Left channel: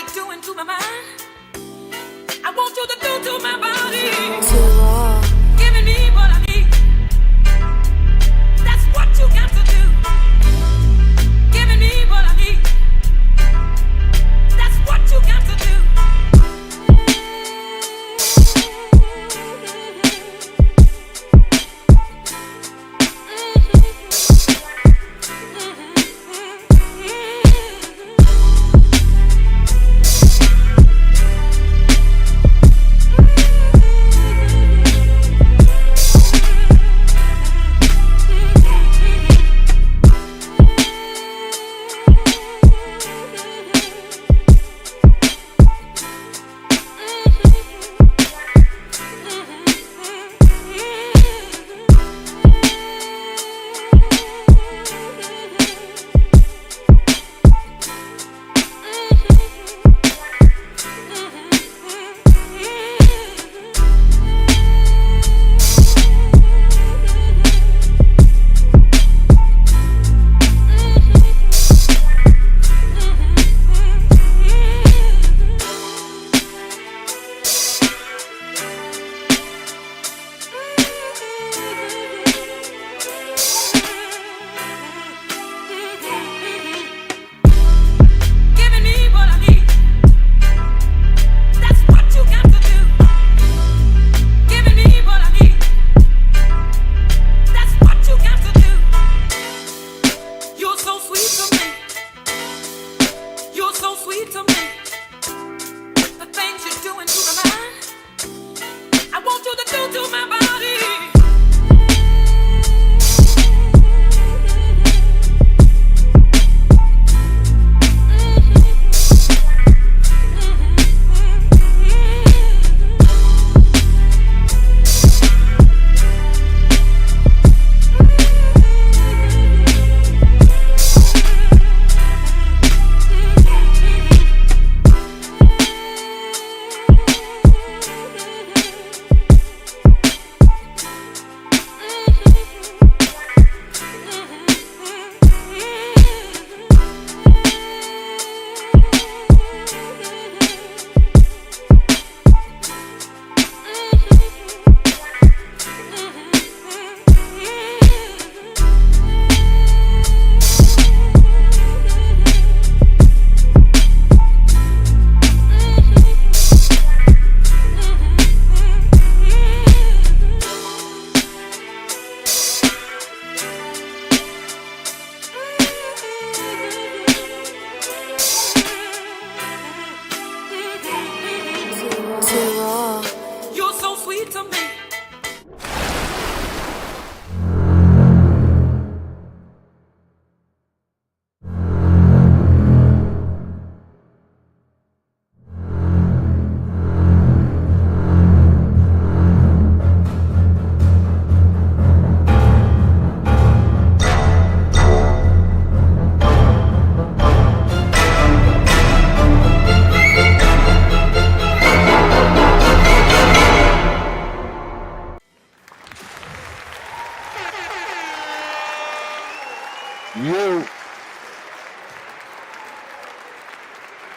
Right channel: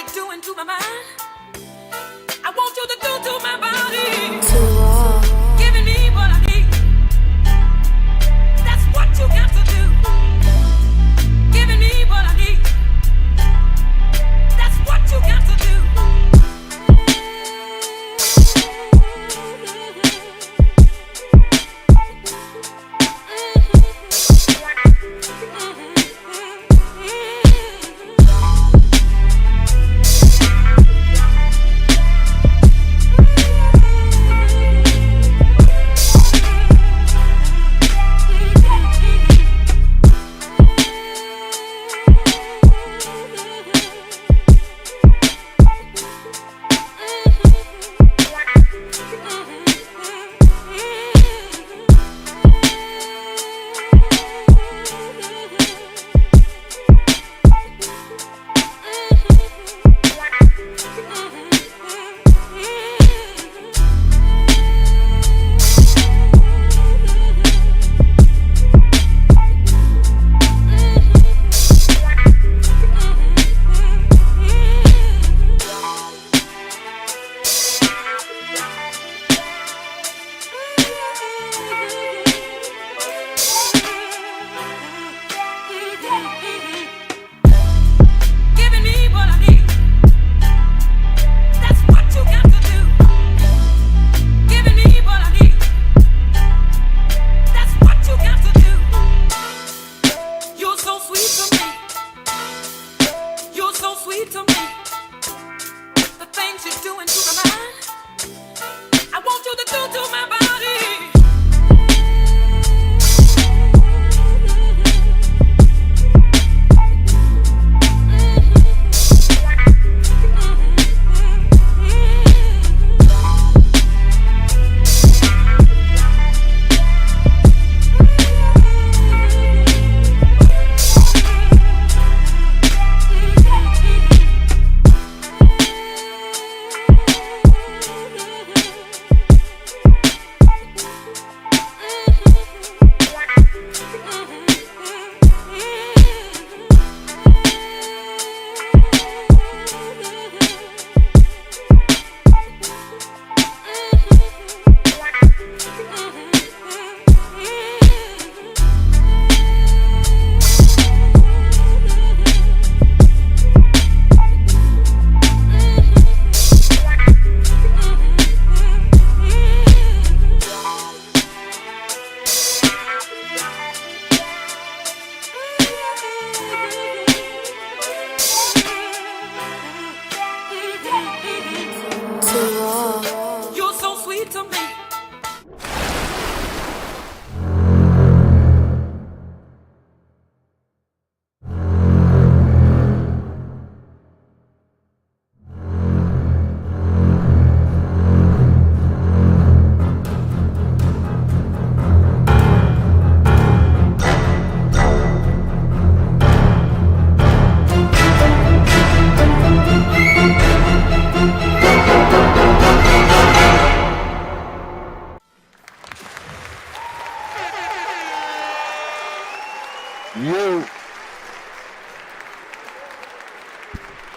you're doing to my mind, I want you to do to my body. Too raw. Giving me what I need. That's what you got to do. Giving me what I need. That's what you got to do.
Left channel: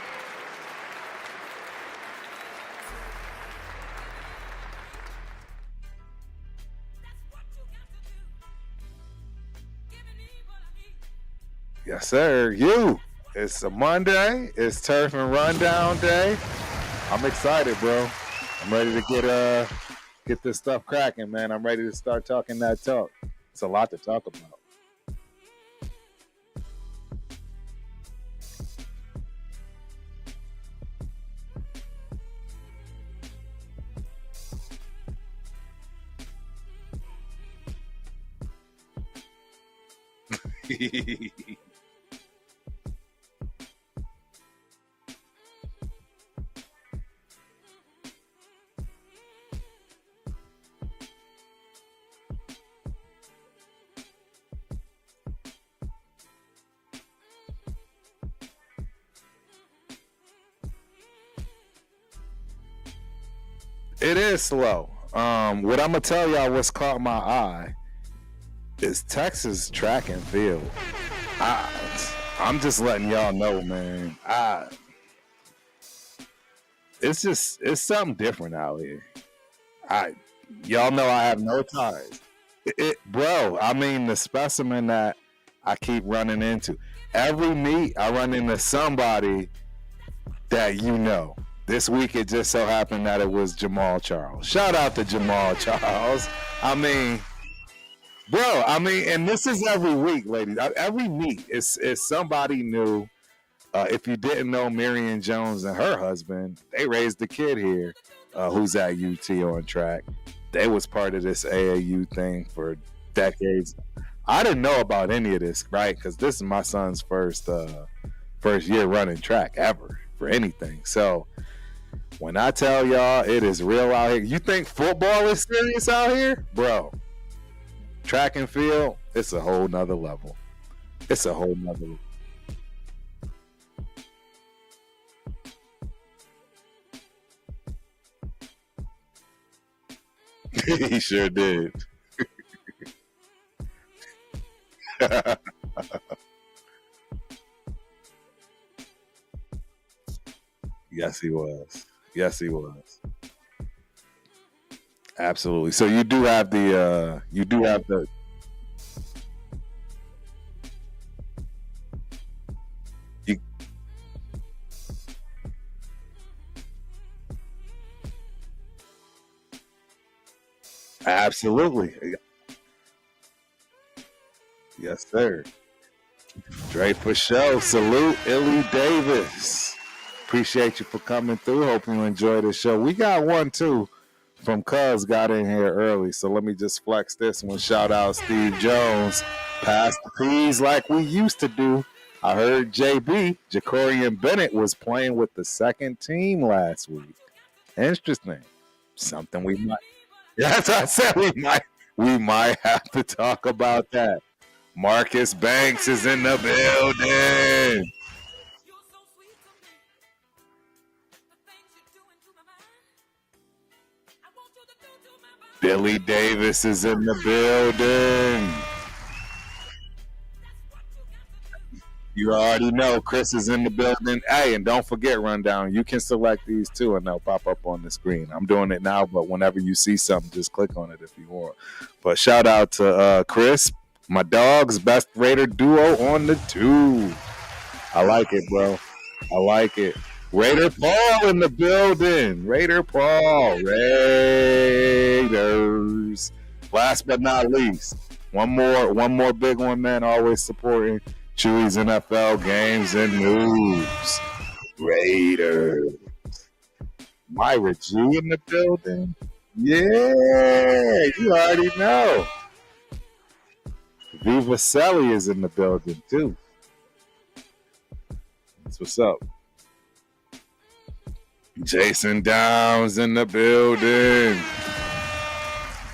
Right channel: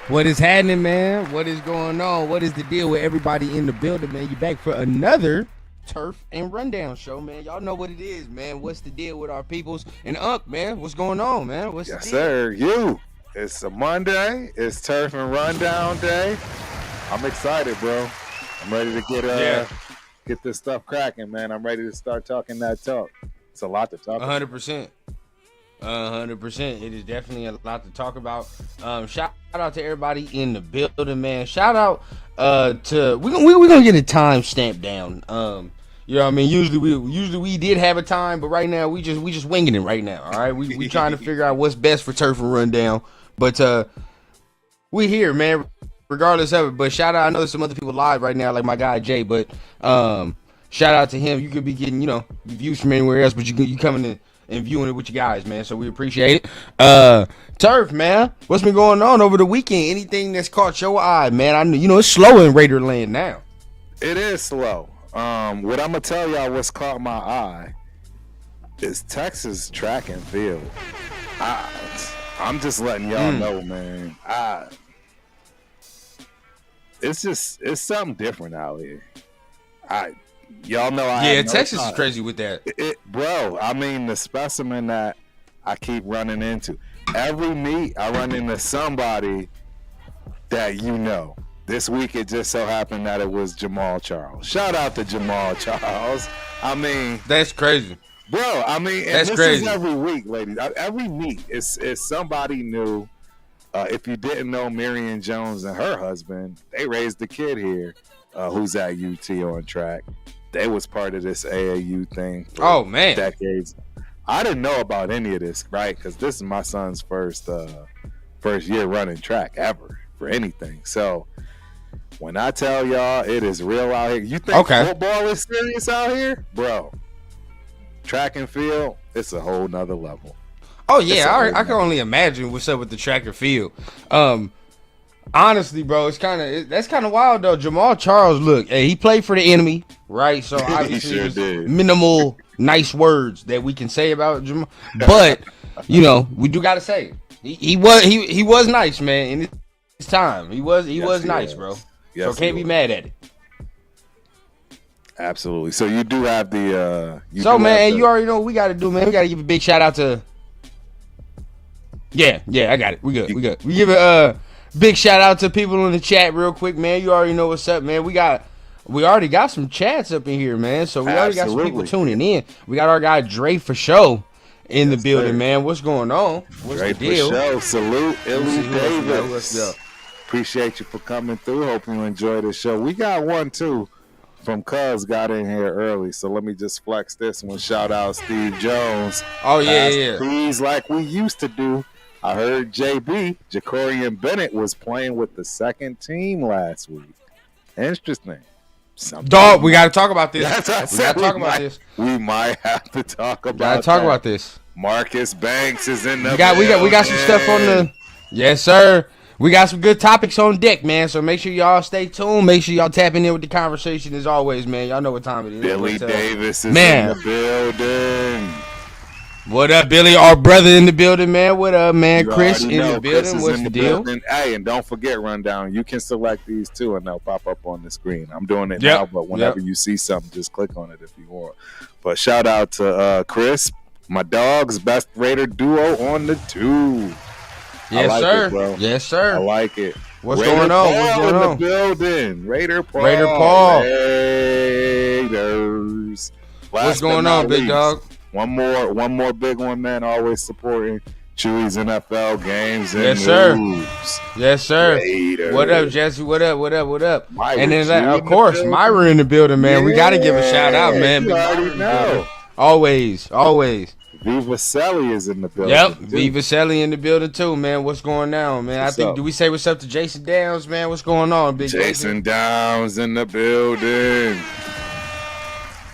What is happening, man? What is going on? What is the deal with everybody in the building, man? You back for another Turf and Rundown show, man. Y'all know what it is, man. What's the deal with our peoples? And Unc, man, what's going on, man? What's yes, sir. It's a Monday. It's Turf and Rundown day. I'm excited, bro. I'm ready to get this stuff cracking, man. I'm ready to start talking that talk. It's a lot to talk about. 100%. 100%. It is definitely a lot to talk about. Shout out to everybody in the building, man. Shout out to we're gonna get a time stamp down. You know what I mean? Usually we did have a time, but right now we just winging it right now. All right, we trying to figure out what's best for Turf and Rundown, but we here, man. Regardless of it, but shout out. I know there's some other people live right now, like my guy Jay, but shout out to him. You could be getting views from anywhere else, but you coming in and viewing it with you guys, man. So we appreciate it. Turf, man, what's been going on over the weekend? Anything that's caught your eye, man? I know it's slow in Raider land now. It is slow. What I'm gonna tell y'all what's caught my eye is Texas track and field. I'm just letting y'all know, man. it's something different out here. Y'all know I have no Texas time. is crazy with that. Bro, I mean the specimen that I keep running into. Every meet I run into somebody that you know. This week it just so happened that it was Jamal Charles. Shout out to Jamal Charles. I mean, that's crazy. Bro, I mean, and that's this crazy. is every week, ladies. Every meet is somebody new. If you didn't know Marion Jones and her husband, they raised the kid here who's at UT on track. They was part of this AAU thing for decades. I didn't know about any of this, right? Because this is my son's first year running track ever for anything. So when I tell y'all it is real out here, you think football is serious out here? Bro, track and field, it's a whole nother level. Oh yeah, I can only imagine what's up with the track and field. Honestly, bro, that's kind of wild though. Jamal Charles, look, hey, he played for the enemy, right? So he sure did. Minimal nice words that we can say about Jamal, but you know we do gotta say he was nice, man. In his time, he was nice, bro. Yes, so can't be mad at it. Absolutely. So you do have the. You already know what we got to do, man. We got to give a big shout out to. Yeah, I got it. We good. We give a big shout out to people in the chat real quick, man. You already know what's up, man. We already got some chats up in here, man. So we already got some people tuning in. We got our guy Dre for show in the building, man. What's going on? Dre for show. Salute, Illy Davis. Appreciate you for coming through. Hope you enjoy the show. We got one too from Cuz got in here early, so let me just flex this one. Shout out Steve Jones. Oh yeah. Please, like we used to do. I heard JB, Jakorian Bennett, was playing with the second team last week. Interesting. Dog, we got to talk about this. That's what I said. We might have to talk about this. Marcus Banks is in the we got some stuff on the. Yes, sir. We got some good topics on deck, man. So make sure y'all stay tuned. Make sure y'all tapping in with the conversation as always, man. Y'all know what time it is. Billy Davis is in the building. What up, Billy? Our brother in the building, man. What up, man? Chris in the building. Chris is in the building. Hey, and don't forget, Rundown. You can select these too, and they'll pop up on the screen. I'm doing it now, but whenever you see something, just click on it if you want. But shout out to Chris, my dog's best Raider duo on the tube. I like it, bro. Yes, sir. I like it. What's Raider going on? Paul in the building. Raider Paul. Raiders. What's going on, big dog? One more big one, man. Always supporting Chewy's NFL games and moves. Yes, sir. Raiders. What up, Jesse? What up? Myra, and then, of course, Myra in the building, man. Yeah, we got to give a shout out, man. You already know. Always. Viva Selly is in the building. Yep, Viva Selly in the building too, man. What's going on, man? Do we say what's up to Jason Downs, man? What's going on, big Jason Downs in the building.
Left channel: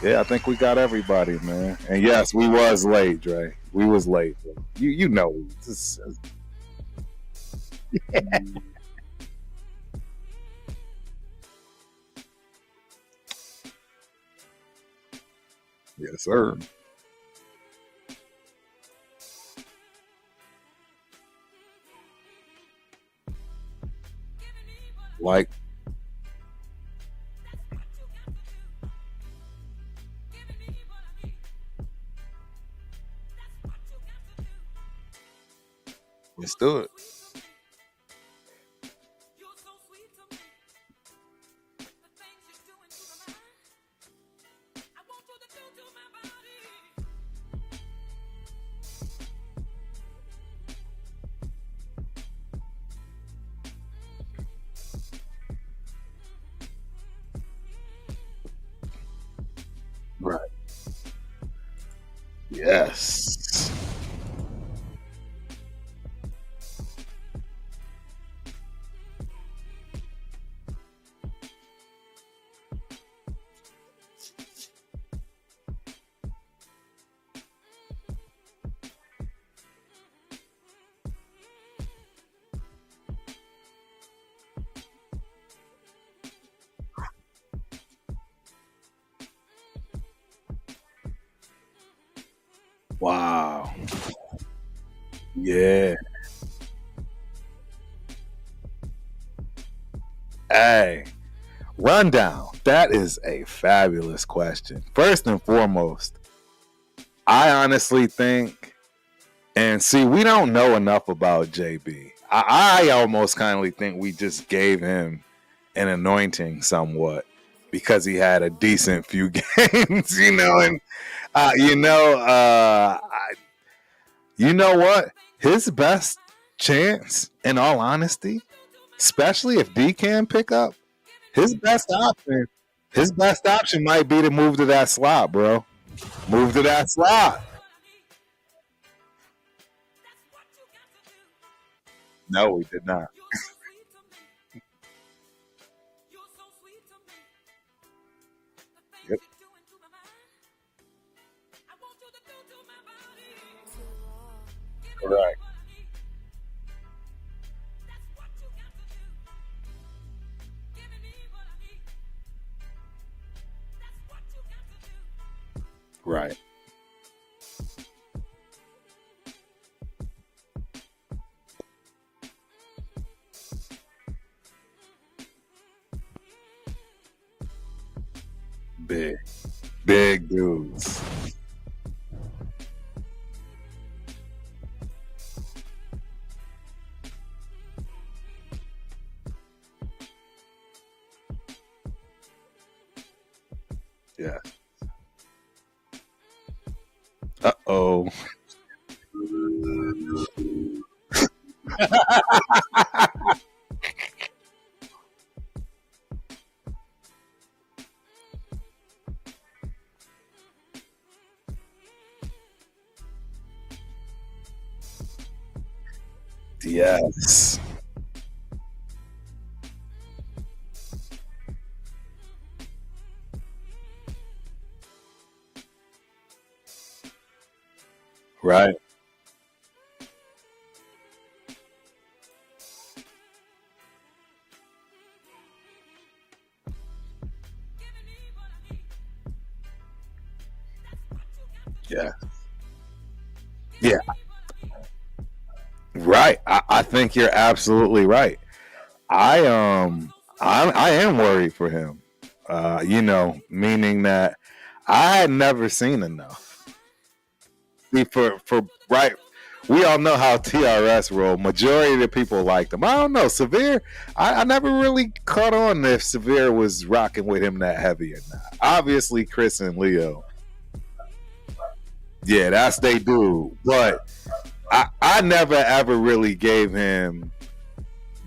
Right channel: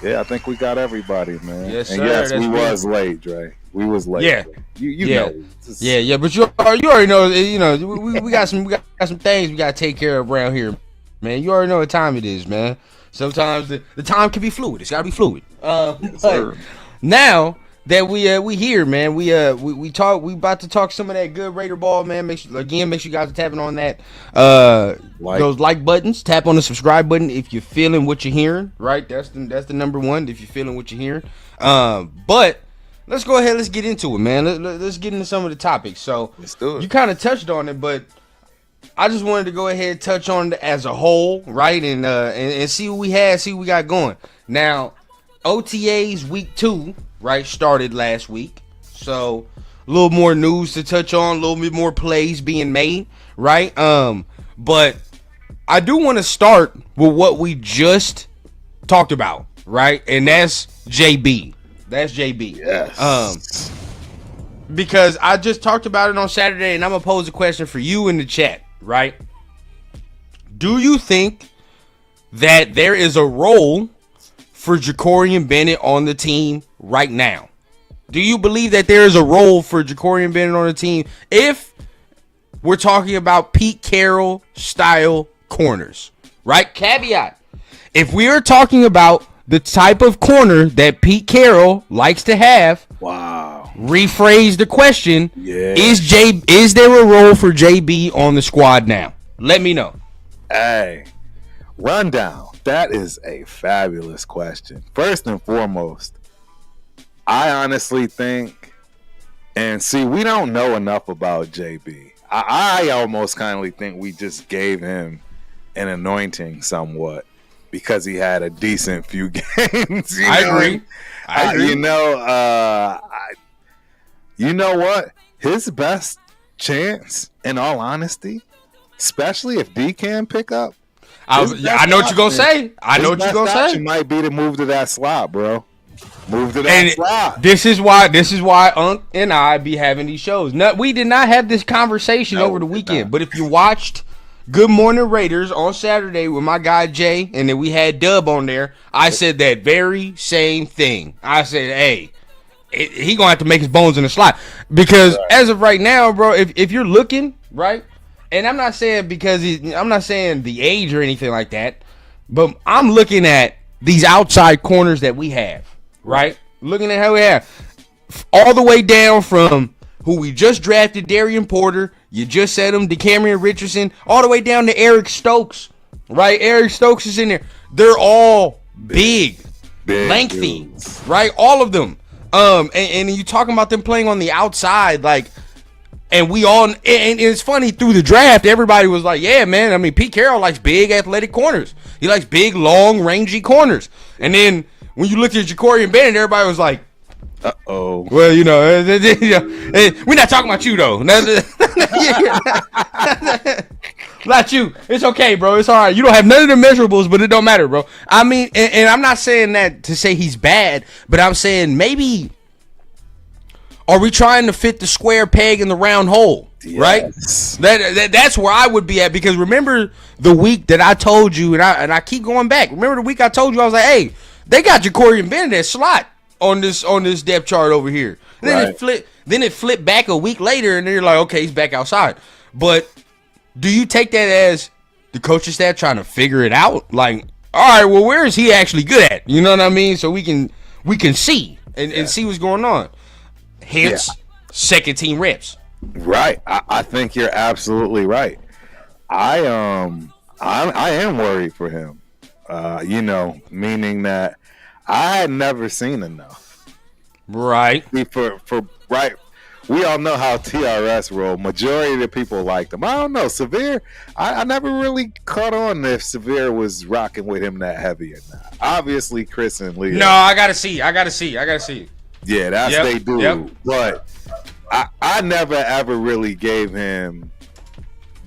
Yeah, I think we got everybody, man. Yes, and yes, we was late, Dre. We was late. Yeah, you know. Yeah, but you already know. You know, we got some things we got to take care of around here, man. You already know what time it is, man. Sometimes the time can be fluid. It's got to be fluid. Yes, sir. Now that we here, man, we about to talk some of that good Raider ball, man. Make sure you guys are tapping on that those like buttons. Tap on the subscribe button if you're feeling what you're hearing. Right, that's the number one. If you're feeling what you're hearing, but let's go ahead. Let's get into it, man. Let's get into some of the topics. So let's do it. You kind of touched on it, but I just wanted to go ahead and touch on it as a whole, right, and see what we had, see what we got going now. OTAs week 2, right, started last week. So a little more news to touch on, a little bit more plays being made, right? But I do want to start with what we just talked about, right? And that's JB. That's JB. Yes. Because I just talked about it on Saturday, and I'm gonna pose a question for you in the chat, right? Do you think that there is a role for Jakorian Bennett on the team right now? Do you believe that there is a role for Jakorian Bennett on the team if we're talking about Pete Carroll style corners, right? Caveat. If we are talking about the type of corner that Pete Carroll likes to have, rephrase the question. Yeah. Is there a role for JB on the squad now? Let me know. Hey, rundown. That is a fabulous question. First and foremost, I honestly think, and see, we don't know enough about JB. I almost kindly think we just gave him an anointing somewhat because he had a decent few games. I agree. You know what? His best chance, in all honesty, especially if D can pick up. I know what you're gonna say. His best option might be to move to that slot, bro. Move to that slot. This is why Unc and I be having these shows. No, we did not have this conversation over the weekend. But if you watched Good Morning Raiders on Saturday with my guy Jay, and then we had Dub on there, I said that very same thing. I said, hey, he gonna have to make his bones in the slot. Because as of right now, bro, if you're looking, right, and I'm not saying I'm not saying the age or anything like that, but I'm looking at these outside corners that we have, right? Looking at how we have all the way down from who we just drafted, Darian Porter, you just said him, DeCamerion Richardson, all the way down to Eric Stokes, right? Eric Stokes is in there. They're all big lengthy, dudes. Right? All of them. And you talking about them playing on the outside, like, and we all, and it's funny, through the draft, everybody was like, yeah, man, I mean, Pete Carroll likes big athletic corners. He likes big, long, rangy corners. And then when you looked at Jakorian Bennett, everybody was like, uh-oh. Well, we're not talking about you, though. Not you. It's okay, bro. It's all right. You don't have none of the measurables, but it don't matter, bro. I mean, and I'm not saying that to say he's bad, but I'm saying maybe are we trying to fit the square peg in the round hole, yes. Right? That's where I would be at, because remember the week that I told you, and I keep going back. Remember the week I told you, I was like, hey, they got Jakorian Bennett at slot on this depth chart over here. Then it flipped back a week later, and then you're like, okay, he's back outside. But do you take that as the coaching staff trying to figure it out? Like, all right, well, where is he actually good at? You know what I mean? So we can see and see what's going on. Hence, second team reps. Right. I think you're absolutely right. I am worried for him. Meaning that I had never seen enough. Right. Right. We all know how TRS roll. Majority of the people liked him. I don't know. Severe, I never really caught on if Severe was rocking with him that heavy or not. Obviously, Chris and Leo. No, I gotta see. Yeah, they do. Yep. But I never ever really gave him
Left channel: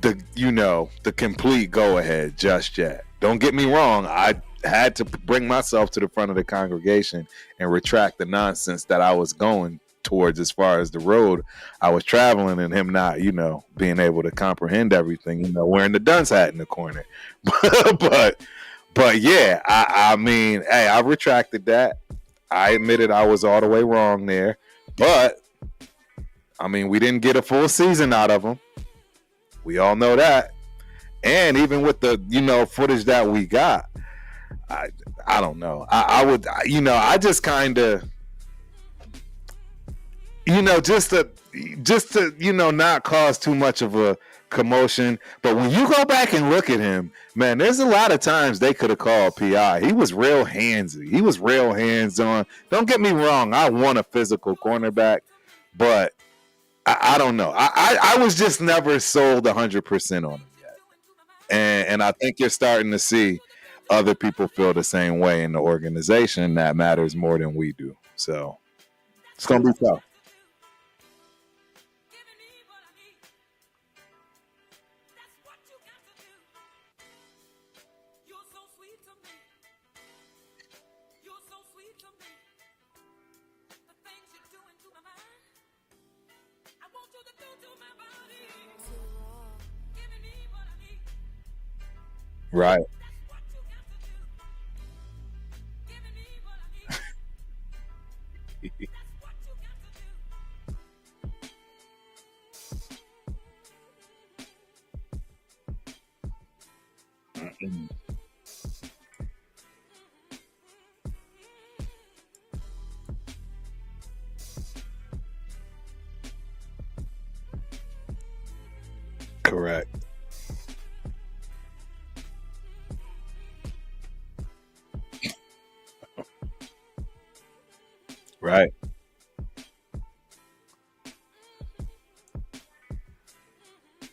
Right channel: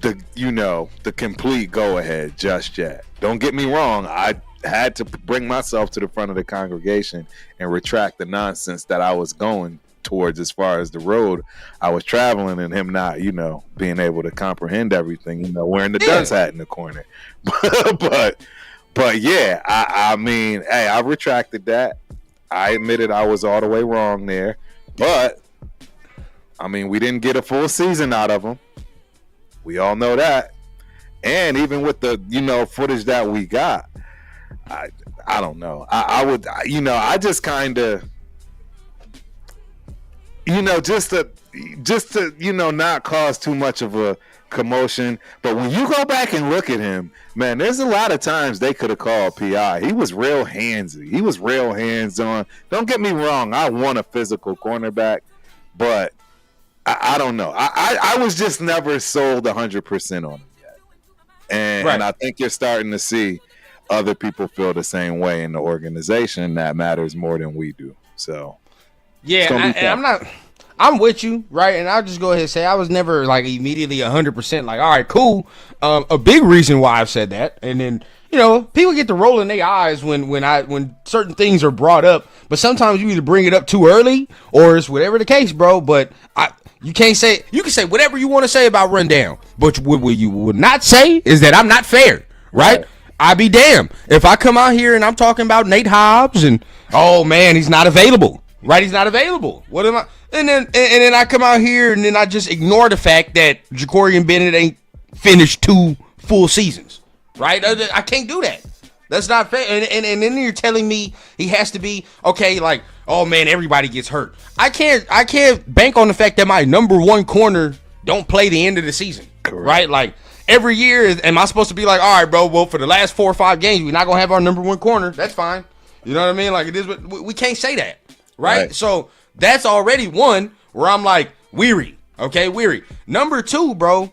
the complete go ahead just yet. Don't get me wrong. I had to bring myself to the front of the congregation and retract the nonsense that I was going towards as far as the road I was traveling, and him not, being able to comprehend everything, wearing the dunce hat in the corner. but yeah, I mean, hey, I retracted that. I admitted I was all the way wrong there, but I mean, we didn't get a full season out of him. We all know that. And even with the, footage that we got, I don't know. I just kind of, just to, not cause too much of a commotion. But when you go back and look at him, man, there's a lot of times they could have called PI. He was real handsy. He was real hands-on. Don't get me wrong. I want a physical cornerback, but I don't know. I was just never sold 100% on him yet. And I think you're starting to see other people feel the same way in the organization. That matters more than we do. So yeah, I'm with you, right? And I'll just go ahead and say I was never like immediately 100% like, all right, cool. A big reason why I've said that, and then people get to rolling their eyes when certain things are brought up. But sometimes you either bring it up too early or it's whatever the case, bro. But you can say whatever you want to say about Rundown, but what you would not say is that I'm not fair, right? I be damned if I come out here and I'm talking about Nate Hobbs and oh man, he's not available, right? He's not available. What am I? And then I come out here and then I just ignore the fact that Jakorian Bennett ain't finished 2 full seasons, right? I can't do that. That's not fair. And then you're telling me he has to be okay. Like, oh man, everybody gets hurt. I can't bank on the fact that my number 1 corner don't play the end of the season, correct, right? Like every year, am I supposed to be like, all right, bro, well, for the last 4 or 5 games, we're not going to have our number one corner. That's fine. You know what I mean? Like, it is. We can't say that, right? So that's already one where I'm like, weary. Okay, weary. Number 2, bro,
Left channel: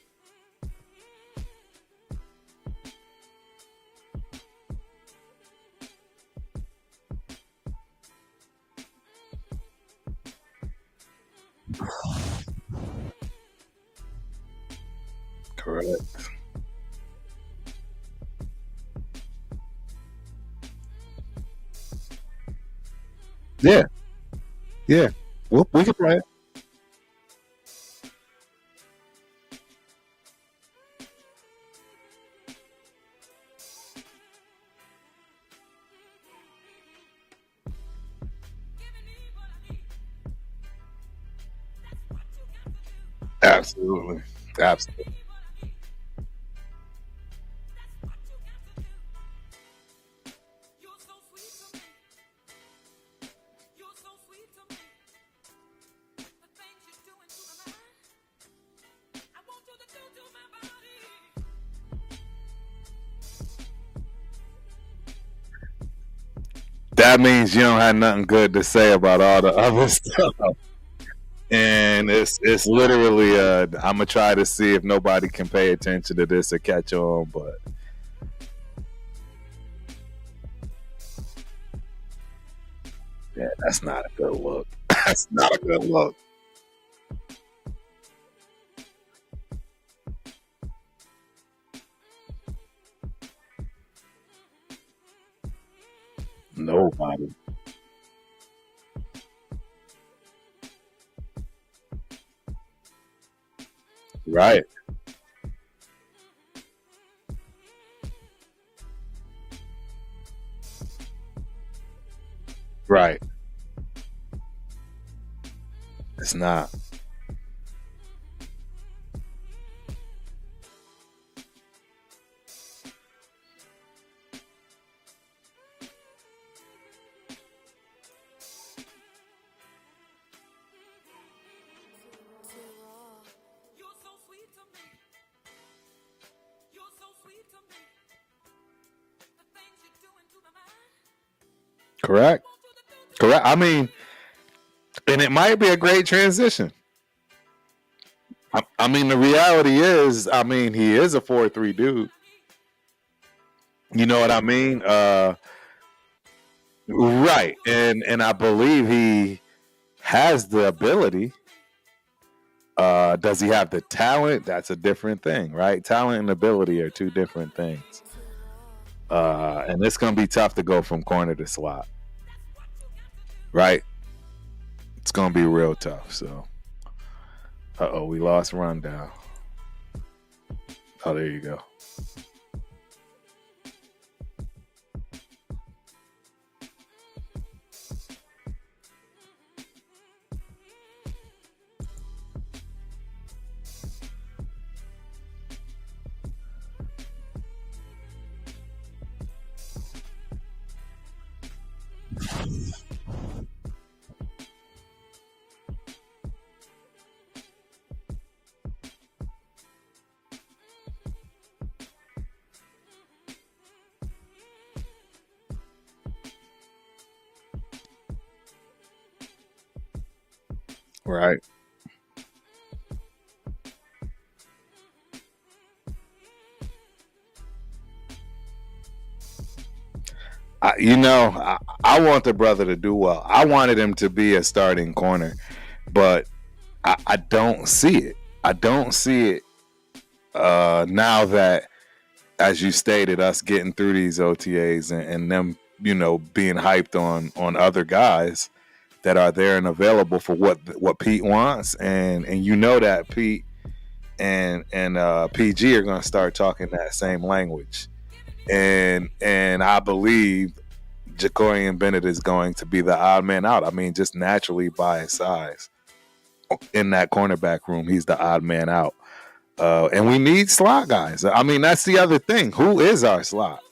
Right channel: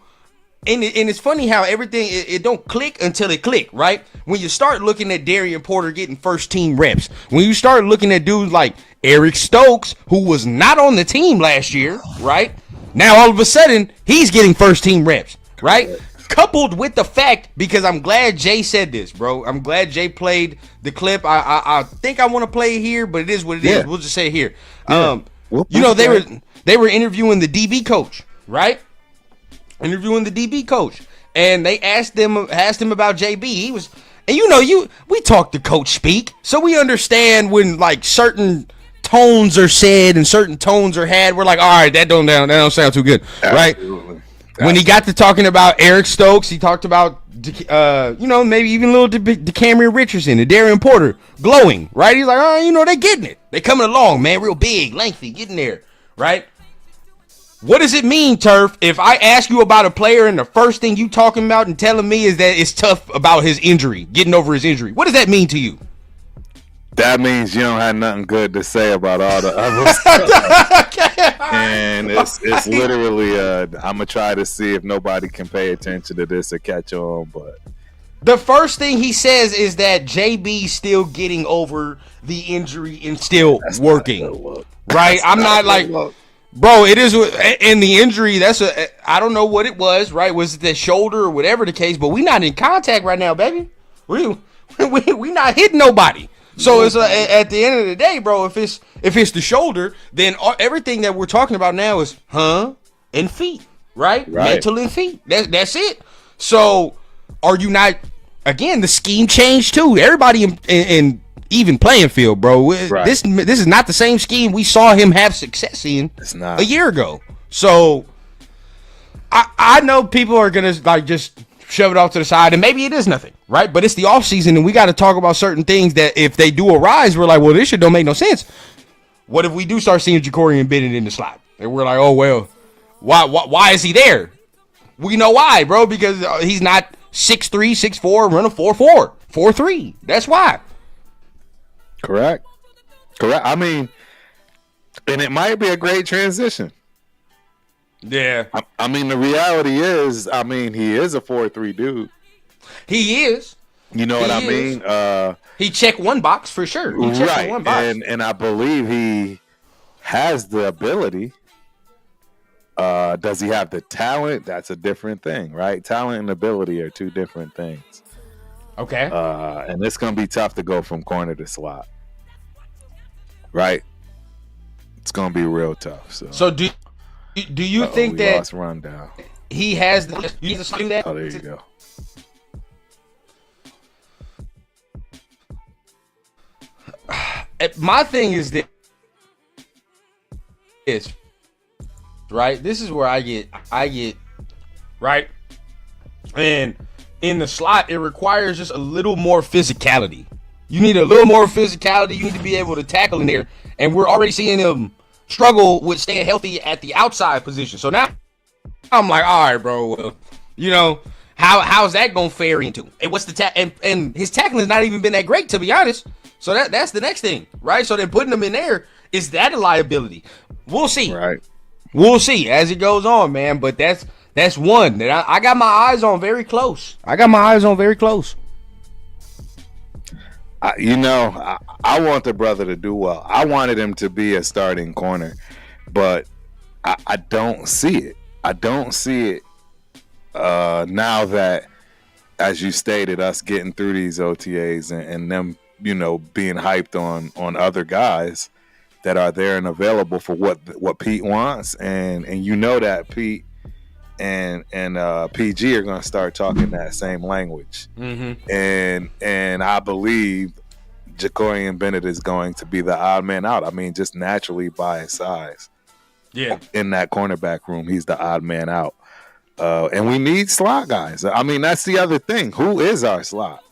and it's funny how everything, it don't click until it click, right? When you start looking at Darian Porter getting first team reps, when you start looking at dudes like Eric Stokes, who was not on the team last year, right? Now all of a sudden, he's getting first team reps, right? Coupled with the fact, because I'm glad Jay said this, bro. I'm glad Jay played the clip. I think I want to play it here, but it is what it is. We'll just say it here. Yeah. They were interviewing the DB coach, right? Interviewing the DB coach, and they asked him about JB. He was, and we talk to coach speak, so we understand when like certain tones are said and certain tones are had. We're like, all right, that don't sound too good, right? Absolutely. When he got to talking about Eric Stokes, he talked about maybe even a little DeCamerion Richardson and Darian Porter glowing, right? He's like, oh, they getting it, they coming along, man, real big, lengthy, getting there, right? What does it mean, Turf, if I ask you about a player and the first thing you talking about and telling me is that it's tough about his injury, getting over his injury? What does that mean to you? That means you don't have nothing good to say about all the other stuff. And it's literally, I'm going to try to see if nobody can pay attention to this or catch on. But the first thing he says is that JB's still getting over the injury and still working. Right? I'm not like... Bro, it is, and the injury, I don't know what it was, right? Was it the shoulder or whatever the case, but we not in contact right now, baby. We not hitting nobody. So it's at the end of the day, bro, if it's the shoulder, then everything that we're talking about now is and feet, right? Mental and feet. That's it. So are you not, again, the scheme changed too. Everybody in even playing field, bro. This is not the same scheme we saw him have success in a year ago. So I know people are gonna like just shove it off to the side, and maybe it is nothing, right? But it's the offseason, and we got to talk about certain things that if they do arise, we're like, well, this shit don't make no sense. What if we do start seeing Jakorian Bennett in the slot? And we're like, oh, well, why is he there? We know why, bro, because he's not 6'3", 6'4", running 4'4", 4'3". That's why. Correct. I mean, and it might be a great transition. Yeah. I mean, the reality is, he is a 4'3" dude. He is. You know what I mean? He checked one box for sure. Right. And I believe he has the ability. Does he have the talent? That's a different thing, right? Talent and ability are two different things. Okay. And it's going to be tough to go from corner to slot. Right? It's going to be real tough. So do you think we that lost Rundown? He has the that? Oh, there you go. My thing is this, right? This is where I get right, and in the slot, it requires just a little more physicality. You need a little more physicality. You need to be able to tackle in there, and we're already seeing him struggle with staying healthy at the outside position. So now I'm like, all right, bro, how's that gonna fare into? And what's the and his tackling has not even been that great, to be honest. So that's the next thing, right? So then putting him in there, is that a liability? We'll see. Right. We'll see as it goes on, man. But that's one that I got my eyes on very close. I want the brother to do well. I wanted him to be a starting corner, but I don't see it. Now that, as you stated, us getting through these OTAs and them, being hyped on other guys that are there and available for what Pete wants, and that Pete and PG are going to start talking that same language. Mm-hmm. And I believe Jakorian Bennett is going to be the odd man out. I mean, just naturally by his size. Yeah. In that cornerback room, he's the odd man out. And we need slot guys. I mean, that's the other thing. Who is our slot?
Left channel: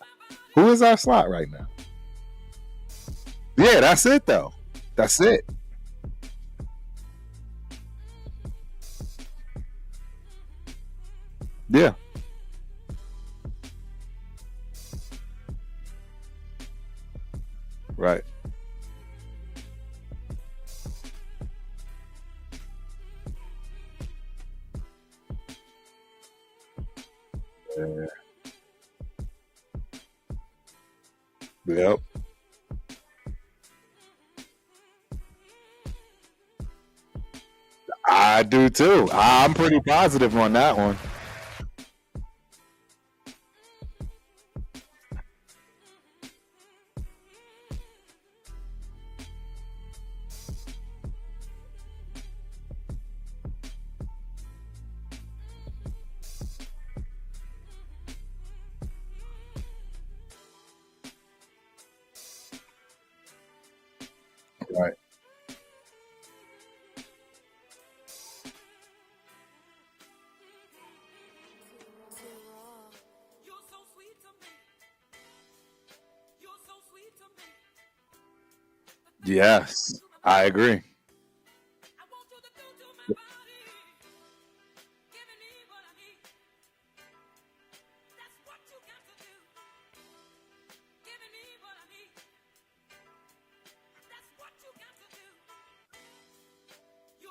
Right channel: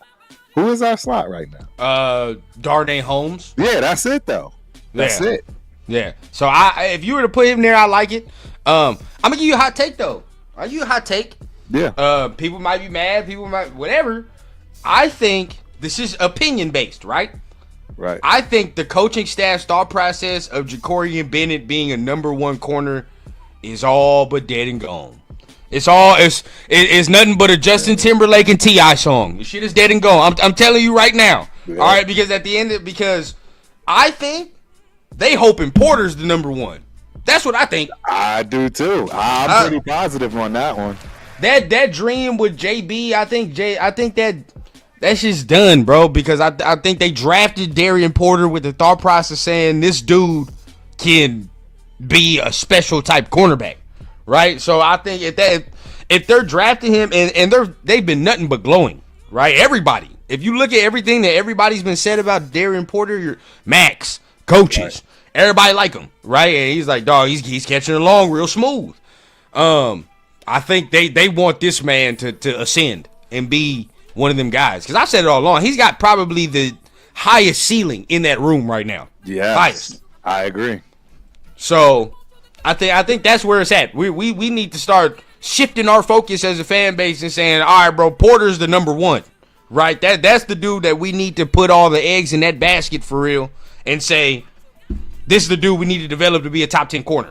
Who is our slot right now? Darnay Holmes. Yeah, that's it though. That's it. Yeah. So if you were to put him there, I like it. I'm gonna give you a hot take though. Are you a hot take? Yeah. People might be mad. People might whatever. I think this is opinion based, right? Right. I think the coaching staff's thought process of Jakorian Bennett being a number one corner is all but dead and gone. It's nothing but a Justin Timberlake and T.I. song. The shit is dead and gone. I'm telling you right now. Yeah. All right, because at the end, because I think they hoping Porter's the number one. That's what I think. I do too. I'm pretty positive on that one. That dream with JB, I think that's just done, bro. Because I think they drafted Darian Porter with the thought process saying this dude can be a special type cornerback, right? So I think if they're drafting him and they've been nothing but glowing, right? Everybody, if you look at everything that everybody's been said about Darian Porter, your Max, coaches, right. Everybody like him, right? And he's like, dog, he's catching it along real smooth. I think they want this man to ascend and be one of them guys. Because I've said it all along. He's got probably the highest ceiling in that room right now. Yes, highest. I agree. So I think that's where it's at. We need to start shifting our focus as a fan base and saying, all right, bro, Porter's the number one, right? That's the dude that we need to put all the eggs in that basket for real and say, this is the dude we need to develop to be a top 10 corner.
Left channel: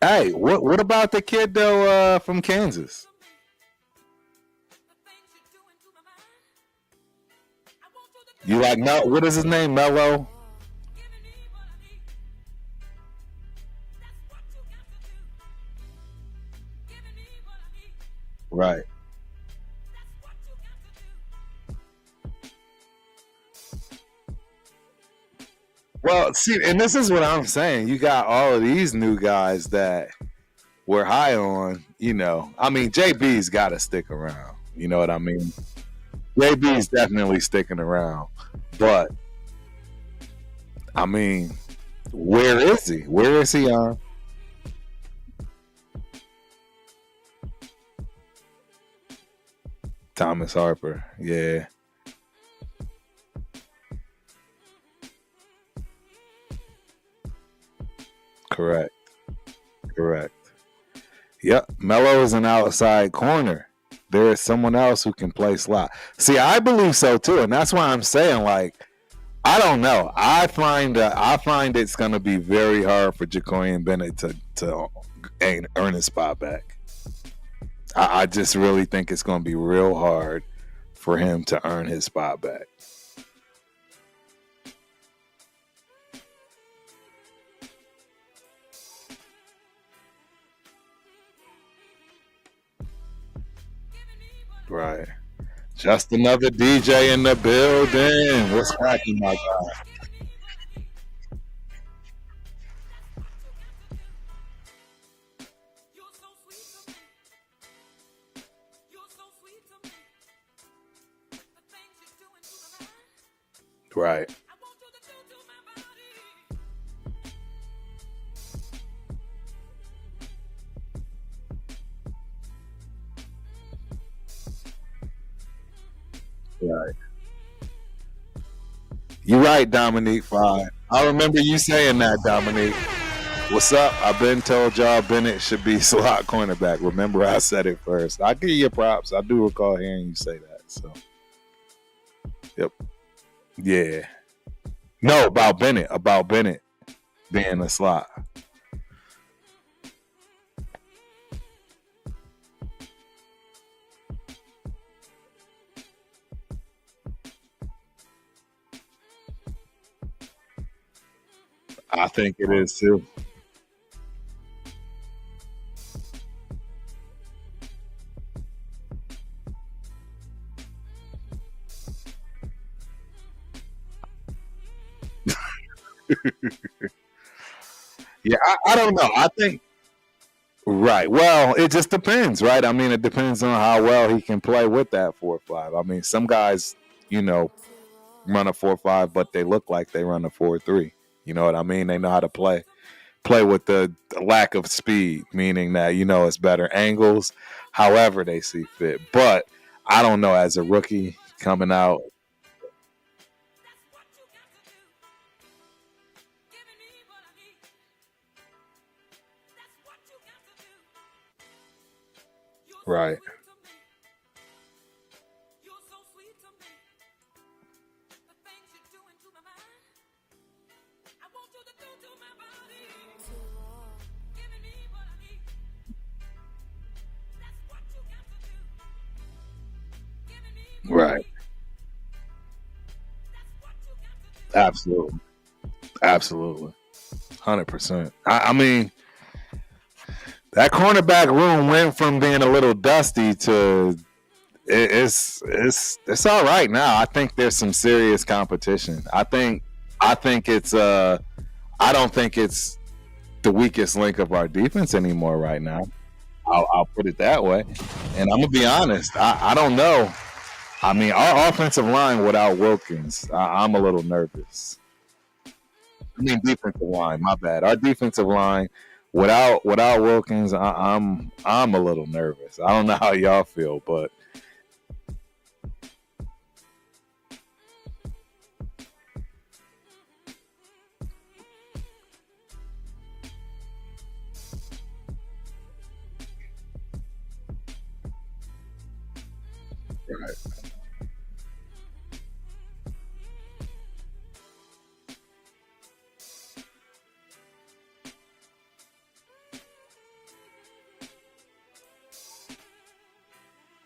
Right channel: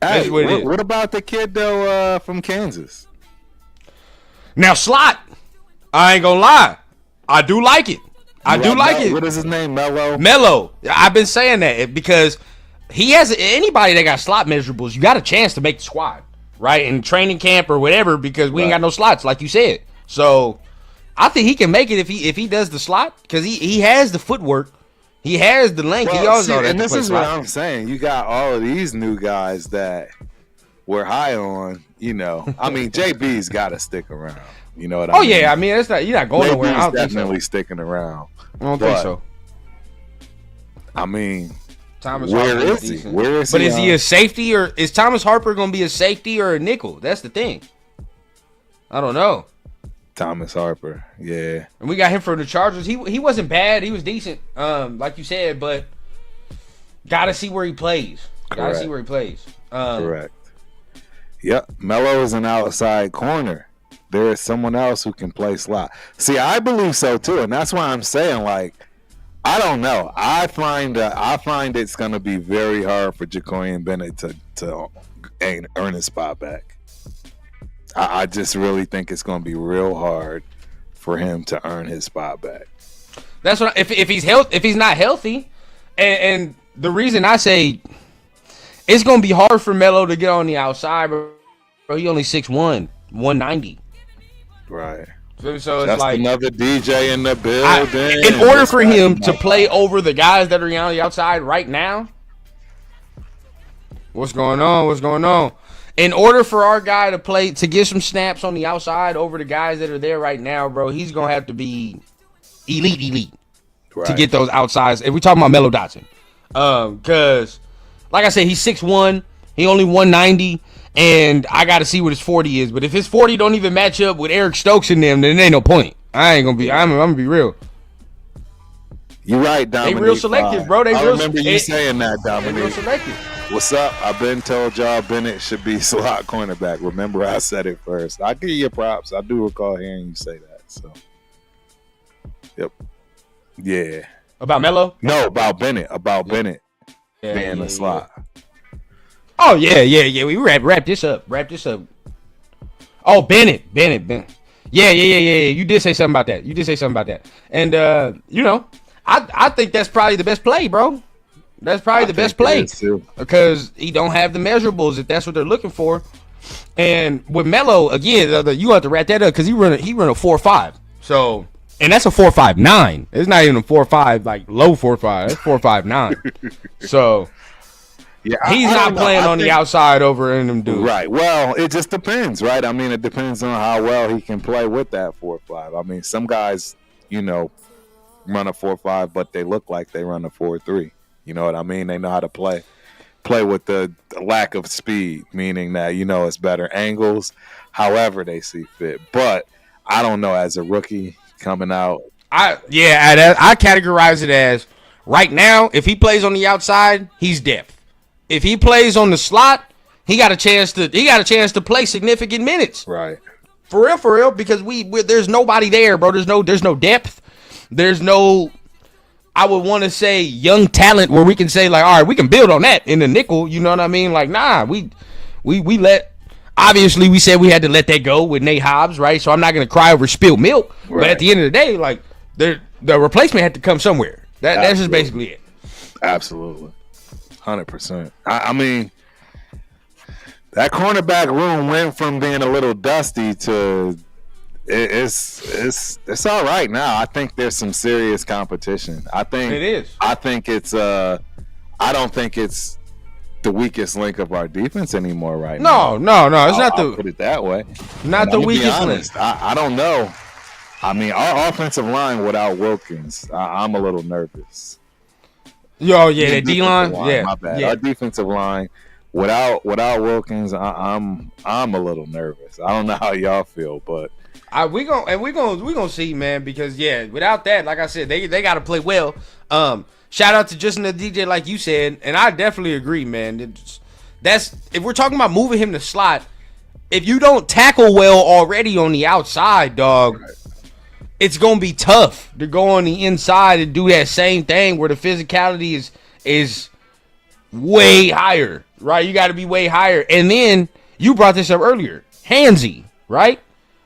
Hey, what about the kid though from Kansas? Now slot, I ain't gonna lie, I do like it. I do like it. What is his name? Mello. I've been saying that because he has anybody that got slot measurables. You got a chance to make the squad, right? In training camp or whatever, because we ain't got no slots, like you said. So I think he can make it if he does the slot because he has the footwork. He has the length. Well, see, and this is what I'm saying. You got all of these new guys that we're high on. You know, I mean, JB's got to stick around. You know what I mean? Oh yeah, I mean, you're not going nowhere. JB's definitely sticking around. I don't think so. I mean, Thomas where Harper is he? Where is he? But is he a safety or is Thomas Harper going to be a safety or a nickel? That's the thing. I don't know. Thomas Harper, yeah. And we got him for the Chargers. He wasn't bad. He was decent, like you said, but got to see where he plays. Got to see where he plays. Correct. Yep, Mello is an outside corner. There is someone else who can play slot. See, I believe so too, and that's why I'm saying, like, I don't know. I find it's going to be very hard for Jakorian Bennett to earn his spot back. I just really think it's going to be real hard for him to earn his spot back. That's what if he's not healthy, and the reason I say it's going to be hard for Melo to get on the outside, bro. He only 6'1", 190. Right. So that's like, another DJ in the building. In order for him to play over the guys that are on the outside right now, what's going on? In order for our guy to get some snaps on the outside over the guys that are there right now, bro, he's going to have to be elite to get those outsides. If we're talking about Melo Dotson. Because, like I said, he's 6'1", he only 190, and I got to see what his 40 is. But if his 40 don't even match up with Eric Stokes in them, then there ain't no point. I'm going to be real. You're right, Dominique. They real selective, bro. I remember you saying that, Dominique. What's up? I've been told y'all Bennett should be slot cornerback. Remember I said it first. I give you props. I do recall hearing you say that. So, yep. Yeah. About Melo? No, about Bennett. Being a slot. Oh, yeah. We wrap this up. Oh, Bennett. Yeah. You did say something about that. And, I think that's probably the best play, bro. That's probably the best play because he don't have the measurables if that's what they're looking for. And with Melo, again, you have to wrap that up because he run a 4.5. So, and that's a 4.59. It's not even a 4.5 like low 4.5. It's 4.59. So, yeah, he's not playing on the outside over in them dudes. Right. Well, it just depends, right? I mean, it depends on how well he can play with that 4.5. I mean, some guys, run a 4.5, but they look like they run a 4.3. You know what I mean? They know how to play with the lack of speed, meaning that, it's better angles, however they see fit. But I don't know, as a rookie coming out. I categorize it as right now, if he plays on the outside, he's depth. If he plays on the slot, he got a chance to play significant minutes. Right. For real, because there's nobody there, bro. There's no depth. There's no, I would want to say, young talent where we can say, like, all right, we can build on that in the nickel. You know what I mean? Like, nah, we let, obviously we said we had to let that go with Nate Hobbs, right? So I'm not going to cry over spilled milk. Right. But at the end of the day, like, the replacement had to come somewhere. That's just basically it. Absolutely. 100%. I mean, that cornerback room went from being a little dusty to it's all right now. I think there's some serious competition. I think it is. I think it's I don't think it's the weakest link of our defense anymore right now. No. I'll put it that way. Not the weakest. I'm gonna be honest. I don't know. I mean, our offensive line without Wilkins, I'm a little nervous. Yo, yeah, D-line. Yeah, my bad. Yeah. Our defensive line without Wilkins, I'm a little nervous. I don't know how y'all feel, but we gonna see, man. Because without that, like I said, they gotta play well. Shout out to Justin the DJ, like you said, and I definitely agree, man. That's if we're talking about moving him to slot. If you don't tackle well already on the outside, dog. Right. It's gonna be tough to go on the inside and do that same thing where the physicality is way higher, right? You got to be way higher. And then you brought this up earlier, handsy, right?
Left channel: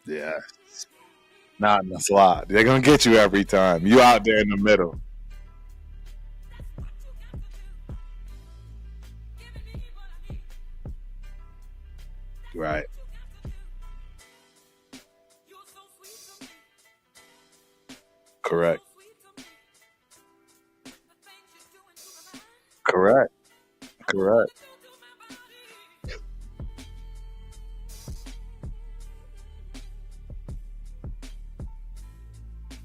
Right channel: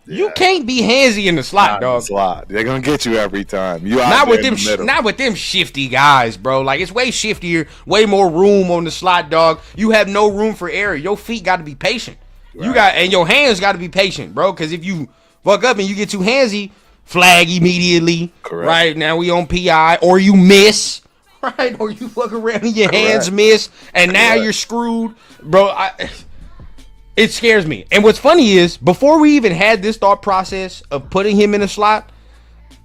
Yeah. You can't be handsy in the slot, dog. In the slot, they're gonna get you every time. You out there in the middle. Not with them shifty guys, bro. Like it's way shiftier, way more room on the slot, dog. You have no room for error. Your feet got to be patient. Right. And your hands got to be patient, bro. Because if you fuck up and you get too handsy. Flag immediately. Correct. Right now we on PI, or you miss, right? Or you fuck around and your hands miss, and now you're screwed, bro. It scares me. And what's funny is, before we even had this thought process of putting him in a slot,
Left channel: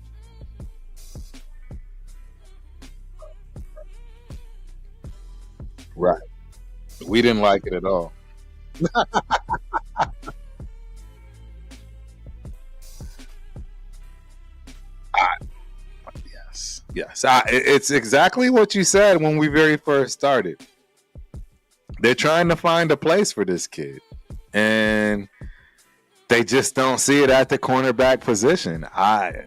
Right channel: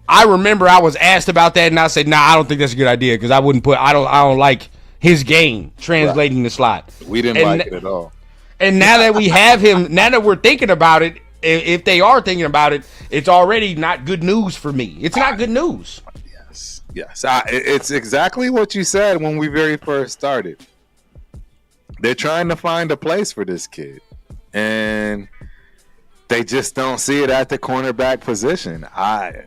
I remember I was asked about that, and I said, "Nah, I don't think that's a good idea because I don't like his game translating the slot." We didn't like it at all. And now that we have him, now that we're thinking about it. If they are thinking about it, it's already not good news for me. It's not good news. Yes. It's exactly what you said when we very first started. They're trying to find a place for this kid, and they just don't see it at the cornerback position. I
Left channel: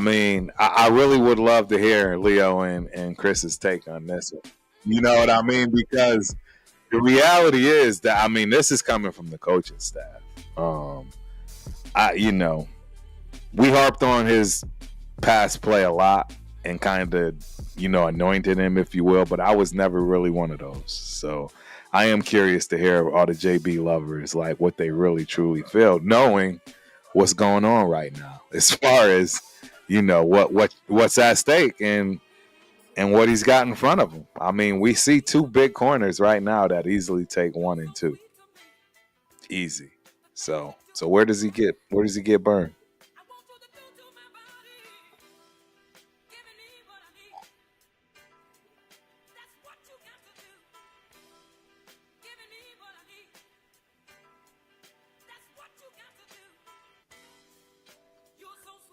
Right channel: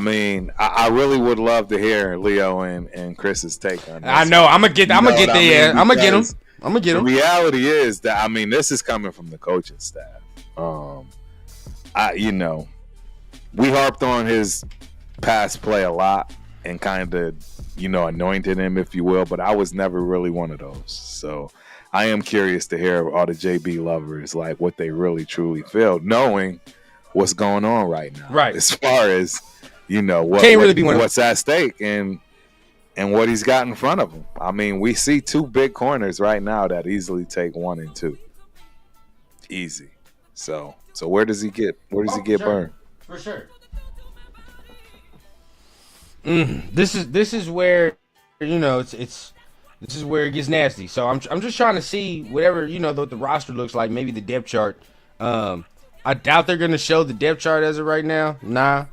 mean, I really would love to hear Leo and Chris's take on this. I know. I'm gonna get them. I'm gonna get them. The reality is that, I mean, this is coming from the coaching staff. We harped on his pass play a lot and kind of, anointed him, if you will, but I was never really one of those. So I am curious to hear all the JB lovers, like what they really truly feel, knowing what's going on right now. Right. As far as, what's at stake and what he's got in front of him. I mean, we see two big corners right now that easily take 1 and 2. Easy. So where does he get burned? For sure. This is where this is where it gets nasty. So I'm just trying to see whatever what the roster looks like. Maybe the depth chart. I doubt they're gonna show the depth chart as of right now. Nah.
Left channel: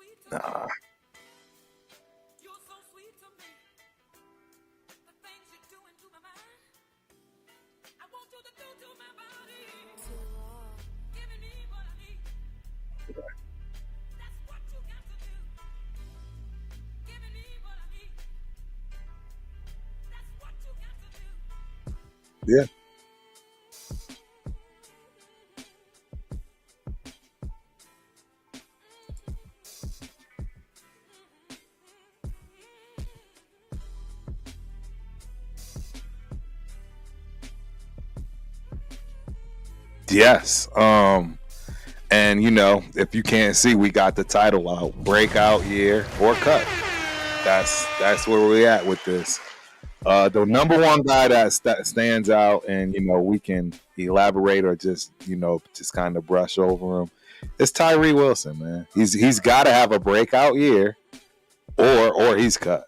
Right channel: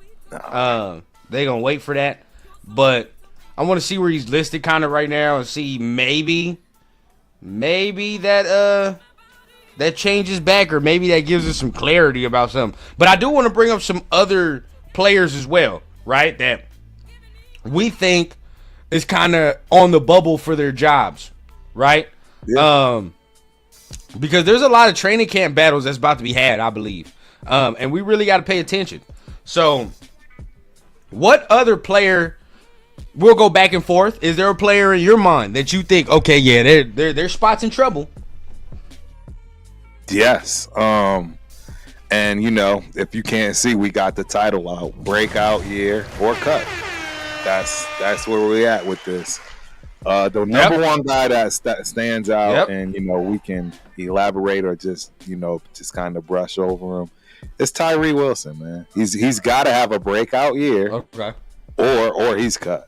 They gonna wait for that. But I want to see where he's listed kind of right now and see maybe that changes back, or maybe that gives us some clarity about something. But I do want to bring up some other players as well, right? That we think is kind of on the bubble for their jobs, right? Yeah. Because there's a lot of training camp battles that's about to be had, I believe. And we really got to pay attention. So what other player, we'll go back and forth. Is there a player in your mind that you think, okay, yeah, their spot's in trouble? Yes. And if you can't see, we got the title out, breakout year or cut. That's where we at with this. The number one guy that stands out, and we can elaborate or just kind of brush over him. It's Tyrie Wilson, man. He's got to have a breakout year, okay, or he's cut.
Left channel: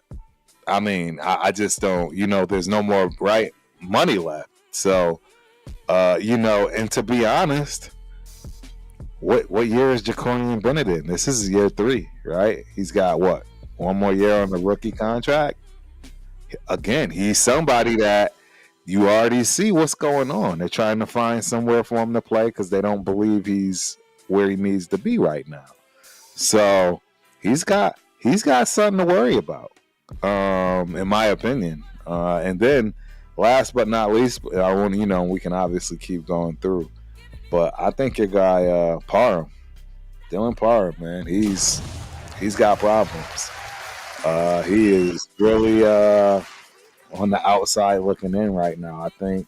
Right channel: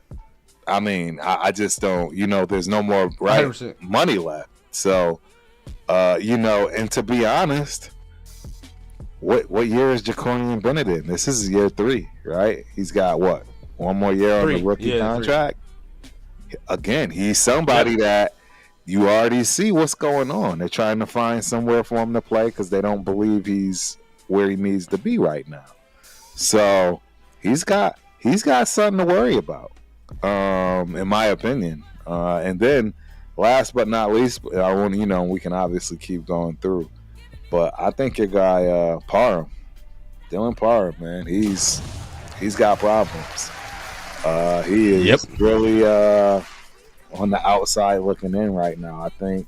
I mean, I just don't. There's no more 100%. Money left. So, and to be honest, what year is Jakorian Bennett in? This is year 3, right? He's got what? One more year on the rookie contract. 3. Again, he's somebody that you already see what's going on. They're trying to find somewhere for him to play because they don't believe he's where he needs to be right now. So he's got something to worry about, in my opinion. And then last but not least, I want we can obviously keep going through, but I think your guy Parham, Dylan Parham, man, he's got problems. He is really on the outside looking in right now. I think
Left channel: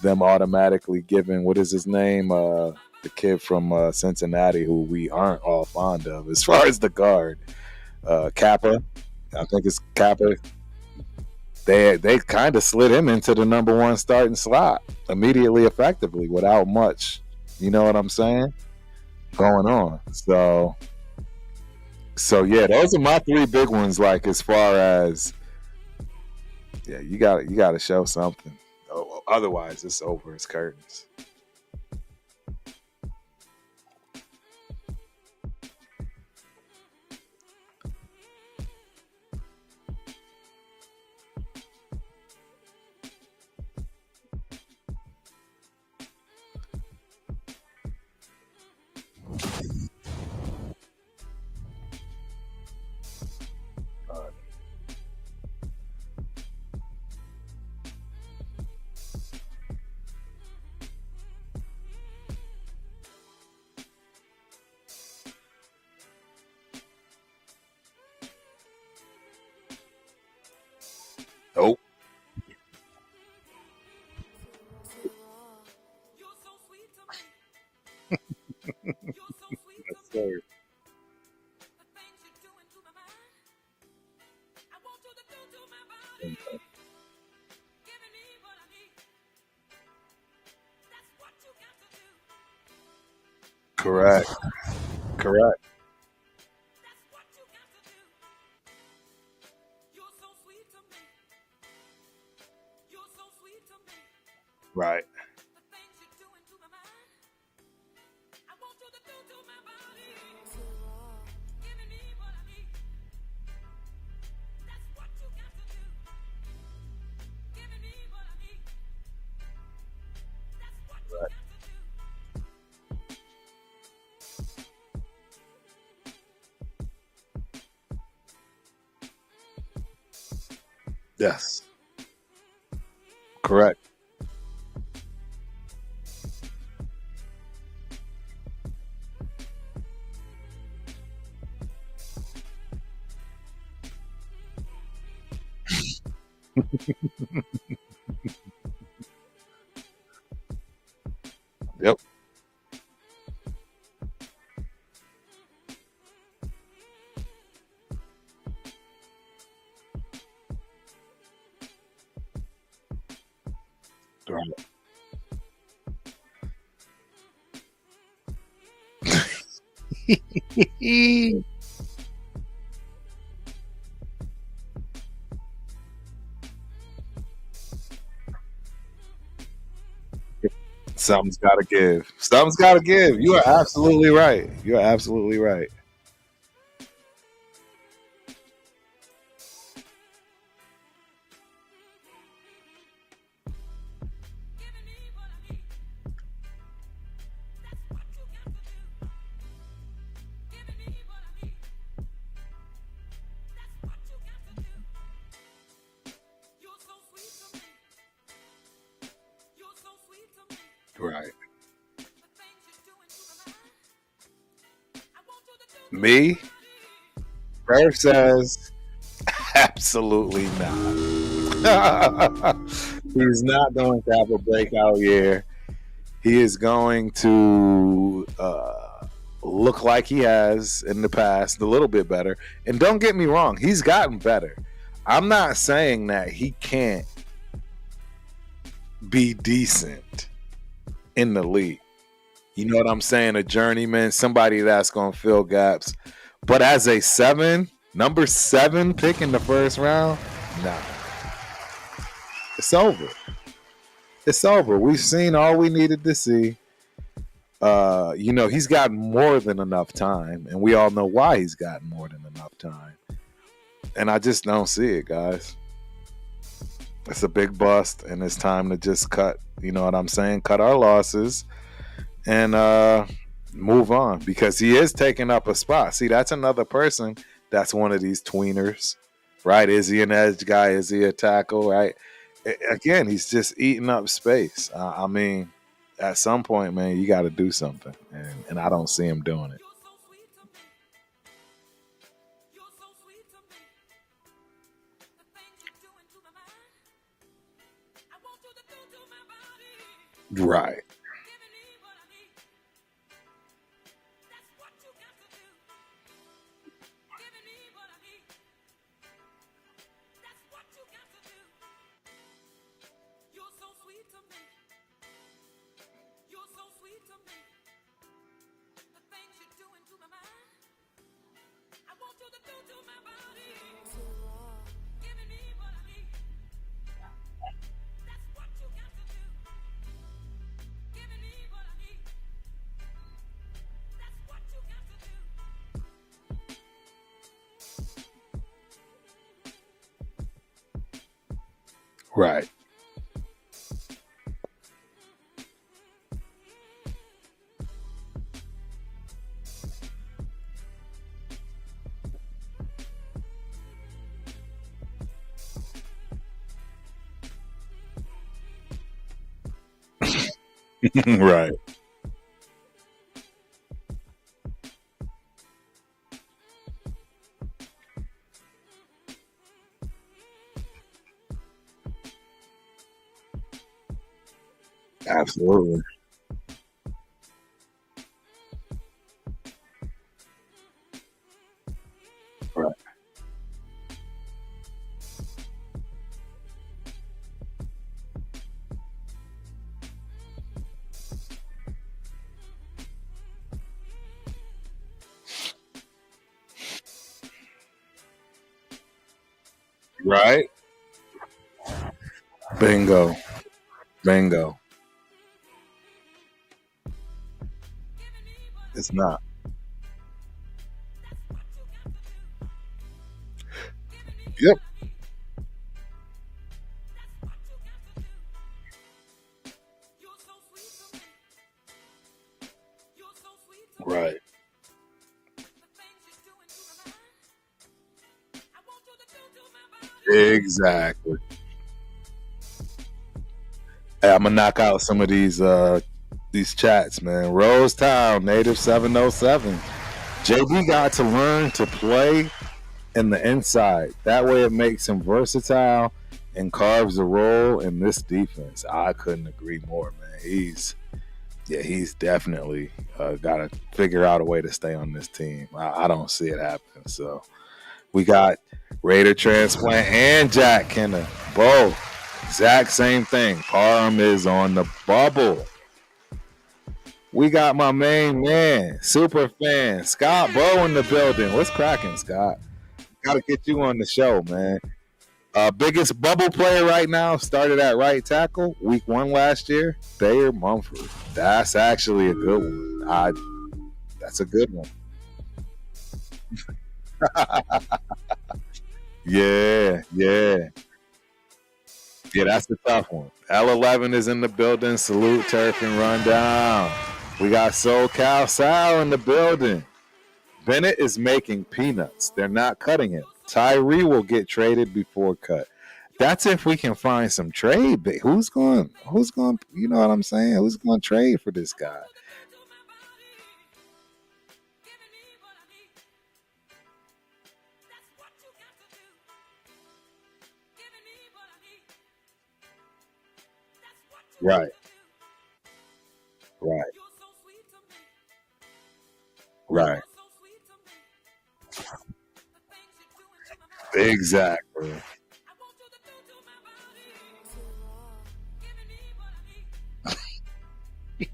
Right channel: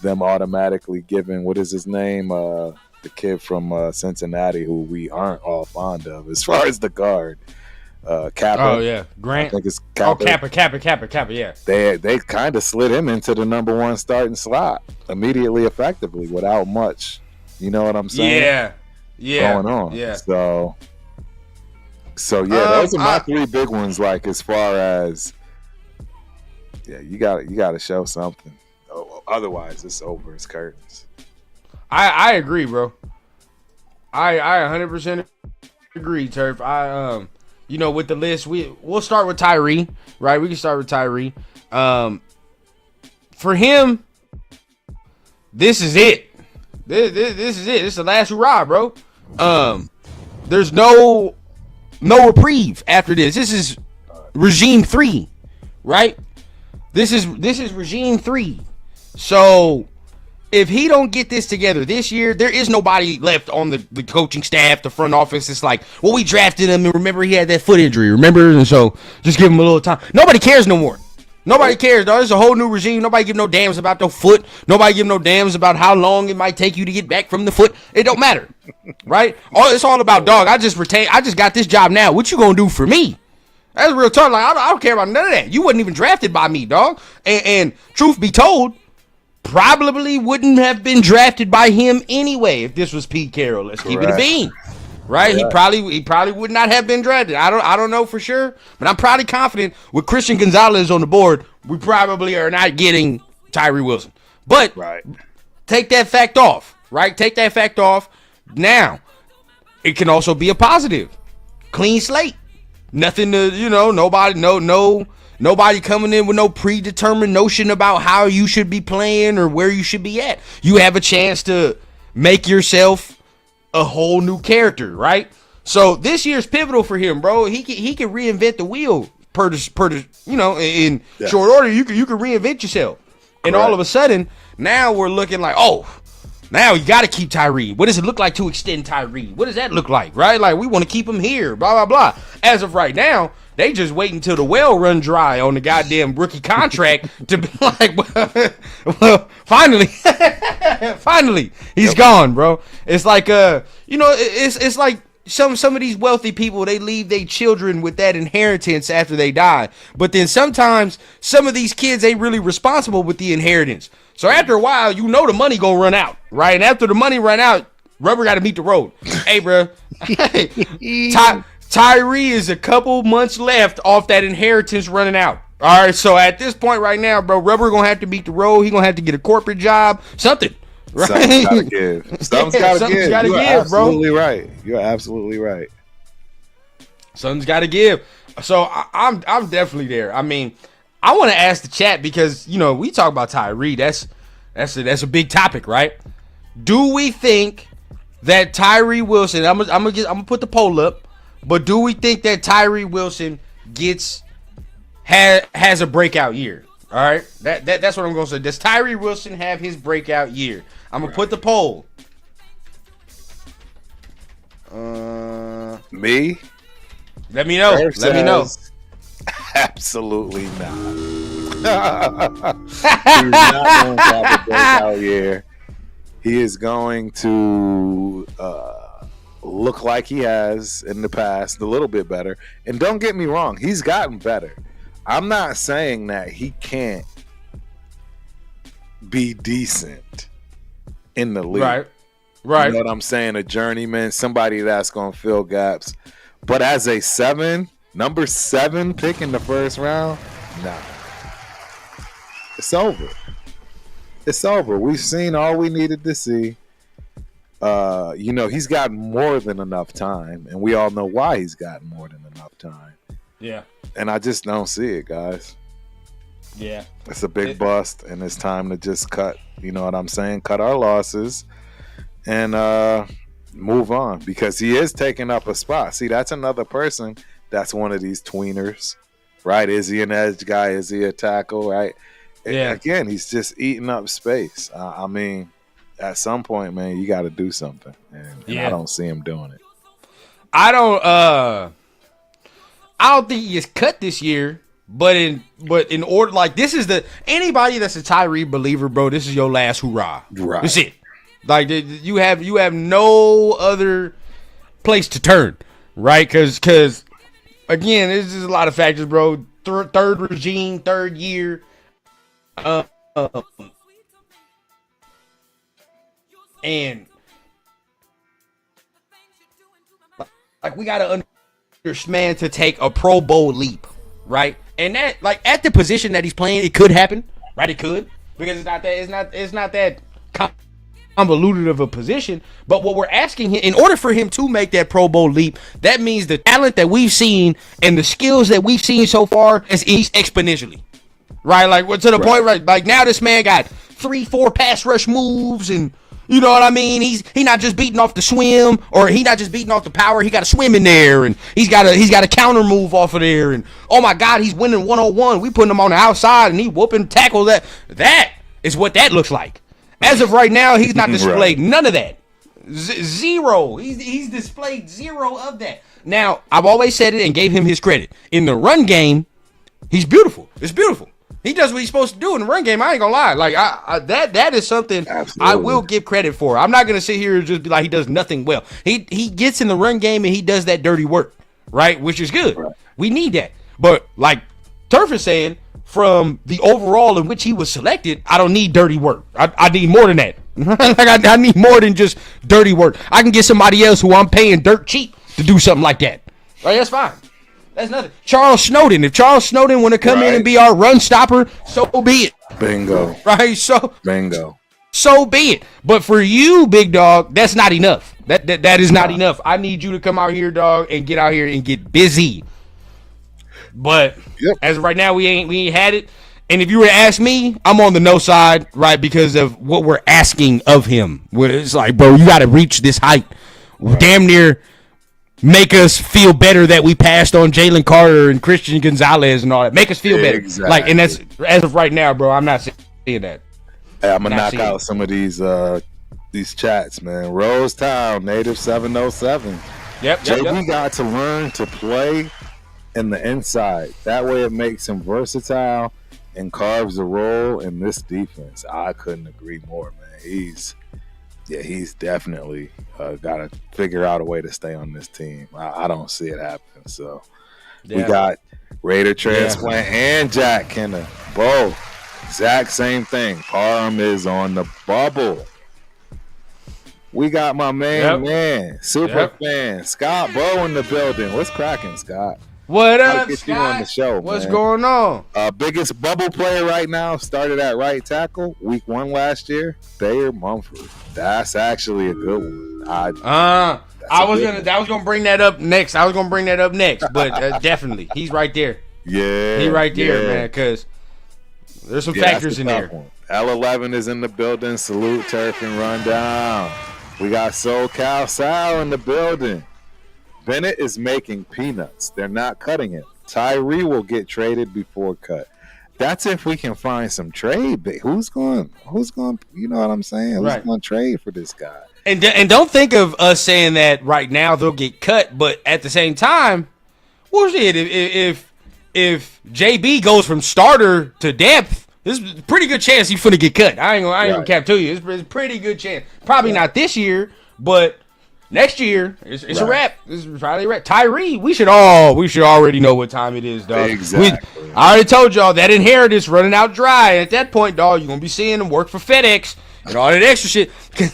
them automatically giving, what is his name, the kid from Cincinnati, who we aren't all fond of as far as the guard, Kappa. Oh yeah, Grant. I think it's Kappa. Oh, Kappa. Yeah. They kind of slid him into the number one starting slot immediately, effectively, without much. You know what I'm saying? Yeah. Going on. Yeah. So yeah, those are my three big ones. Like, as far as, you got to show something. Otherwise, it's over. It's curtains. I agree, bro. I 100% agree, Turf. With the list, we'll start with Tyrie, right? We can start with Tyrie. For him, this is it. This is it. This is the last hurrah, bro. There's no reprieve after this. This is regime 3, right? This is regime 3. So if he don't get this together this year, there is nobody left on the coaching staff, the front office. It's like, well, we drafted him, and remember he had that foot injury, remember? And so just give him a little time. Nobody cares no more. Nobody cares, dog. It's a whole new regime. Nobody give no damns about the foot. Nobody give no damns about how long it might take you to get back from the foot. It don't matter, right? It's all about, dog, I just got this job now. What you gonna do for me? That's real talk. Like, I don't care about none of that. You wasn't even drafted by me, dog. And truth be told, probably wouldn't have been drafted by him anyway if this was Pete Carroll. Let's keep it a bean. Right? Correct. He probably would not have been drafted. I don't know for sure, but I'm probably confident with Christian Gonzalez on the board, we probably are not getting Tyrie Wilson. But take that fact off, right? Take that fact off. Now, it can also be a positive. Clean slate. Nothing to, nobody coming in with no predetermined notion about how you should be playing or where you should be at. You have a chance to make yourself a whole new character, right? So this year's pivotal for him, bro. He can reinvent the wheel in short order. You can reinvent yourself. And all of a sudden, now we're looking like, now you got to keep Tyrie. What does it look like to extend Tyrie? What does that look like, right? Like, we want to keep him here, blah, blah, blah. As of right now, they just wait until the well run dry on the goddamn rookie contract to be like, well, finally, he's gone, bro. It's like, it's like some of these wealthy people, they leave their children with that inheritance after they die. But then sometimes some of these kids ain't really responsible with the inheritance. So after a while, the money gonna run out, right? And after the money run out, rubber got to meet the road. Hey, bro. Tyrie is a couple months left off that inheritance running out. All right, so at this point right now, bro, rubber gonna have to beat the road. He gonna have to get a corporate job, something. Right? Something's gotta give. Something's gotta give. You are absolutely right. You are absolutely right. Something's gotta give. So I'm definitely there. I mean, I want to ask the chat because we talk about Tyrie. That's a big topic, right? Do we think that Tyrie Wilson? I'm gonna put the poll up. But do we think that Tyrie Wilson has a breakout year? All right, that's what I'm gonna say. Does Tyrie Wilson have his breakout year? I'm gonna put the poll. Me? Let me know. Let me know. Absolutely not. He's not going to have a breakout year. He is going to look like he has in the past, a little bit better. And don't get me wrong, he's gotten better. I'm not saying that he can't be decent in the league. Right. You know what I'm saying? A journeyman, somebody that's going to fill gaps. But as a number 7 pick in the first round, nah. It's over. It's over. We've seen all we needed to see. He's gotten more than enough time, and we all know why he's gotten more than enough time. Yeah. And I just don't see it, guys. Yeah. It's a big bust, and it's time to just cut, you know what I'm saying? Cut our losses and move on, because he is taking up a spot. See, that's another person that's one of these tweeners, right? Is he an edge guy? Is he a tackle, right? Yeah. Again, he's just eating up space. I mean, at some point, man, you got to do something, and I don't see him doing it. I don't think he is cut this year, but in order, like, this is anybody that's a Tyrie believer, bro, this is your last hoorah. Right. That's it. Like, you have no other place to turn, right? Because again, there's just a lot of factors, bro. Third regime, third year. And like, we gotta understand to take a Pro Bowl leap, right? And that, like, at the position that he's playing, it could happen, right? It could, because it's not that convoluted of a position. But what we're asking him, in order for him to make that Pro Bowl leap, that means the talent that we've seen and the skills that we've seen so far is exponentially, right? Like, to the point, right? Like, now this man got 3-4 pass rush moves, and you know what I mean? He not just beating off the swim, or he not just beating off the power. He got a swim in there, and he's got a counter move off of there, and oh my God, he's winning 1-on-1. We putting him on the outside, and he whooping tackle. That is what that looks like. As of right now, he's not displayed none of that. Zero. He's displayed zero of that. Now, I've always said it and gave him his credit. In the run game, he's beautiful. It's beautiful. He does what he's supposed to do in the run game. I ain't gonna lie. Like, that is something I will give credit for. I'm not gonna sit here and just be like he does nothing well. He gets in the run game and he does that dirty work, right? Which is good. Right. We need that. But like Turf is saying, from the overall in which he was selected, I don't need dirty work. I need more than that. Like, I need more than just dirty work. I can get somebody else who I'm paying dirt cheap to do something like that. Right? That's fine. That's nothing. Charles Snowden. If Charles Snowden want to come in and be our run stopper, so be it. Bingo. Right? Bingo. So be it. But for you, big dog, that's not enough. That is not enough. I need you to come out here, dog, and get out here and get busy. But as of right now, we ain't had it. And if you were to ask me, I'm on the no side, right? Because of what we're asking of him. It's like, bro, you got to reach this height. Right. Damn near make us feel better that we passed on Jalen Carter and Christian Gonzalez and all that. Make us feel better. Like, and that's, as of right now, bro, I'm not seeing that. Hey, I'm gonna knock out some of these chats, man. Rose Town, native 707. JB got to learn to play in the inside. That way it makes him versatile and carves a role in this defense. I couldn't agree more, man. He's definitely got to figure out a way to stay on this team. I don't see it happening. So we got Raider transplant and Jack Kenner. Both. Exact same thing. Parham is on the bubble. We got my main man, super fan, Scott Bow in the building. What's cracking, Scott? What up, Gotta get Scott? you on the show, What's man. going on? Biggest bubble player right now, started at right tackle, week 1 last year, Thayer Mumford. That's actually a good one. I was gonna bring that up next. But definitely, he's right there. Yeah, he's right there, man. Because there's some factors in there. One. L11 is in the building. Salute, Turf and Rundown. We got SoCal Sal in the building. Bennett is making peanuts. They're not cutting him. Tyrie will get traded before cut. That's if we can find some trade. Who's going, you know what I'm saying? Who's going to trade for this guy? And don't think of us saying that right now they'll get cut, but at the same time, well, shit, if JB goes from starter to depth, there's a pretty good chance he's finna get cut. I ain't gonna cap to you. It's a pretty good chance. Probably not this year, but next year, it's a wrap. This is probably a wrap. Tyrie, we should already know what time it is, dog. Exactly. I already told y'all that inheritance running out dry. At that point, dog, you're gonna be seeing him work for FedEx and all that extra shit because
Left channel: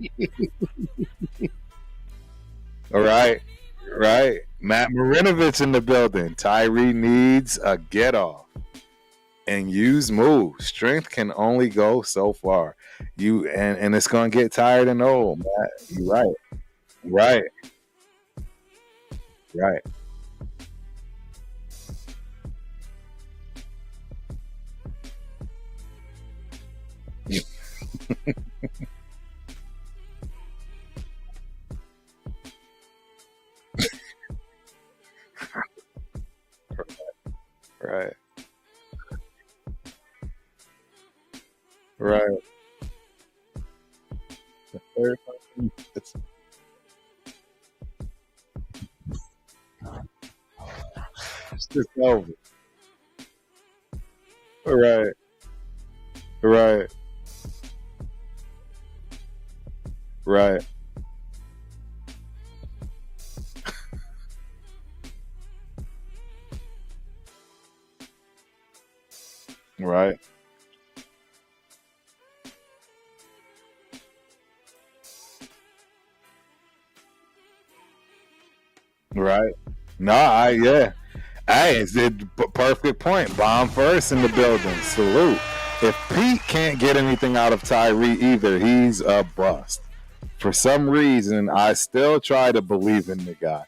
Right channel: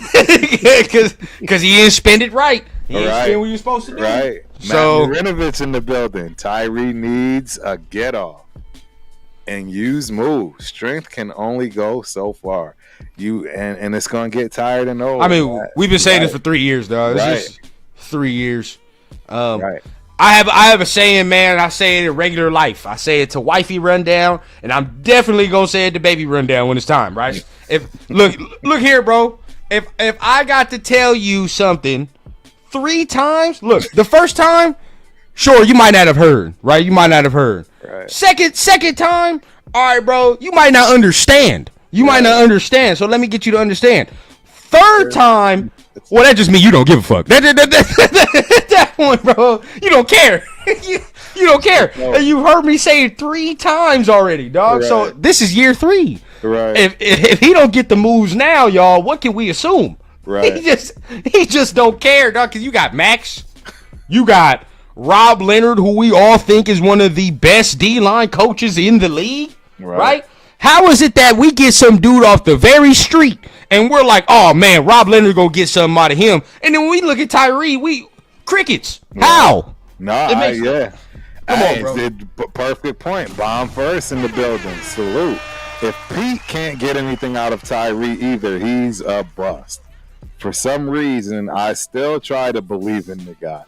he didn't spend it right. He didn't spend what you're supposed to do. Right. Matt Marinovich in the building. Tyrie needs a get off and use moves. Strength can only go so far. And it's gonna get tired and old. I mean, we've been saying this for 3 years, dog. It's just 3 years. I have a saying, man. I say it in regular life. I say it to wifey Rundown, and I'm definitely gonna say it to baby Rundown when it's time, right? Look here, bro. If I got to tell you something 3 times. Look, the first time, sure, you might not have heard, right? You might not have heard. Right. Second time, all right, bro, you might not understand. You might not understand. So let me get you to understand. Third time, well, that just means you don't give a fuck. That one, bro, you don't care. you don't care. No. And you heard me say it 3 times already, dog. Right. So this is year 3. Right. If he don't get the moves now, y'all, what can we assume? Right. He just don't care, dog. Cause you got Max, you got Rob Leonard, who we all think is one of the best D-line coaches in the league. Right? How is it that we get some dude off the very street and we're like, oh man, Rob Leonard gonna get something out of him, and then when we look at Tyrie, we crickets. Right. How? Yeah. Hey, on, it's a perfect point. Bomb first in the building. Salute. If Pete can't get anything out of Tyrie either, he's a bust. For some reason, I still try to believe in the guy.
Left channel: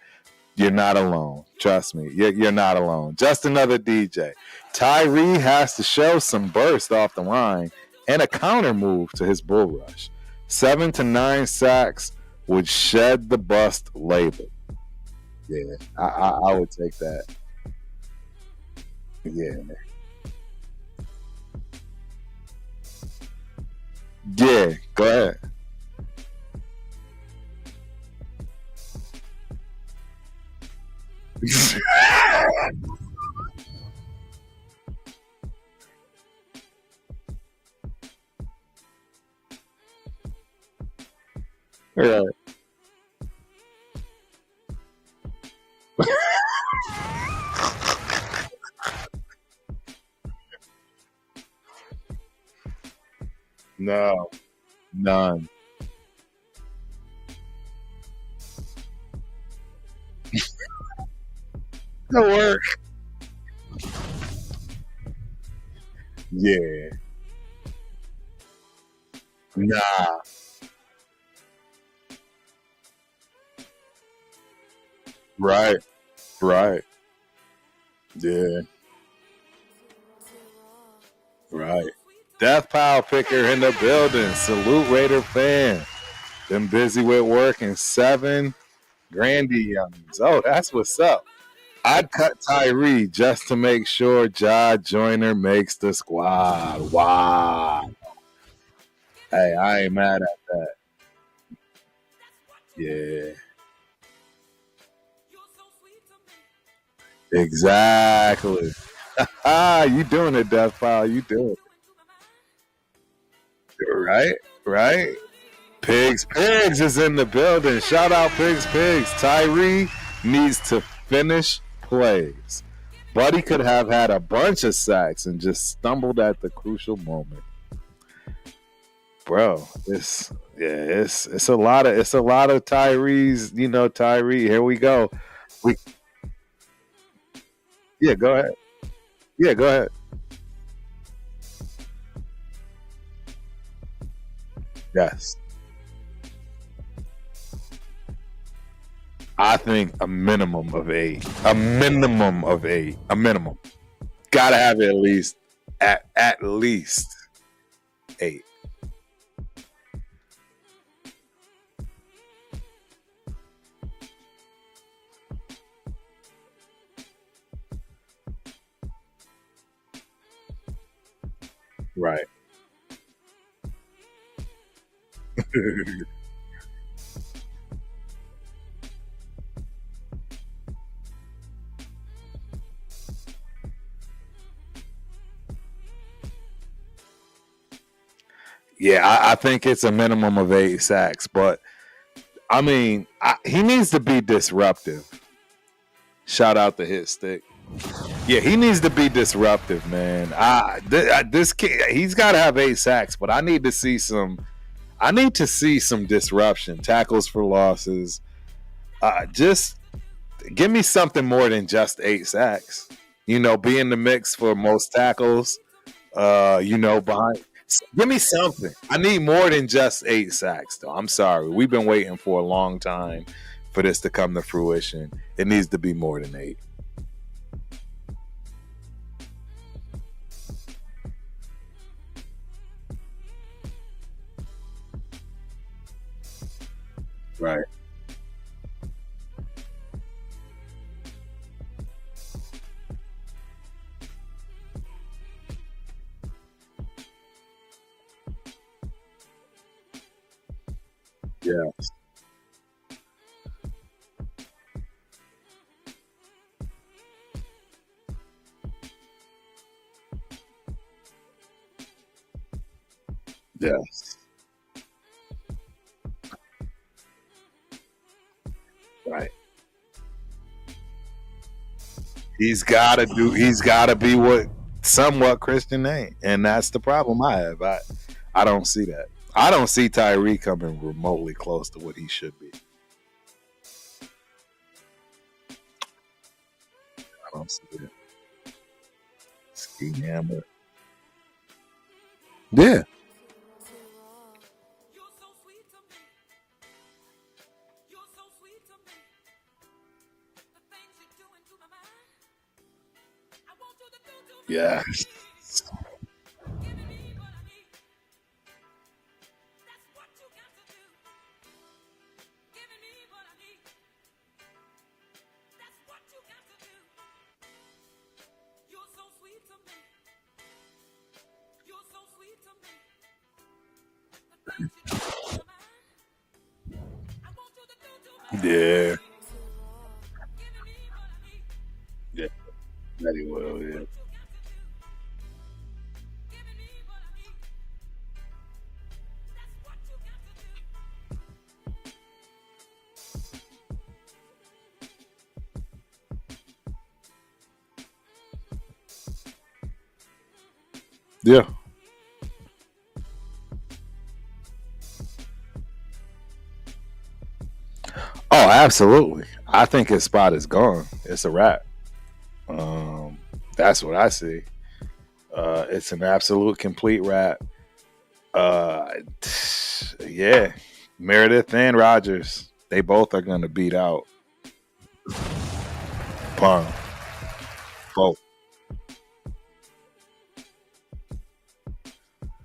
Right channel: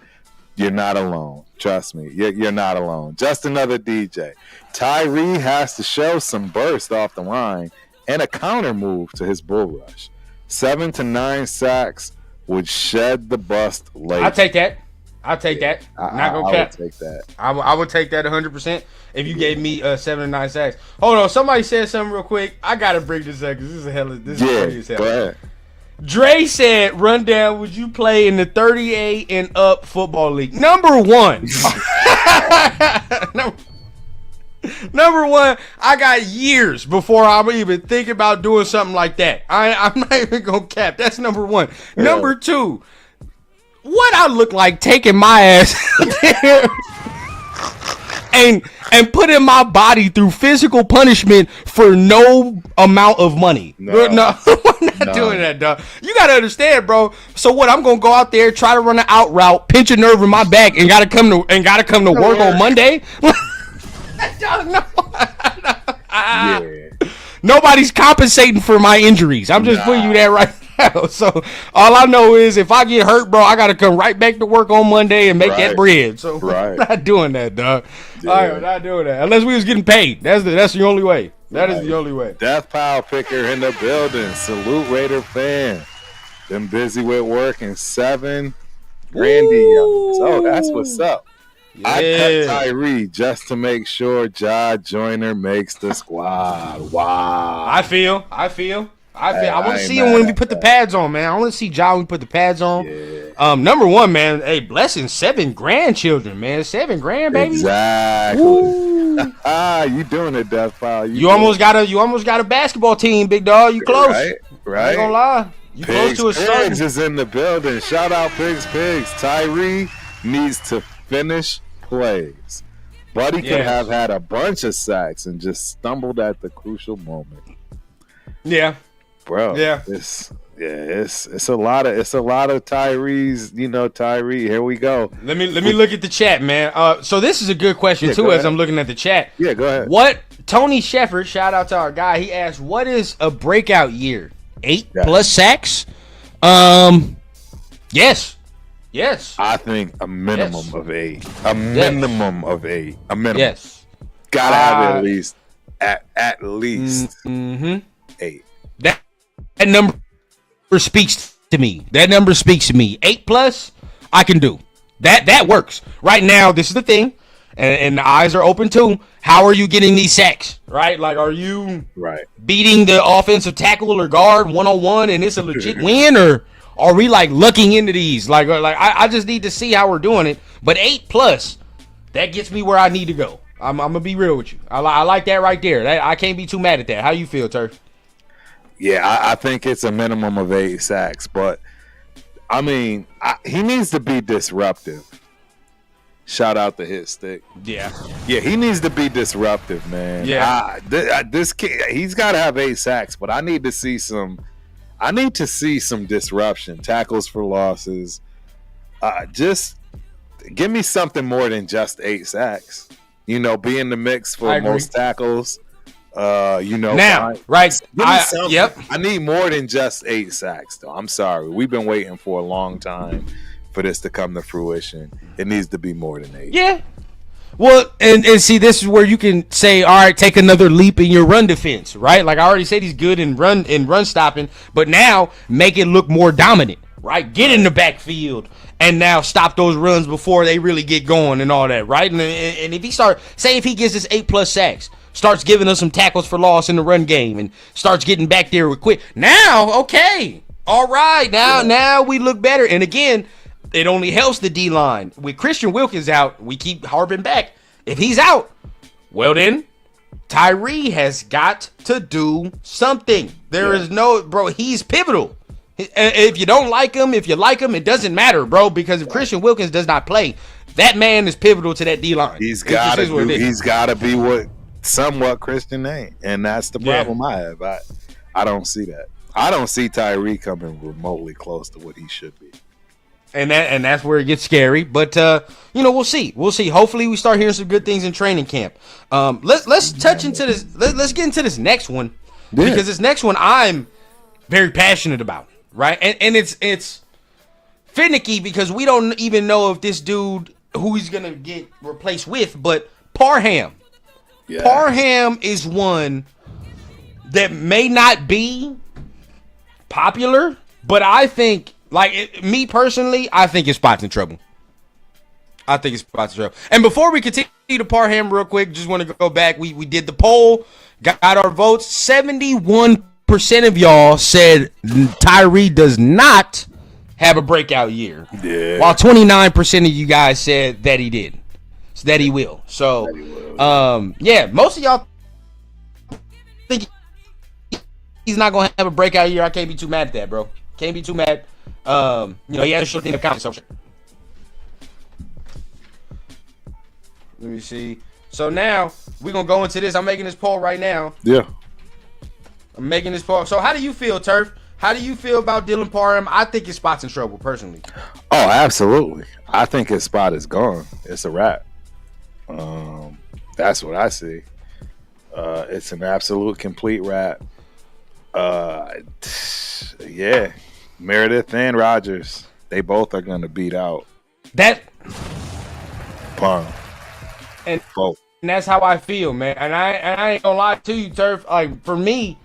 You're not alone. Trust me. You're not alone. Just another DJ. Tyrie has to show some burst off the line and a counter move to his bull rush. 7 to 9 sacks would shed the bust later. I'll take that. I'll take that. I would take that. I would take that 100% if you gave me 7 to 9 sacks. Hold on, somebody said something real quick. I gotta bring this up because this is a hell of this. Yeah, go ahead. Dre said, "Rundown, would you play in the 38 and up football league?" Number one. Number one, I got years before I'm even thinking about doing something like that. I'm not even gonna cap. That's number one. Yeah. Number two, what I look like taking my ass and putting my body through physical punishment for no amount of money. No. I'm not doing that, dog. You gotta understand, bro. So what? I'm gonna go out there, try to run an out route, pinch a nerve in my back, and gotta come to work on Monday. No. Yeah. Nobody's compensating for my injuries. I'm just putting you that right now. So all I know is if I get hurt, bro, I gotta come right back to work on Monday and make that bread. So I'm not doing that, dog. Yeah. I'm not doing that unless we was getting paid. That's the only way. That is the only way. Death Pile Picker in the building. Salute Raider fan. Been busy with work and 7 Grandy youngins. Oh, that's what's up. I cut Tyrie just to make sure Ja Joyner makes the squad. Wow. I feel. I Hey, want to see him when we put the pads on, man. I want to see Ja when we put the pads on. Yeah. Number one, man. Hey, blessing 7 grandchildren, man. 7 grand, baby. Exactly. You doing it, Death Pile. You almost got a basketball team, big dog. You close. Right. I ain't gonna lie. You close to a Pigs son. is in the building. Shout out Pigs. Tyrie needs to finish plays. Buddy could have had a bunch of sacks and just stumbled at the crucial moment. Yeah. Bro. Yeah. It's a lot of Tyrie's, Tyrie. Here we go. Let me look at the chat, man. So this is a good question too, go as ahead. I'm looking at the chat. Yeah, go ahead. What Tony Sheffer, shout out to our guy, he asked, what is a breakout year? 8 plus sacks? Yes. I think a minimum of 8. A minimum of 8. A minimum. Yes. Gotta have at least at least 8. That number speaks to me. 8 plus, I can do. That works. Right now, this is the thing, and the eyes are open too. How are you getting these sacks? Right? Like, are you beating the offensive tackle or guard 1-on-1 and it's a legit win, or are we like looking into these? Like I just need to see how we're doing it. But 8 plus, that gets me where I need to go. I'm gonna be real with you. I like that right there. I can't be too mad at that. How you feel, Turk? Yeah, I think it's a minimum of 8 sacks, but I mean, he needs to be disruptive. Shout out to Hit Stick. Yeah, he needs to be disruptive, man. Yeah. This kid, he's got to have 8 sacks, but I need to see some disruption, tackles for losses. Just give me something more than just 8 sacks. Be in the mix for most tackles. Now, right? Give me something. Yep. I need more than just 8 sacks, though. I'm sorry. We've been waiting for a long time for this to come to fruition. It needs to be more than 8. Yeah. Well, and see, this is where you can say, all right, take another leap in your run defense, right? Like I already said, he's good in run stopping, but now make it look more dominant, right? Get in the backfield and now stop those runs before they really get going and all that, right? And if he if he gets his 8+ sacks, starts giving us some tackles for loss in the run game and starts getting back there with quick. Now, okay, all right, now we look better. And again, it only helps the D-line. With Christian Wilkins out, we keep harping back. If he's out, well then, Tyrie has got to do something. There is no, bro, he's pivotal. If you don't like him, if you like him, it doesn't matter, bro, because if Christian Wilkins does not play, that man is pivotal to that D-line. He's got to be what somewhat Christian ain't, and that's the problem I have. I don't see that. I don't see Tyrie coming remotely close to what he should be. And that's where it gets scary. But we'll see. We'll see. Hopefully we start hearing some good things in training camp. Let's touch into this. Let's get into this next one. Because this next one I'm very passionate about. Right? And it's finicky because we don't even know if this dude who he's gonna get replaced with, but Parham. Yes. Parham is one that may not be popular, but I think, me personally, I think his spot's in trouble. And before we continue to Parham real quick, just want to go back. We did the poll, got our votes. 71% of y'all said Tyrie does not have a breakout year. Yeah. While 29% of you guys said that he did. That he will. So, most of y'all think he's not going to have a breakout year. I can't be too mad at that, bro. Can't be too mad. He had a short thing of confidence. Let me see. So now we're going to go into this. I'm making this poll right now. Yeah. I'm making this poll. So how do you feel, Turf? How do you feel about Dylan Parham? I think his spot's in trouble, personally. Oh, absolutely. I think his spot is gone. It's a wrap. That's what I see. It's an absolute complete wrap. Meredith and Rogers, they both are going to beat out that Parham. And that's how I feel, man. And I ain't gonna lie to you, Turf. Like, for me,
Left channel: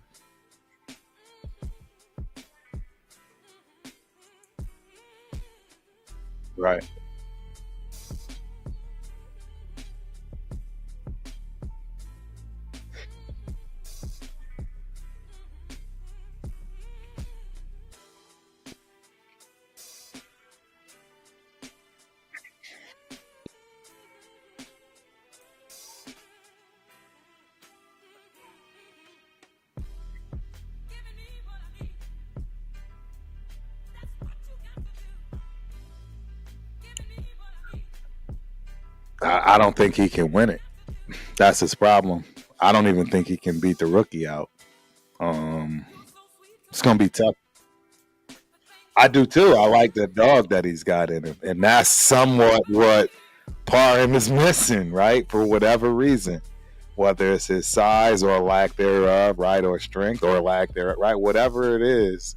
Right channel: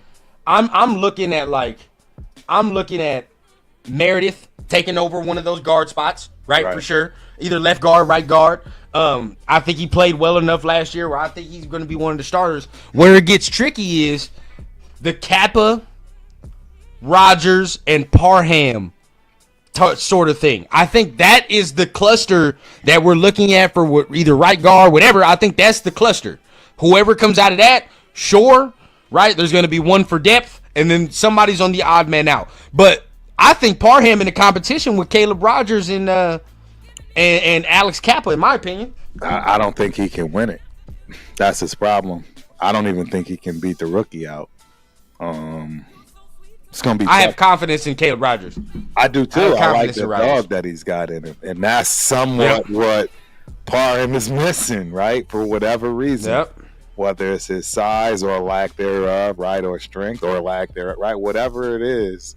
I'm looking at Meredith taking over one of those guard spots, right? For sure. Either left guard, right guard. I think he played well enough last year where I think he's going to be one of the starters. Where it gets tricky is the Kappa, Rogers, and Parham sort of thing. I think that is the cluster that we're looking at for either right guard, whatever. I think that's the cluster. Whoever comes out of that, sure, right? There's going to be one for depth, and then somebody's on the odd man out. But I think Parham in the competition with Caleb Rogers and Alex Kappa, in my opinion. I don't think he can win it. That's his problem. I don't even think he can beat the rookie out. It's gonna be tough. I have confidence in Caleb Rogers. I do too. I like the dog that he's got in him, and that's somewhat what Parham is missing, right? For whatever reason, whether it's his size or lack thereof, right, or strength or lack thereof, right, whatever it is,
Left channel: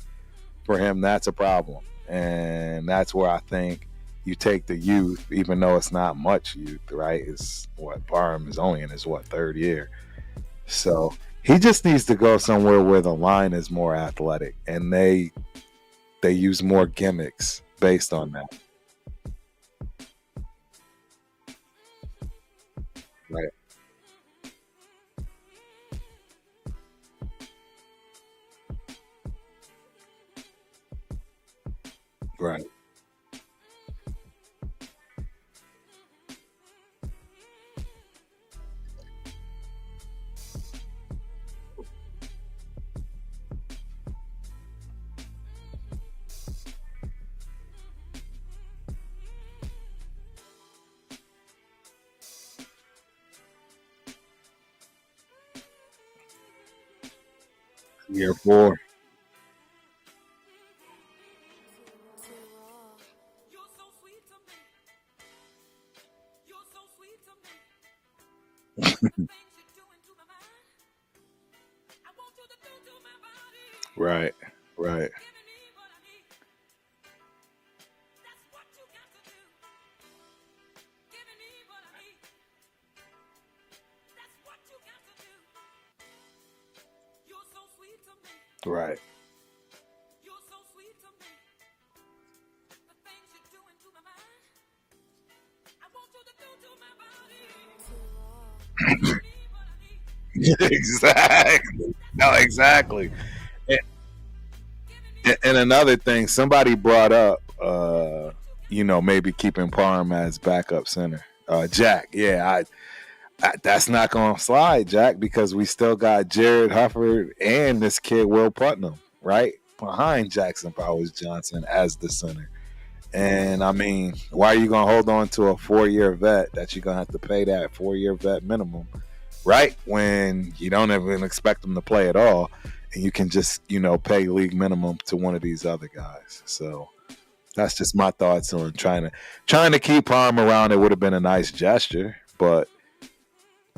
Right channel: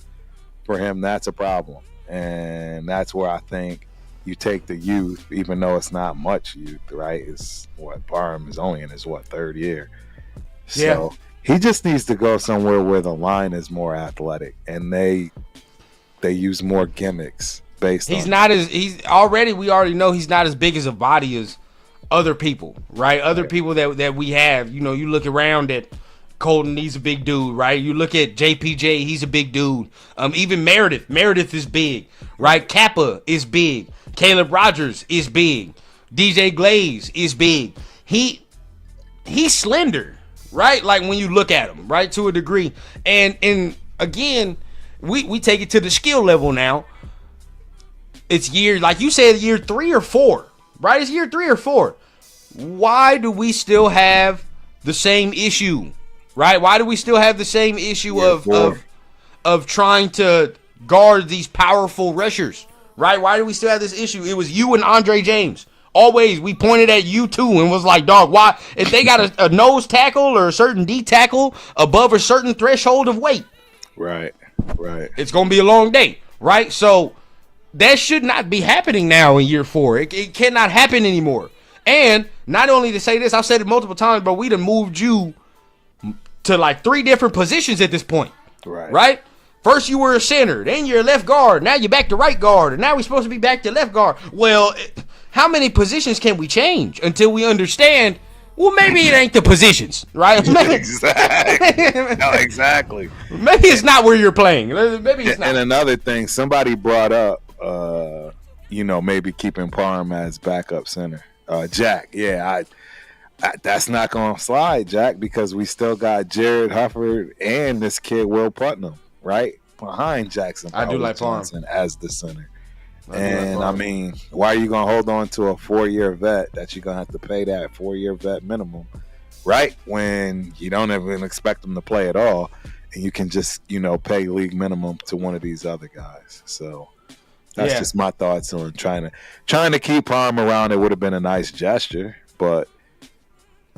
for him, that's a problem, and that's where I think you take the youth, even though it's not much youth, right? It's what Parham is only in his third year, so. He just needs to go somewhere where the line is more athletic and they use more gimmicks based on. We already know he's not as big as a body as other people, right? Other people that we have. You look around at Colton, he's a big dude, right? You look at JPJ, he's a big dude. Even Meredith is big, right? Kappa is big. Caleb Rogers is big. DJ Glaze is big. He's slender. Right? Like when you look at him, right? To a degree. And again, we take it to the skill level now. It's like you said, year 3 or 4, right? It's year 3 or 4. Why do we still have the same issue, right? Why do we still have the same issue of trying to guard these powerful rushers, right? Why do we still have this issue? It was you and Andre James. Always, we pointed at you too and was like, dog, why? If they got a nose tackle or a certain D tackle above a certain threshold of weight, right, it's going to be a long day, right? So that should not be happening now in year 4. It cannot happen anymore. And not only to say this, I've said it multiple times, but we done moved you to like 3 different positions at this point, right? First you were a center, then you're a left guard, now you're back to right guard, and now we're supposed to be back to left guard. Well, how many positions can we change until we understand, well, maybe it ain't the positions, right? Exactly. No, exactly. Maybe it's not where you're playing. Maybe it's not. And another thing, somebody brought up, maybe keeping Parham as backup center. Jack, yeah, that's not going to slide, Jack, because we still got Jared Hufford and this kid Will Putnam, right, behind Jackson Powers-Johnson as the center. And, I mean, why are you going to hold on to a 4-year vet that you're going to have to pay that 4-year vet minimum, right, when you don't even expect them to play at all, and you can just, pay league minimum to one of these other guys. So that's just my thoughts on trying to keep Parham around. It would have been a nice gesture, but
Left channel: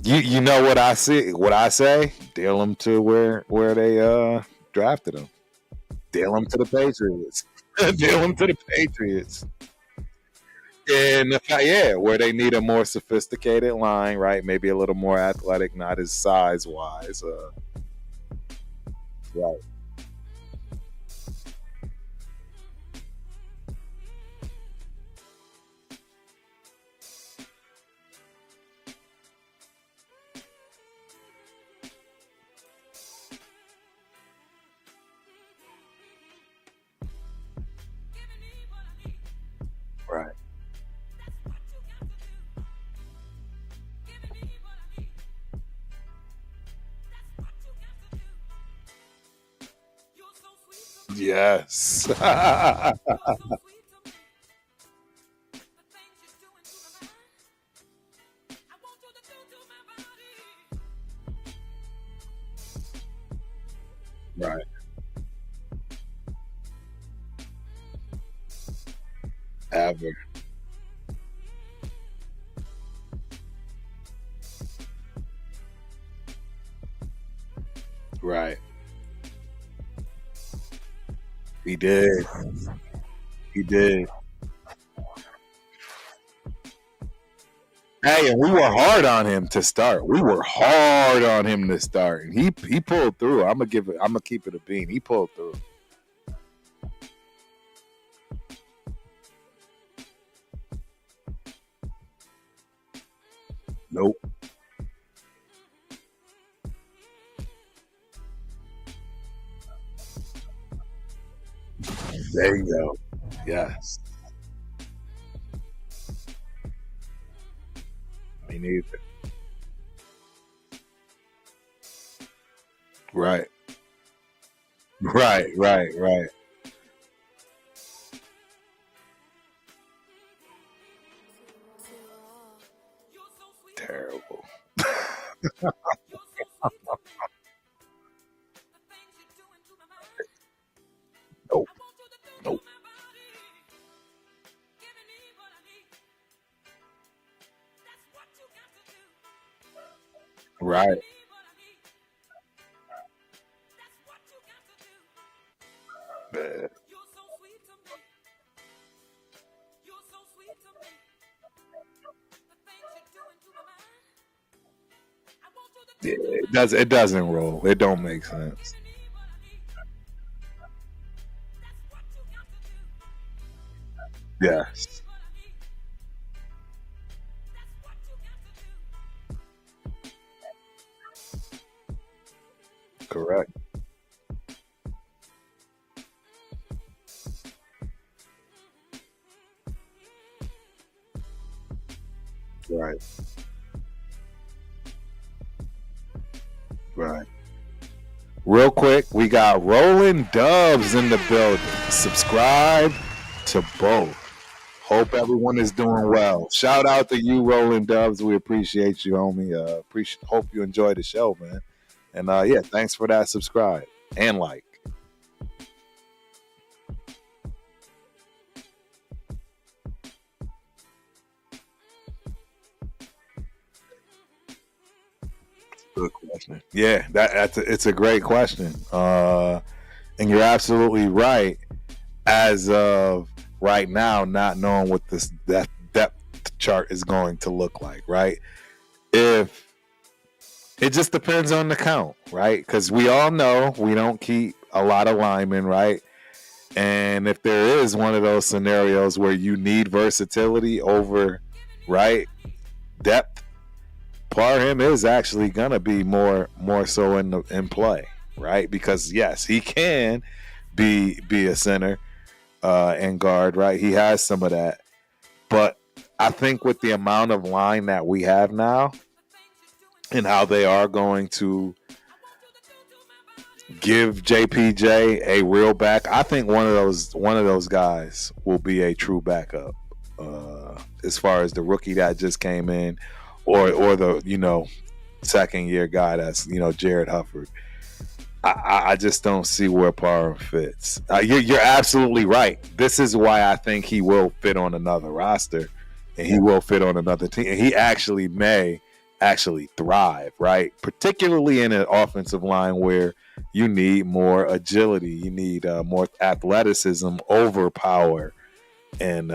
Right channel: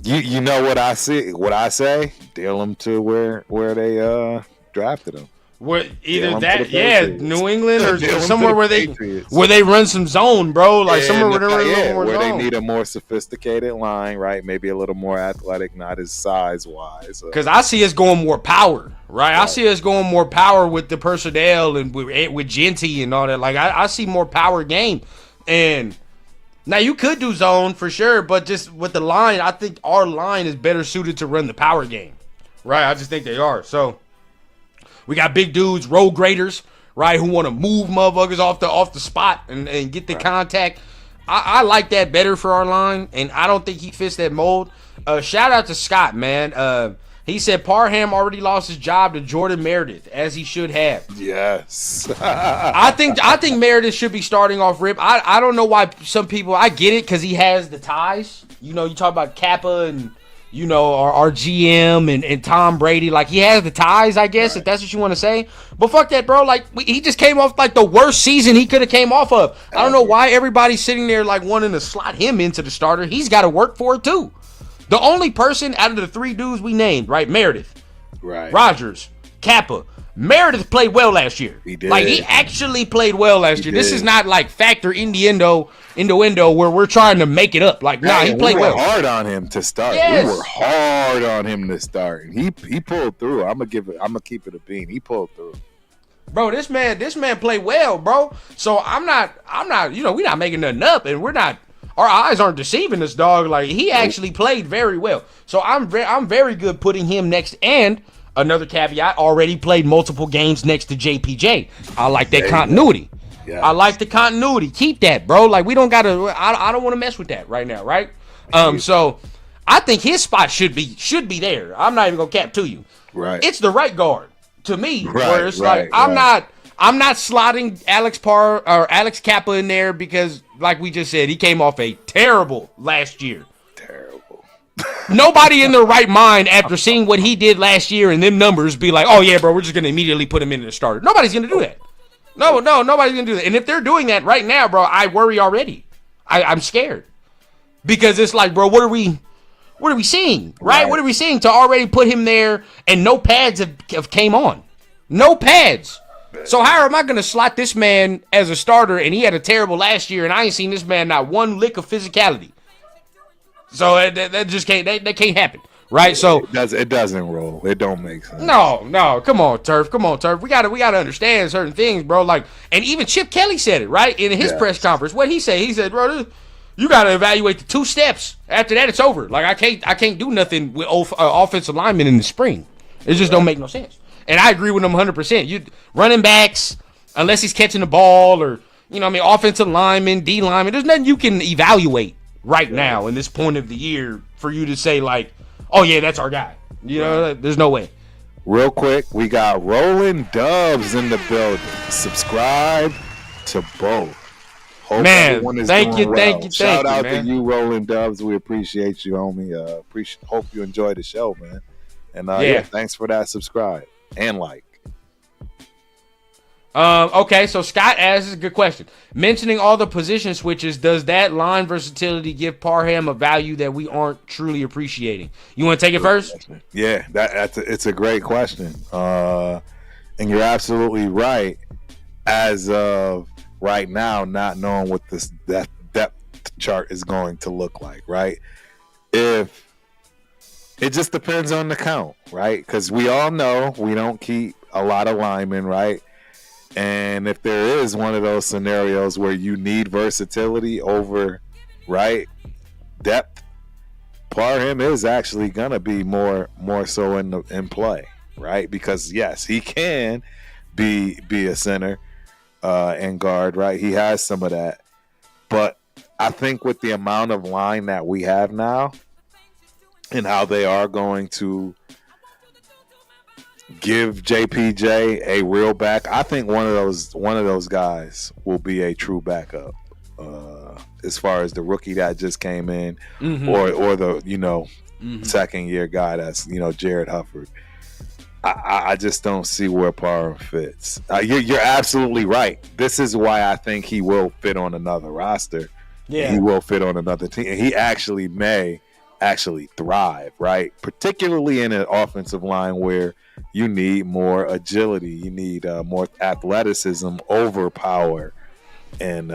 you know what I say, deal him to where they drafted him. Either that, New England, or somewhere where they run some zone, bro. Like somewhere where they need a more sophisticated line, right? Maybe a little more athletic, not as size wise. Because I see us going more power, right? I see us going more power with the personnel and with Genty and all that. Like I see more power game, and now you could do zone for sure, but just with the line, I think our line is better suited to run the power game, right? I just think they are. So. We got big dudes, road graders, right, who want to move motherfuckers off the spot and get the contact. I like that better for our line, and I don't think he fits that mold. Shout out to Scott, man. He said Parham already lost his job to Jordan Meredith, as he should have. Yes. I think Meredith should be starting off rip. I don't know why some people, I get it because he has the ties. You talk about Kappa and our GM and Tom Brady, like he has the ties, I guess, if that's what you want to say. But fuck that, bro. Like he just came off like the worst season he could have came off of. I don't know why everybody's sitting there like wanting to slot him into the starter. He's got to work for it too. The only person out of the 3 dudes we named, right, Meredith, right, Rogers, Kappa. Meredith played well last year. He did. Like he actually played well last year. This is not like factor innuendo where we're trying to make it up. Like, we were hard on him to start. Yes. We were hard on him to start, and he pulled through. I'm gonna keep it a bean. He pulled through. Bro, this man played well, bro. So I'm not. We're not making nothing up, and we're not. Our eyes aren't deceiving us, dog. Like he actually played very well. So I'm very good putting him next. And another caveat: already played multiple games next to JPJ. I like that continuity. Yes. I like the continuity. Keep that, bro. Like we don't gotta. I don't want to mess with that right now, right? So I think his spot should be there. I'm not even gonna cap to you. Right. It's the right guard to me. Right. It's right. Like, I'm not slotting Alex Kappa in there because, like we just said, he came off a terrible last year. Terrible. Nobody in their right mind after seeing what he did last year and them numbers be like, oh yeah, bro, we're just gonna immediately put him in the starter. Nobody's gonna do that. No, nobody's gonna do that. And if they're doing that right now, bro, I worry already. I'm scared because it's like, bro, what are we seeing, right? What are we seeing to already put him there and no pads have came on, no pads. So how am I gonna slot this man as a starter and he had a terrible last year and I ain't seen this man not one lick of physicality? So that just can't that can't happen. Right, so it doesn't roll. It don't make sense. No, come on, Turf. We gotta understand certain things, bro. Like, and even Chip Kelly said it right in his press conference. What he said? He said, bro, you gotta evaluate the 2 steps. After that, it's over. Like, I can't do nothing with offensive linemen in the spring. It just don't make no sense. And I agree with him 100%. You running backs, unless he's catching the ball, or offensive linemen, D linemen. There's nothing you can evaluate right now in this point of the year for you to say like, oh yeah, that's our guy. There's no way. Real quick, we got Rolling Dubs in the building. Subscribe to both. Hope everyone is doing well. Shout out to you, Rolling Dubs. We appreciate you, homie. Hope you enjoy the show, man. And thanks for that subscribe and like. Okay, so Scott asks a good question. Mentioning all the position switches, does that line versatility give Parham a value that we aren't truly appreciating? You want to take it first? Yeah, it's a great question. And you're absolutely right. As of right now, not knowing what that depth chart is going to look like, right? If it just depends on the count, right? Because we all know we don't keep a lot of linemen, right? And if there is one of those scenarios where you need versatility over, right, depth, Parham is actually gonna be more so in play, right? Because yes, he can be a center and guard, right? He has some of that, but I think with the amount of line that we have now and how they are going to give JPJ a real back, I think one of those guys will be a true backup. As far as the rookie that just came in, or the second year guy that's Jared Hufford. I just don't see where Parham fits. You're absolutely right. This is why I think he will fit on another roster. Yeah. He will fit on another team. And he actually may thrive, right? Particularly in an offensive line where you need more agility, you need more athleticism over power, and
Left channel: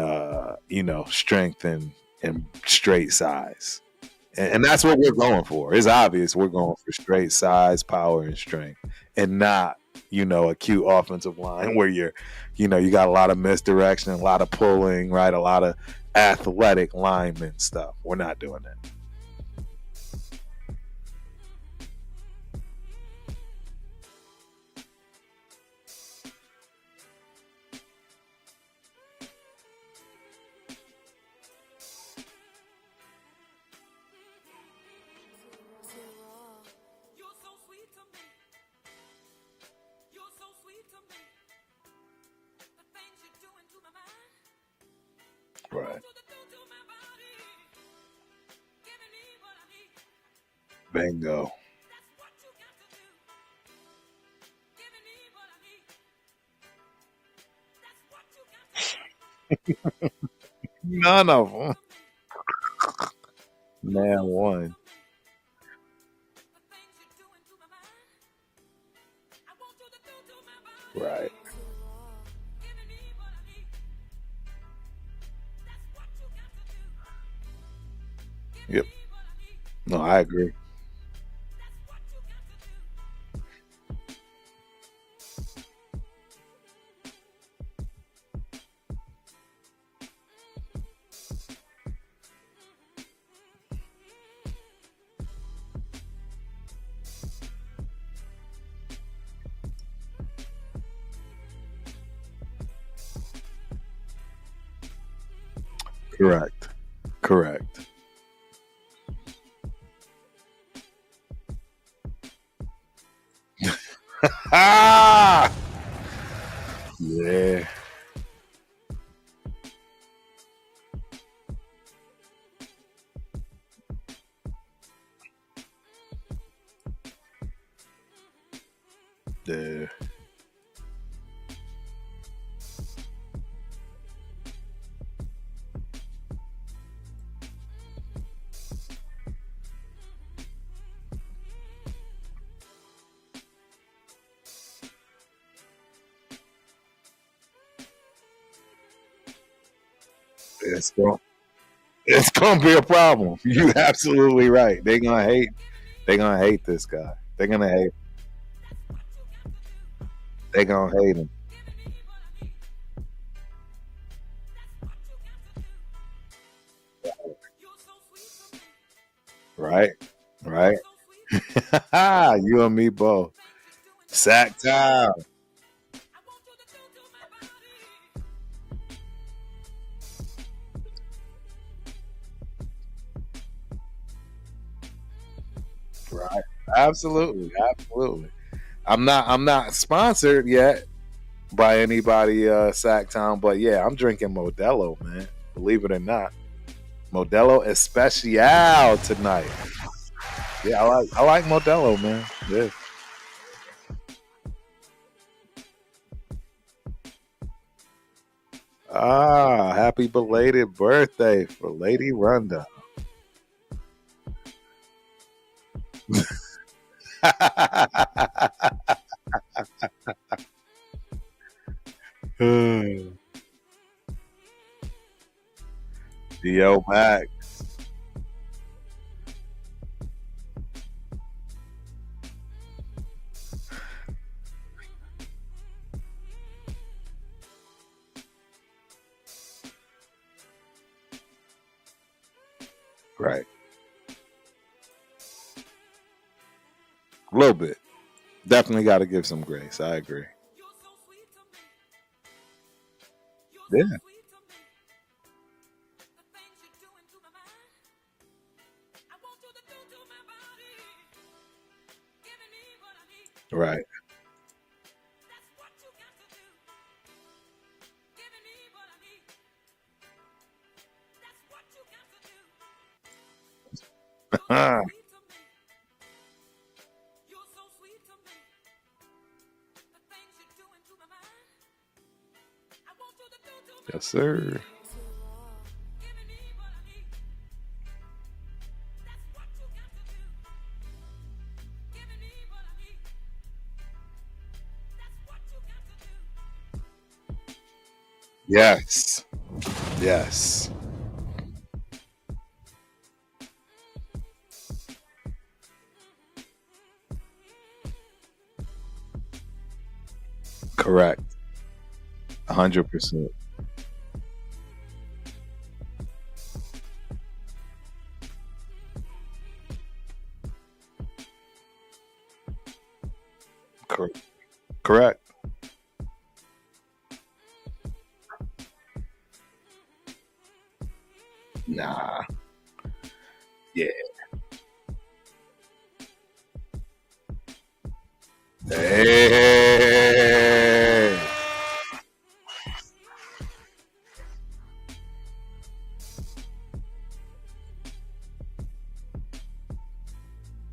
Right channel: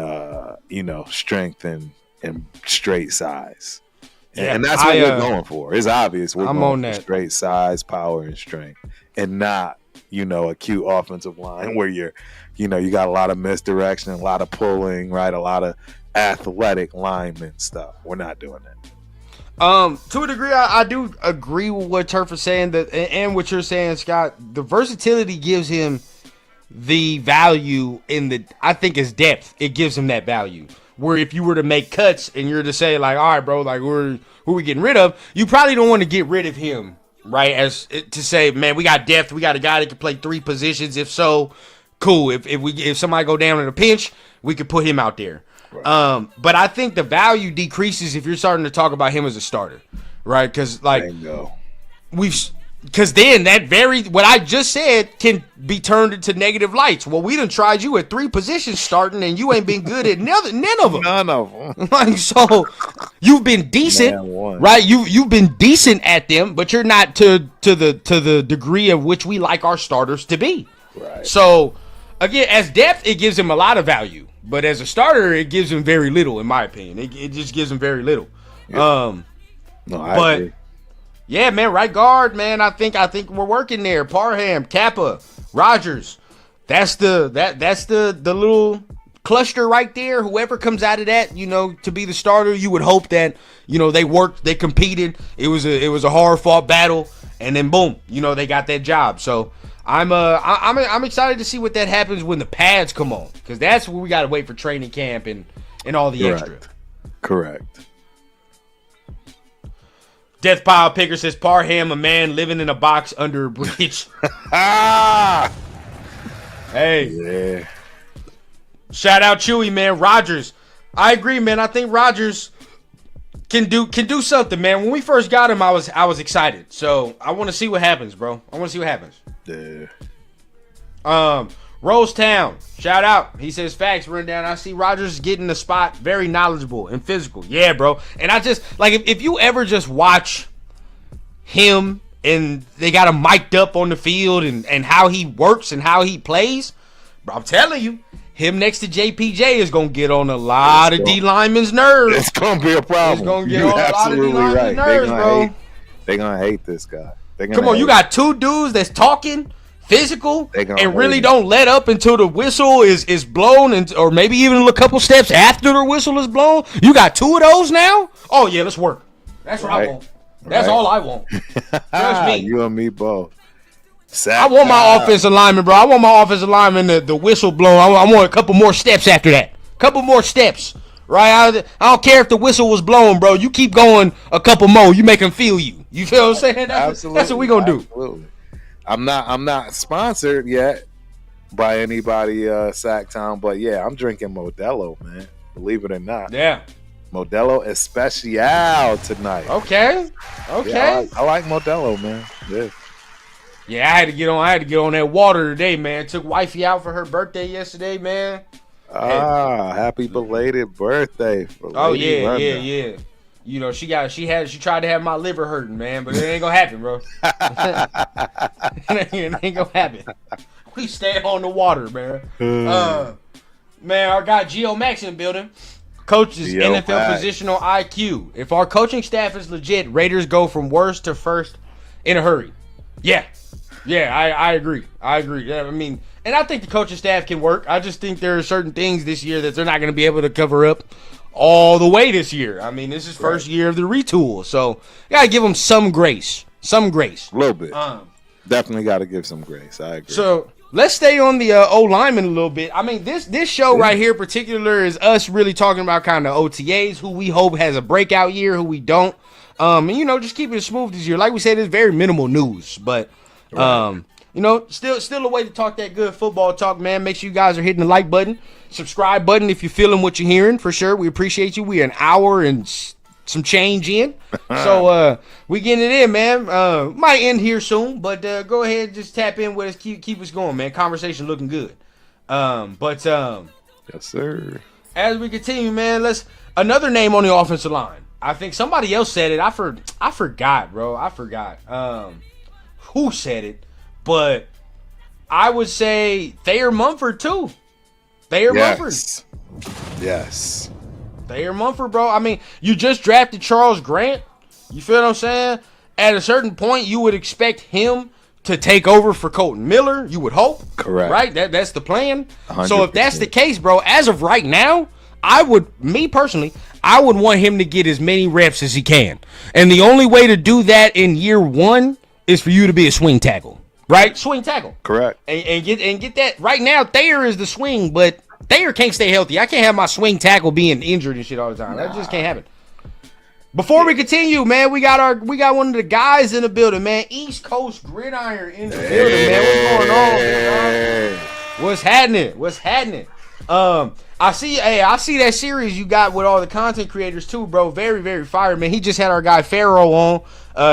strength and straight size. And that's what we're going for. It's obvious we're going for straight size, power, and strength, and not a cute offensive line where you got a lot of misdirection, a lot of pulling, right? A lot of athletic lineman stuff. We're not doing that. To a degree, I do agree with what Turf is saying, and what you're saying, Scott. The versatility gives him the value I think is depth. It gives him that value. Where if you were to make cuts and you're to say like, all right, bro, like who are we getting rid of? You probably don't want to get rid of him, right? As to say, man, we got depth. We got a guy that can play 3 positions. If so, cool. If somebody go down in a pinch, we could put him out there. Right. But I think the value decreases if you're starting to talk about him as a starter, right? Because because then what I just said can be turned into negative lights. Well, we done tried you at 3 positions starting, and you ain't been good at none of them. None of them. Like, so you've been decent, right? You've been decent at them, but you're not to the degree of which we like our starters to be. Right. So again, as depth, it gives him a lot of value, but as a starter, it gives him very little, in my opinion. It just gives him very little. Yep. I agree. Yeah, man, right guard, man. I think we're working there. Parham, Kappa, Rogers. That's the little cluster right there. Whoever comes out of that, to be the starter, you would hope that they worked, they competed. It was a hard fought battle, and then boom, they got that job. So I'm excited to see what that happens when the pads come on, because that's where we got to wait for training camp and all the extra. Correct. Death Pile Picker says, Parham, a man living in a box under a bridge. Hey. Yeah. Shout out Chewy, man. Rogers. I agree, man. I think Rogers can do something, man. When we first got him, I was excited. So I want to see what happens, bro. I want to see what happens. Yeah. Rosetown, shout out. He says, facts, run down. I see Rogers getting the spot, very knowledgeable and physical. Yeah, bro. And I just, like, if you ever just watch him and they got him mic'd up on the field and how he works and how he plays, bro, I'm telling you, him next to JPJ is going to get on a lot of D linemen's nerves. It's going to be a problem. You're absolutely right. They're going to hate this guy. Come on, you got 2 dudes that's talking physical and really don't let up until the whistle is blown, or maybe even a couple steps after the whistle is blown. You got 2 of those now? Oh yeah, let's work. That's what I want. That's all I want. You and me both. I want my offensive lineman, bro. I want my offensive lineman the whistle blown. I want a couple more steps after that. Couple more steps. Right? I don't care if the whistle was blown, bro. You keep going a couple more. You make them feel you. You feel what I'm saying? Absolutely. That's what we gonna do. Absolutely. I'm not sponsored yet by anybody, Sacktown, but yeah, I'm drinking Modelo, man. Believe it or not. Yeah. Modelo Especial tonight. Okay. Yeah, I like Modelo, man. Yeah. Yeah, I had to get on that water today, man. Took wifey out for her birthday yesterday, man. Happy belated birthday for Lady Runda. Yeah. She tried to have my liver hurting, man, but it ain't gonna happen, bro. It ain't gonna happen. We stay on the water, man. Man, our guy Geo Max in the building. Coaches NFL positional IQ. If our coaching staff is legit, Raiders go from worst to first in a hurry. Yeah, I agree. Yeah, I mean, and I think the coaching staff can work. I just think there are certain things this year that they're not going to be able to cover up all the way this year. I mean, this is first year of the retool, so you got to give them some grace. A little bit. Definitely got to give some grace. I agree. So let's stay on the O-lineman a little bit. I mean, this show right here in particular is us really talking about kind of OTAs, who we hope has a breakout year, who we don't. And, you know, just keep it smooth this year. Like we said, it's very minimal news, but you know, still a way to talk that good football talk, man. Make sure you guys are hitting the like button, subscribe button if you're feeling what you're hearing, for sure. We appreciate you. We an hour and some change in, so we getting it in, man. Might end here soon, but go ahead, just tap in with us, keep us going, man. Conversation looking good. Yes, sir. As we continue, man, let's another name on the offensive line. I think somebody else said it. I forgot, bro. I forgot who said it, but I would say Thayer Mumford too. Yes. Thayer Mumford, bro. I mean, you just drafted Charles Grant. You feel what I'm saying? At a certain point, you would expect him to take over for Colton Miller. You would hope. Correct. Right? That's the plan. 100%. So if that's the case, bro, as of right now, I would want him to get as many reps as he can. And the only way to do that in year one is for you to be a swing tackle. Right? Swing tackle. Correct. And get that. Right now, Thayer is the swing, but Thayer can't stay healthy. I can't have my swing tackle being injured and shit all the time. That just can't happen. Before we continue, man, we got one of the guys in the building, man. East Coast Gridiron in the building. Hey. What's happening? I see that series you got with all the content creators too, bro. Very, very fire, man. He just had our guy Pharaoh on,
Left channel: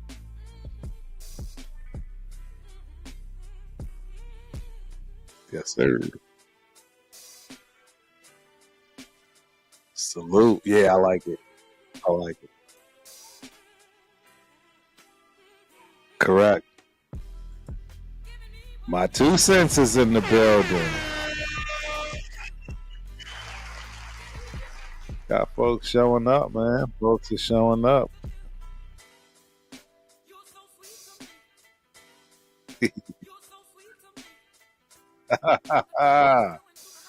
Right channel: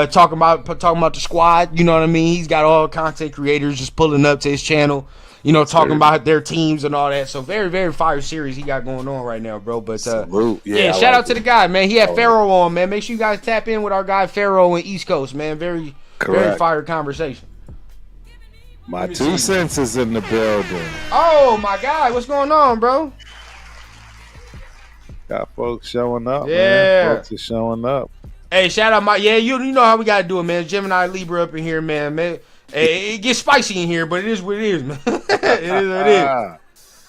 talking about the squad. You know what I mean? He's got all content creators just pulling up to his channel, you know, talking about their teams and all that. So very, very fire series he got going on right now, bro. But salute. Shout out to the guy, man. He had Pharaoh on, man. Make sure you guys tap in with our guy Pharaoh in East Coast, man. Very fire conversation. My 2 cents is in the building. Oh my God, what's going on, bro? Got folks showing up, man. Folks are showing up. Hey, shout out you know how we gotta do it, man. Gemini Libra up in here, man. Hey, it gets spicy in here, but it is what it is, man. It is what it is.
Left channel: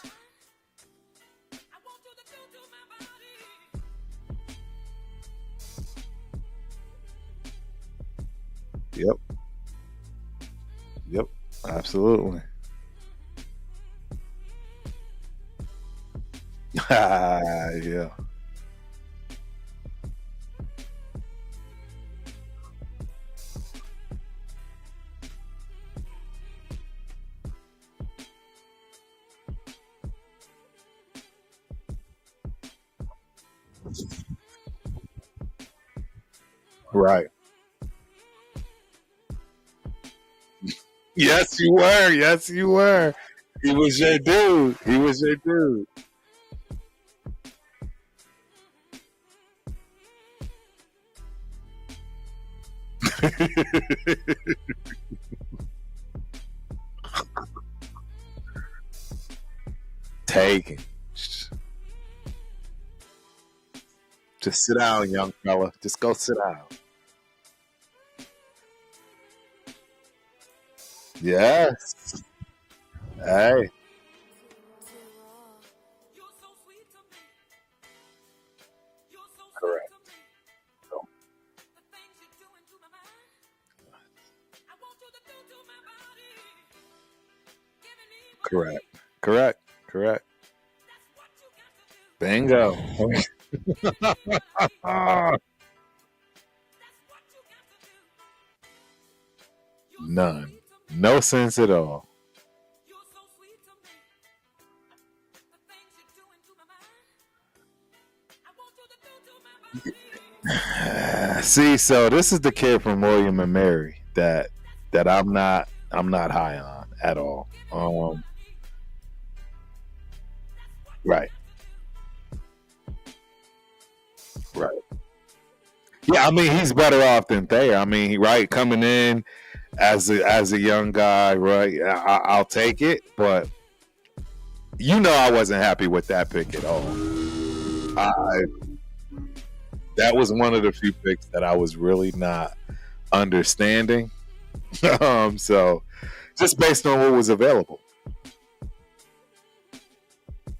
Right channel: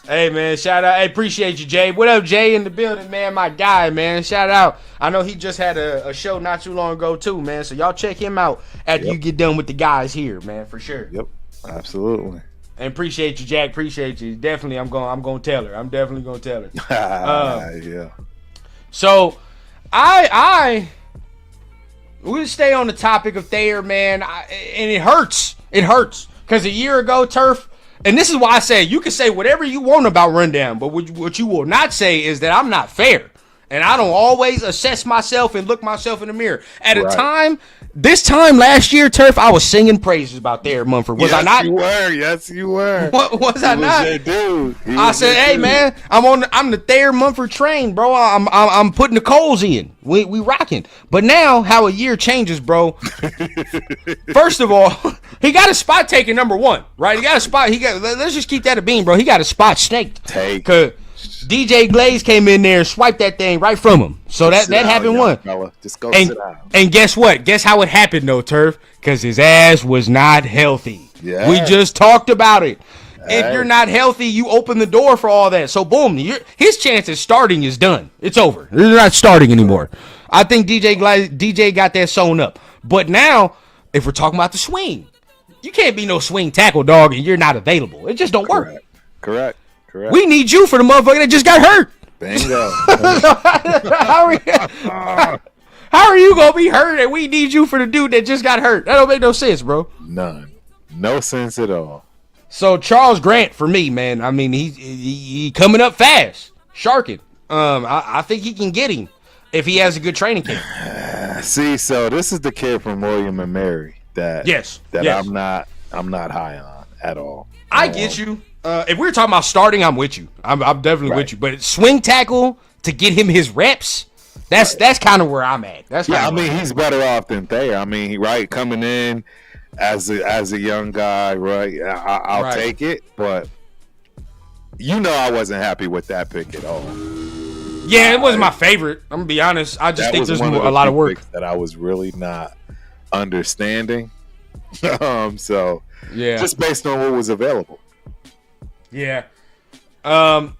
Hey, man, shout out. Hey, appreciate you, Jay. What up, Jay, in the building, man? My guy, man. Shout out. I know he just had a show not too long ago, too, man. So y'all check him out after you get done with the guys here, man, for sure. Yep, absolutely. And appreciate you, Jack. Appreciate you. Definitely, I'm gonna tell her. I'm definitely gonna tell her. Yeah. So, we'll stay on the topic of Thayer, man. And it hurts. It hurts because a year ago, Turf. And this is why I say you can say whatever you want about Rundown, but what you will not say is that I'm not fair. And I don't always assess myself and look myself in the mirror. At a time, this time last year, Turf, I was singing praises about Thayer Mumford. Was I not? Yes, you were. What was I not? He was your dude. I said, hey, man, I'm the Thayer Mumford train, bro. I'm putting the coals in. We rocking. But now, how a year changes, bro. First of all, he got a spot taken number one, right? He got a spot. Let's just keep that a bean, bro. He got a spot snaked. Cause DJ Glaze came in there and swiped that thing right from him. So that happened one. Fella. Just go sit down. And guess what? Guess how it happened, though, Turf? Because his ass was not healthy. Yeah. We just talked about it. If you're not healthy, you open the door for all that. So, boom, his chance of starting is done. It's over. They're not starting anymore. I think DJ got that sewn up. But now, if we're talking about the swing, you can't be no swing tackle, dog, and you're not available. It just don't work. Correct. We need you for the motherfucker that just got hurt. Bingo. How are you going to be hurt and we need you for the dude that just got hurt? That don't make no sense, bro. None. No sense at all. So Charles Grant for me, man. I mean, he coming up fast, sharking. I think he can get him if he has a good training camp. See, so this is the kid from William and Mary that yes. I'm not high on at all. I get you. If we're talking about starting, I'm with you. I'm definitely with you. But swing tackle to get him his reps, that's kind of where I'm at. I mean, he's better off than Thayer. I mean, coming in as a young guy, right? I'll take it, but I wasn't happy with that pick at all. Yeah, it wasn't my favorite. I'm gonna be honest. I just think there's a lot of work picks that I was really not understanding. So Yeah. just based on what was available. Yeah. And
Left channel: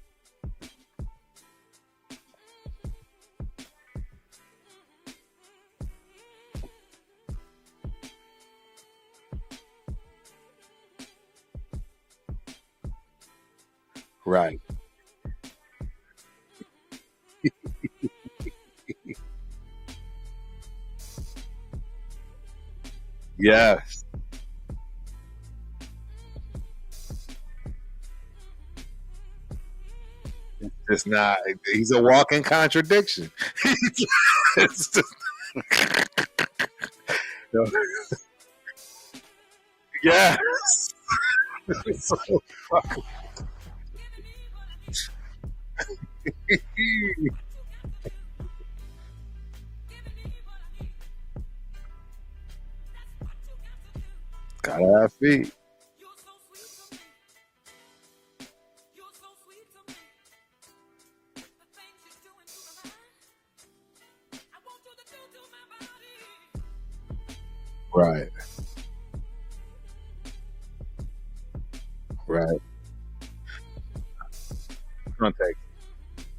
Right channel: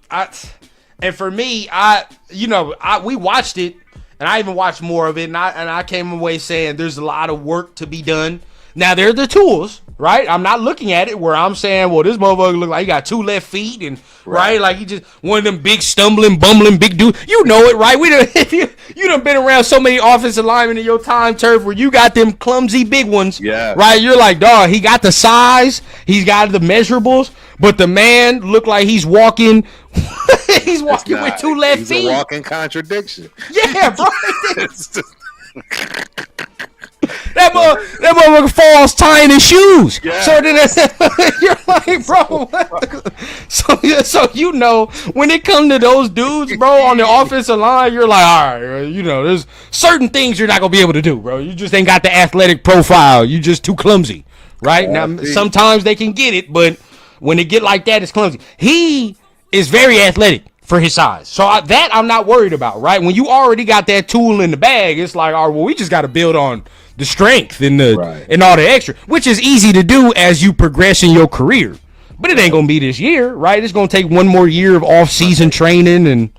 for me, we watched it, and I even watched more of it, and I came away saying there's a lot of work to be done. Now, they're the tools, right? I'm not looking at it where I'm saying, well, this motherfucker look like he got 2 left feet, and right, like he just one of them big stumbling, bumbling big dudes. You know it, right? You done been around so many offensive linemen in your time, Turf, where you got them clumsy big ones. Yeah. Right? You're like, dog, he got the size, he's got the measurables, but the man looked like he's walking. He's walking with 2 left feet. He's a walking contradiction. Yeah, bro. That motherfucker falls tying his shoes. Yeah. So then you're like, bro. So when it comes to those dudes, bro, on the offensive line, you're like, all right, there's certain things you're not gonna be able to do, bro. You just ain't got the athletic profile. You just too clumsy, right? Now, sometimes they can get it, but when they get like that, it's clumsy. He is very athletic for his size. So I'm not worried about, right? When you already got that tool in the bag, it's like, all right, well, we just got to build on the strength and and all the extra, which is easy to do as you progress in your career. But it ain't going to be this year, right? It's going to take one more year of off-season training and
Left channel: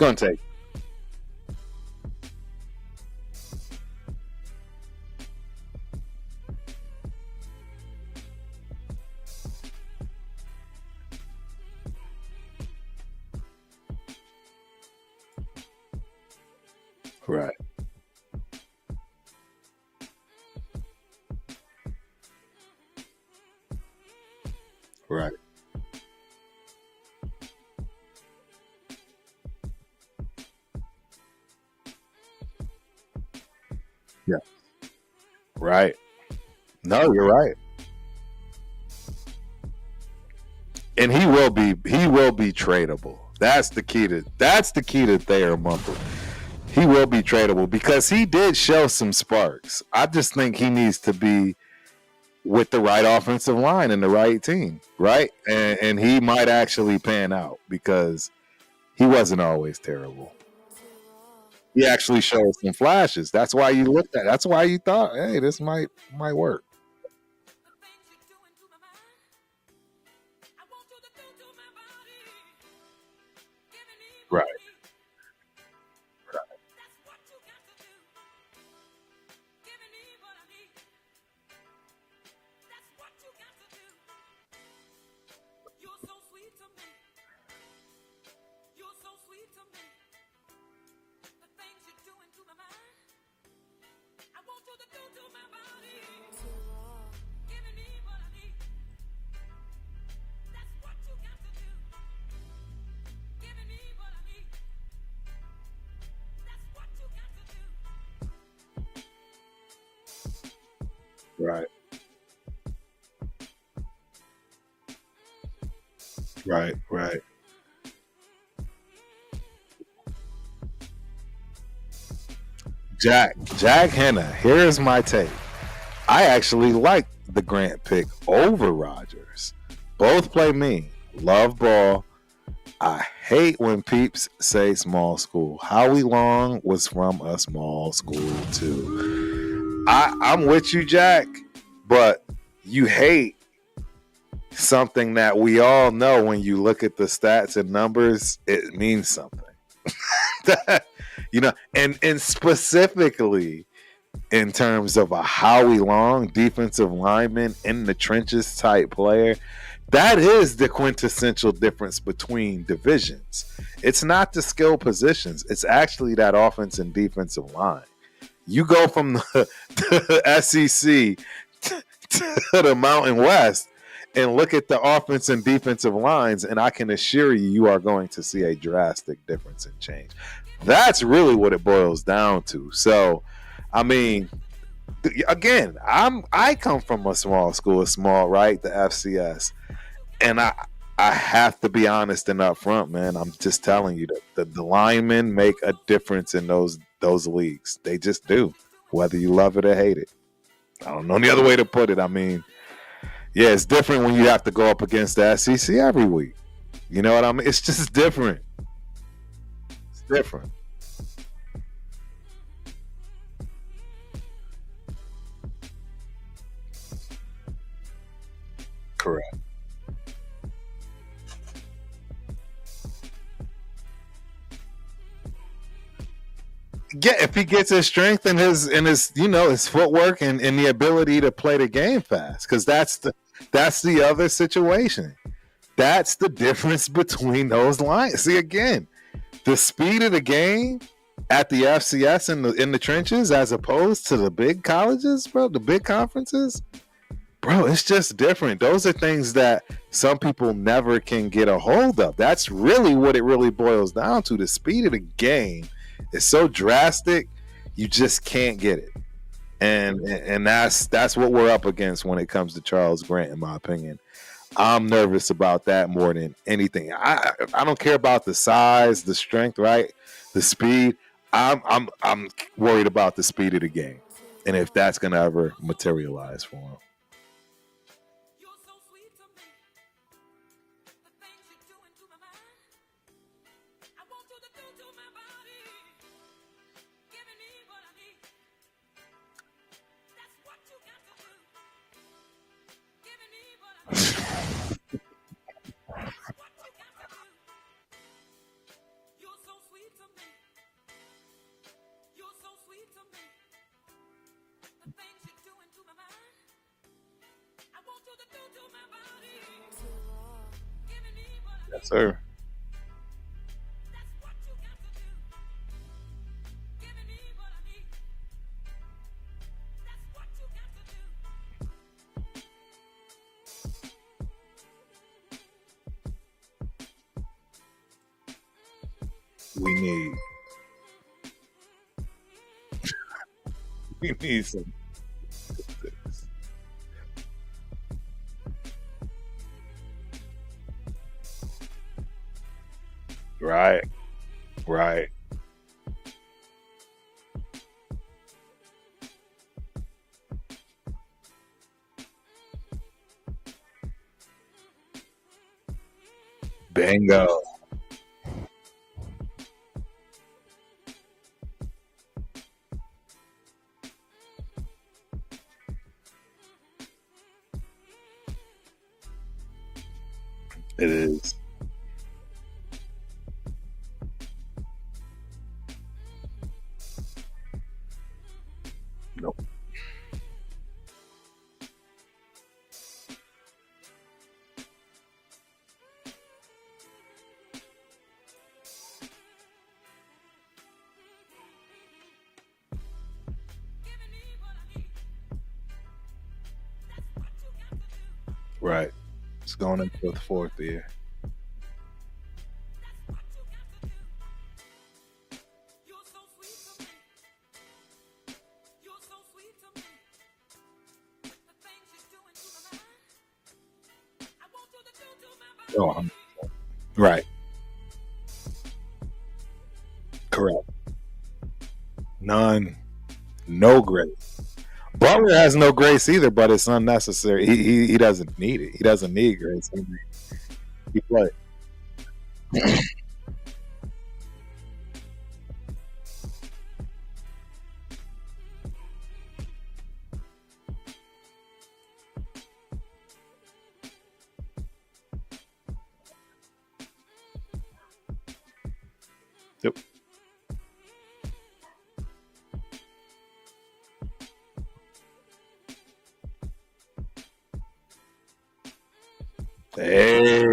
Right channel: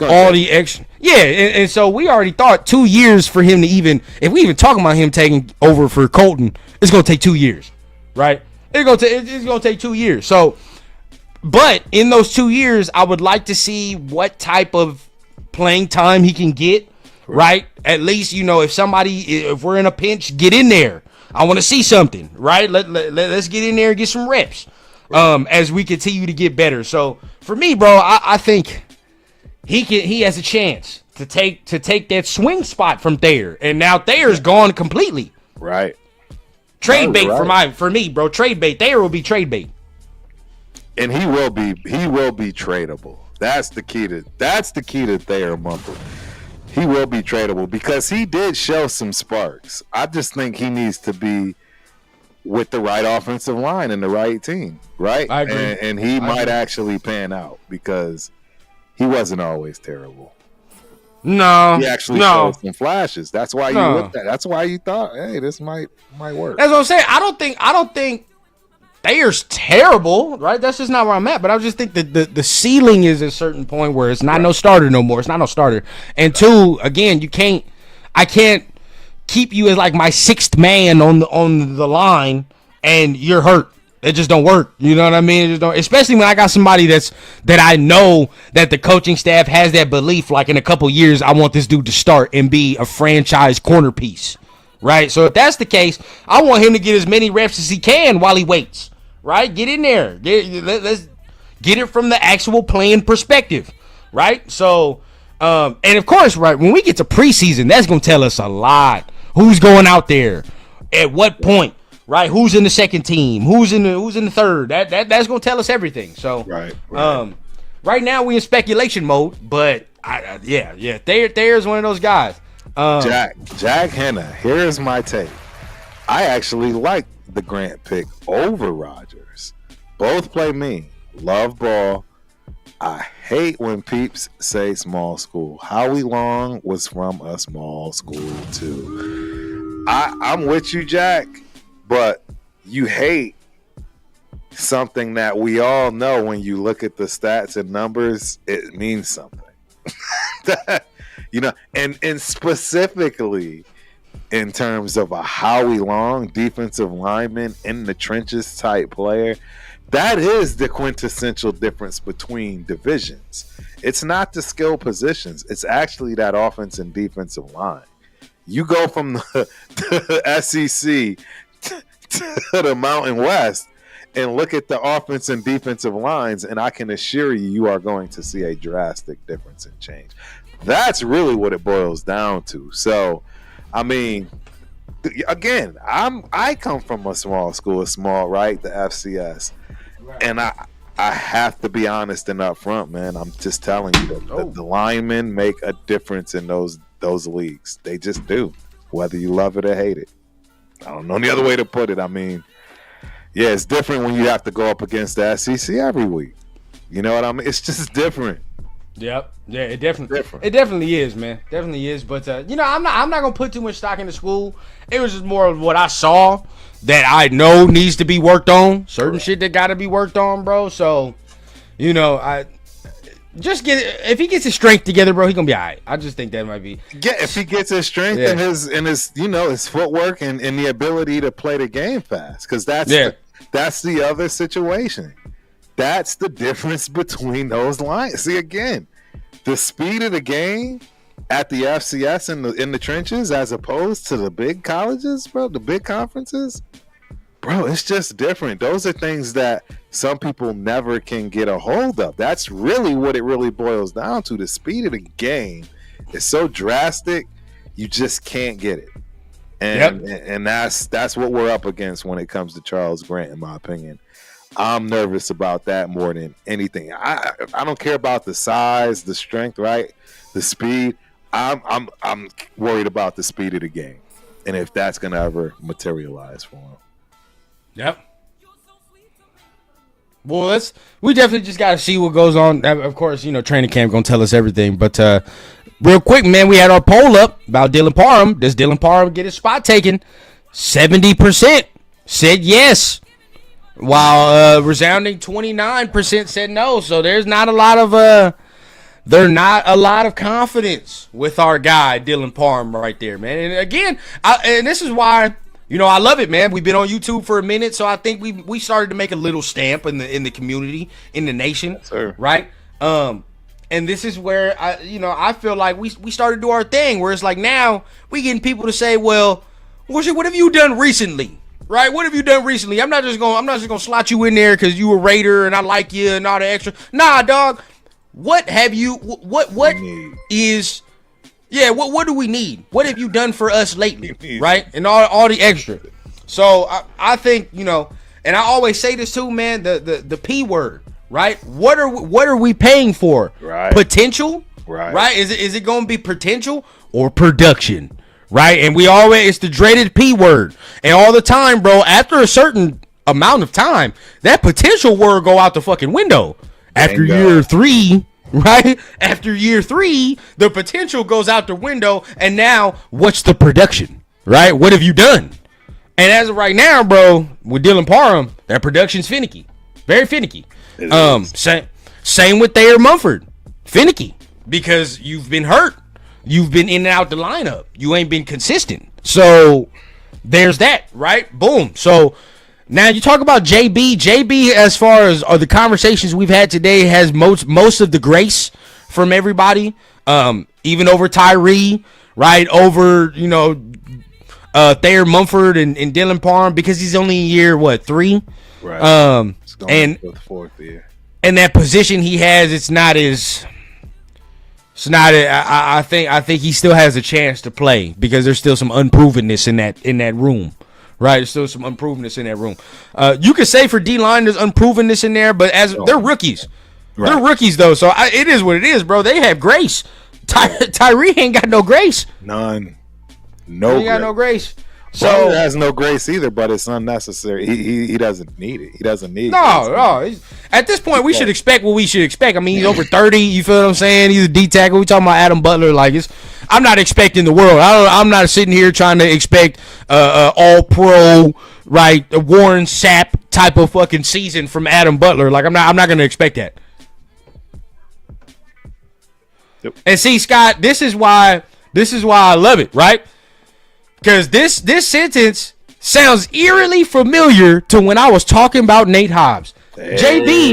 all the extra. Yeah, and so we already thought 2 years for him to if we even talking about him taking over for Colton, it's going to take 2 years, right? It's going to take 2 years. So, but in those 2 years, I would like to see what type of playing time he can get, right? At least, if we're in a pinch, get in there. I want to see something, right? Let's get in there and get some reps as we continue to get better. So for me, bro, I think he has a chance to take that swing spot from Thayer. And now Thayer's gone completely. Right. Trade bait for me, bro. Trade bait. Thayer will be trade bait. And he will be tradable. That's the key to Thayer Mumpel. He will be tradable because he did show some sparks. I just think he needs to be with the right offensive line and the right team, right? I agree. And he might actually pan out because he wasn't always terrible. No, he actually showed some flashes. That's why you looked at. That's why you thought, hey, this might work. That's what I'm saying. I don't think Thayer's terrible, right? That's just not where I'm at. But I just think that the ceiling is a certain point where it's not no starter no more. It's not no starter. And two, again, I can't keep you as like my sixth man on the line and you're hurt. It just don't work. You know what I mean? It just don't, especially when I got somebody that I know that the coaching staff has that belief, like in a couple years, I want this dude to start and be a franchise corner piece, right? So if that's the case, I want him to get as many reps as he can while he waits, right? Get in there. Let's get it from the actual playing perspective, right? So, and of course, right, when we get to preseason, that's going to tell us a lot. Who's going out there? At what point? Right, who's in the second team? Who's in the third? That's gonna tell us everything. So right now we in speculation mode, but Thayer's one of those guys. Jack Henna. Here's my take. I actually like the Grant pick over Rodgers. Both play mean. Love ball. I hate when peeps say small school. Howie Long was from a small school too. I'm with you, Jack. But you hate something that we all know when you look at the stats and numbers, it means something. And specifically in terms of a Howie Long defensive lineman in the trenches type player, that is the quintessential difference between divisions. It's not the skill positions. It's actually that offense and defensive line. You go from the SEC to the Mountain West and look at the offense and defensive lines, and I can assure you are going to see a drastic difference in change. That's really what it boils down to. So, I mean, again, I come from a small school, right? The FCS. And I have to be honest and upfront, man. I'm just telling you that the linemen make a difference in those leagues. They just do, whether you love it or hate it. I don't know any other way to put it. I mean, yeah, it's different when you have to go up against the SEC every week. You know what I mean? It's just different. Yep. Yeah, it definitely Different. It definitely is, man. Definitely is. But I'm not gonna put too much stock into school. It was just more of what I saw that I know needs to be worked on. Certain shit that gotta be worked on, bro. So, I just if he gets his strength together, bro, he gonna be all right. I just think that might be. Yeah, if he gets his strength and his his footwork and the ability to play the game fast, because that's the other situation. That's the difference between those lines. See, again, the speed of the game at the FCS in the trenches as opposed to the big colleges, bro, the big conferences, bro, it's just different. Those are things that some people never can get a hold of. That's really what it really boils down to. The speed of the game is so drastic, you just can't get it. And that's what we're up against when it comes to Charles Grant, in my opinion. I'm nervous about that more than anything. I don't care about the size, the strength, right? The speed. I'm worried about the speed of the game, and if that's gonna ever materialize for him. Yep. Well, we definitely just gotta see what goes on. Of course, training camp gonna tell us everything. But real quick, man, we had our poll up about Dylan Parham. Does Dylan Parham get his spot taken? 70% said yes, while resounding 29% said no. So there's not a lot of confidence with our guy Dylan Parham right there, man. And again, and this is why I love it, man. We've been on YouTube for a minute, so I think we started to make a little stamp in the community, in the nation, yes, sir. Right? And this is where I feel like we started to do our thing, where it's like now we getting people to say, well, what have you done recently? Right? What have you done recently? I'm not just gonna slot you in there because you a Raider and I like you and all the extra. Nah, dog. What have you? What is? Yeah. What do we need? What have you done for us lately? Right? And all the extra. So I think and I always say this too, man. The P word. Right? What are we paying for? Right. Potential. Right. Right? Is it gonna be potential or production? Right, and it's the dreaded P word, and all the time, bro. After a certain amount of time, that potential word go out the fucking window. After year 3, right? After year 3, the potential goes out the window, and now what's the production? Right? What have you done? And as of right now, bro, with Dylan Parham, that production's finicky, very finicky. Same with Thayer Mumford, finicky because you've been hurt. You've been in and out the lineup. You ain't been consistent. So there's that, right? Boom. So now you talk about JB. JB, as far as the conversations we've had today, has most of the grace from everybody, even over Tyrie, right? Over, Thayer Mumford and Dylan Parham, because he's only in year, 3? Right. It's going into the 4th year. And that position he has, it's not as... I think he still has a chance to play because there's still some unprovenness in that room, right? There's still some unprovenness in that room. You could say for D-line there's unprovenness in there, but they're rookies. Right. They're rookies though, so it is what it is, bro. They have grace. Tyrie ain't got no grace. None. No grace. Butler has no grace either, but it's unnecessary. He doesn't need it. He doesn't need No. At this point, we should expect what we should expect. I mean, he's over 30. You feel what I'm saying? He's a D tackle. We talking about Adam Butler. Like, I'm not expecting the world. I'm not sitting here trying to expect all pro, right, a Warren Sapp type of fucking season from Adam Butler. Like, I'm not going to expect that. Yep. And see, Scott, this is why I love it, right? Because this sentence sounds eerily familiar to when I was talking about Nate Hobbs. Hey.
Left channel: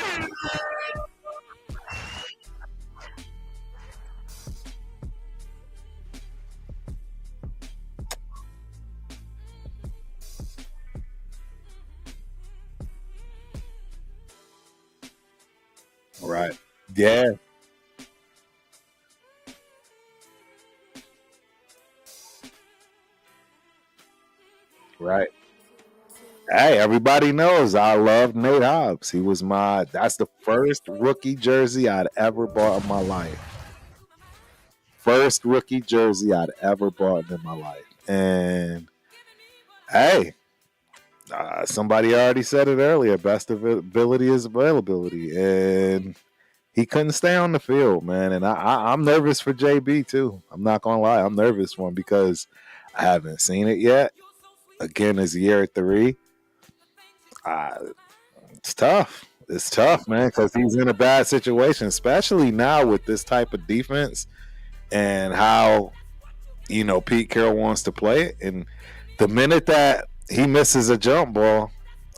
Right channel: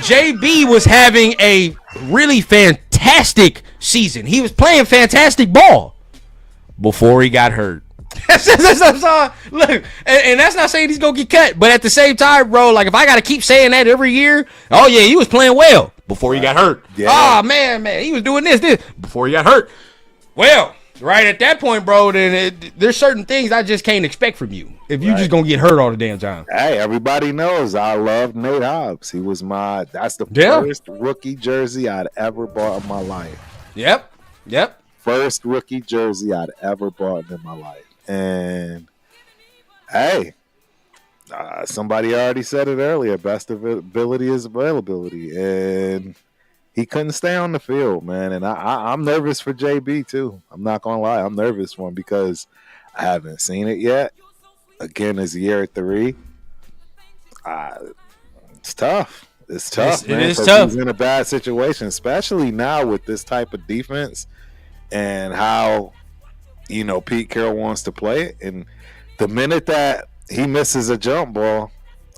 JB was having a really fantastic season. He was playing fantastic ball before he got hurt. Look, and that's not saying he's going to get cut. But at the same time, bro, like if I got to keep saying that every year, oh, yeah, he was playing well before he got hurt. Yeah. Oh, man, he was doing this before he got hurt. Well, right at that point, bro, then there's certain things I just can't expect from you if you're just gonna get hurt all the damn time. Hey, everybody knows I love Nate Hobbs. He was that's the first rookie jersey I'd ever bought in my life. Yep. First rookie jersey I'd ever bought in my life. And hey, somebody already said it earlier. Best ability is availability, and he couldn't stay on the field, man. And I'm nervous for JB too. I'm not gonna lie, I'm nervous for him because I haven't seen it yet. Again, it's year 3. It's tough. It's tough, man, because he's in a bad situation, especially now with this type of defense and how, Pete Carroll wants to play it. And the minute that he misses a jump ball,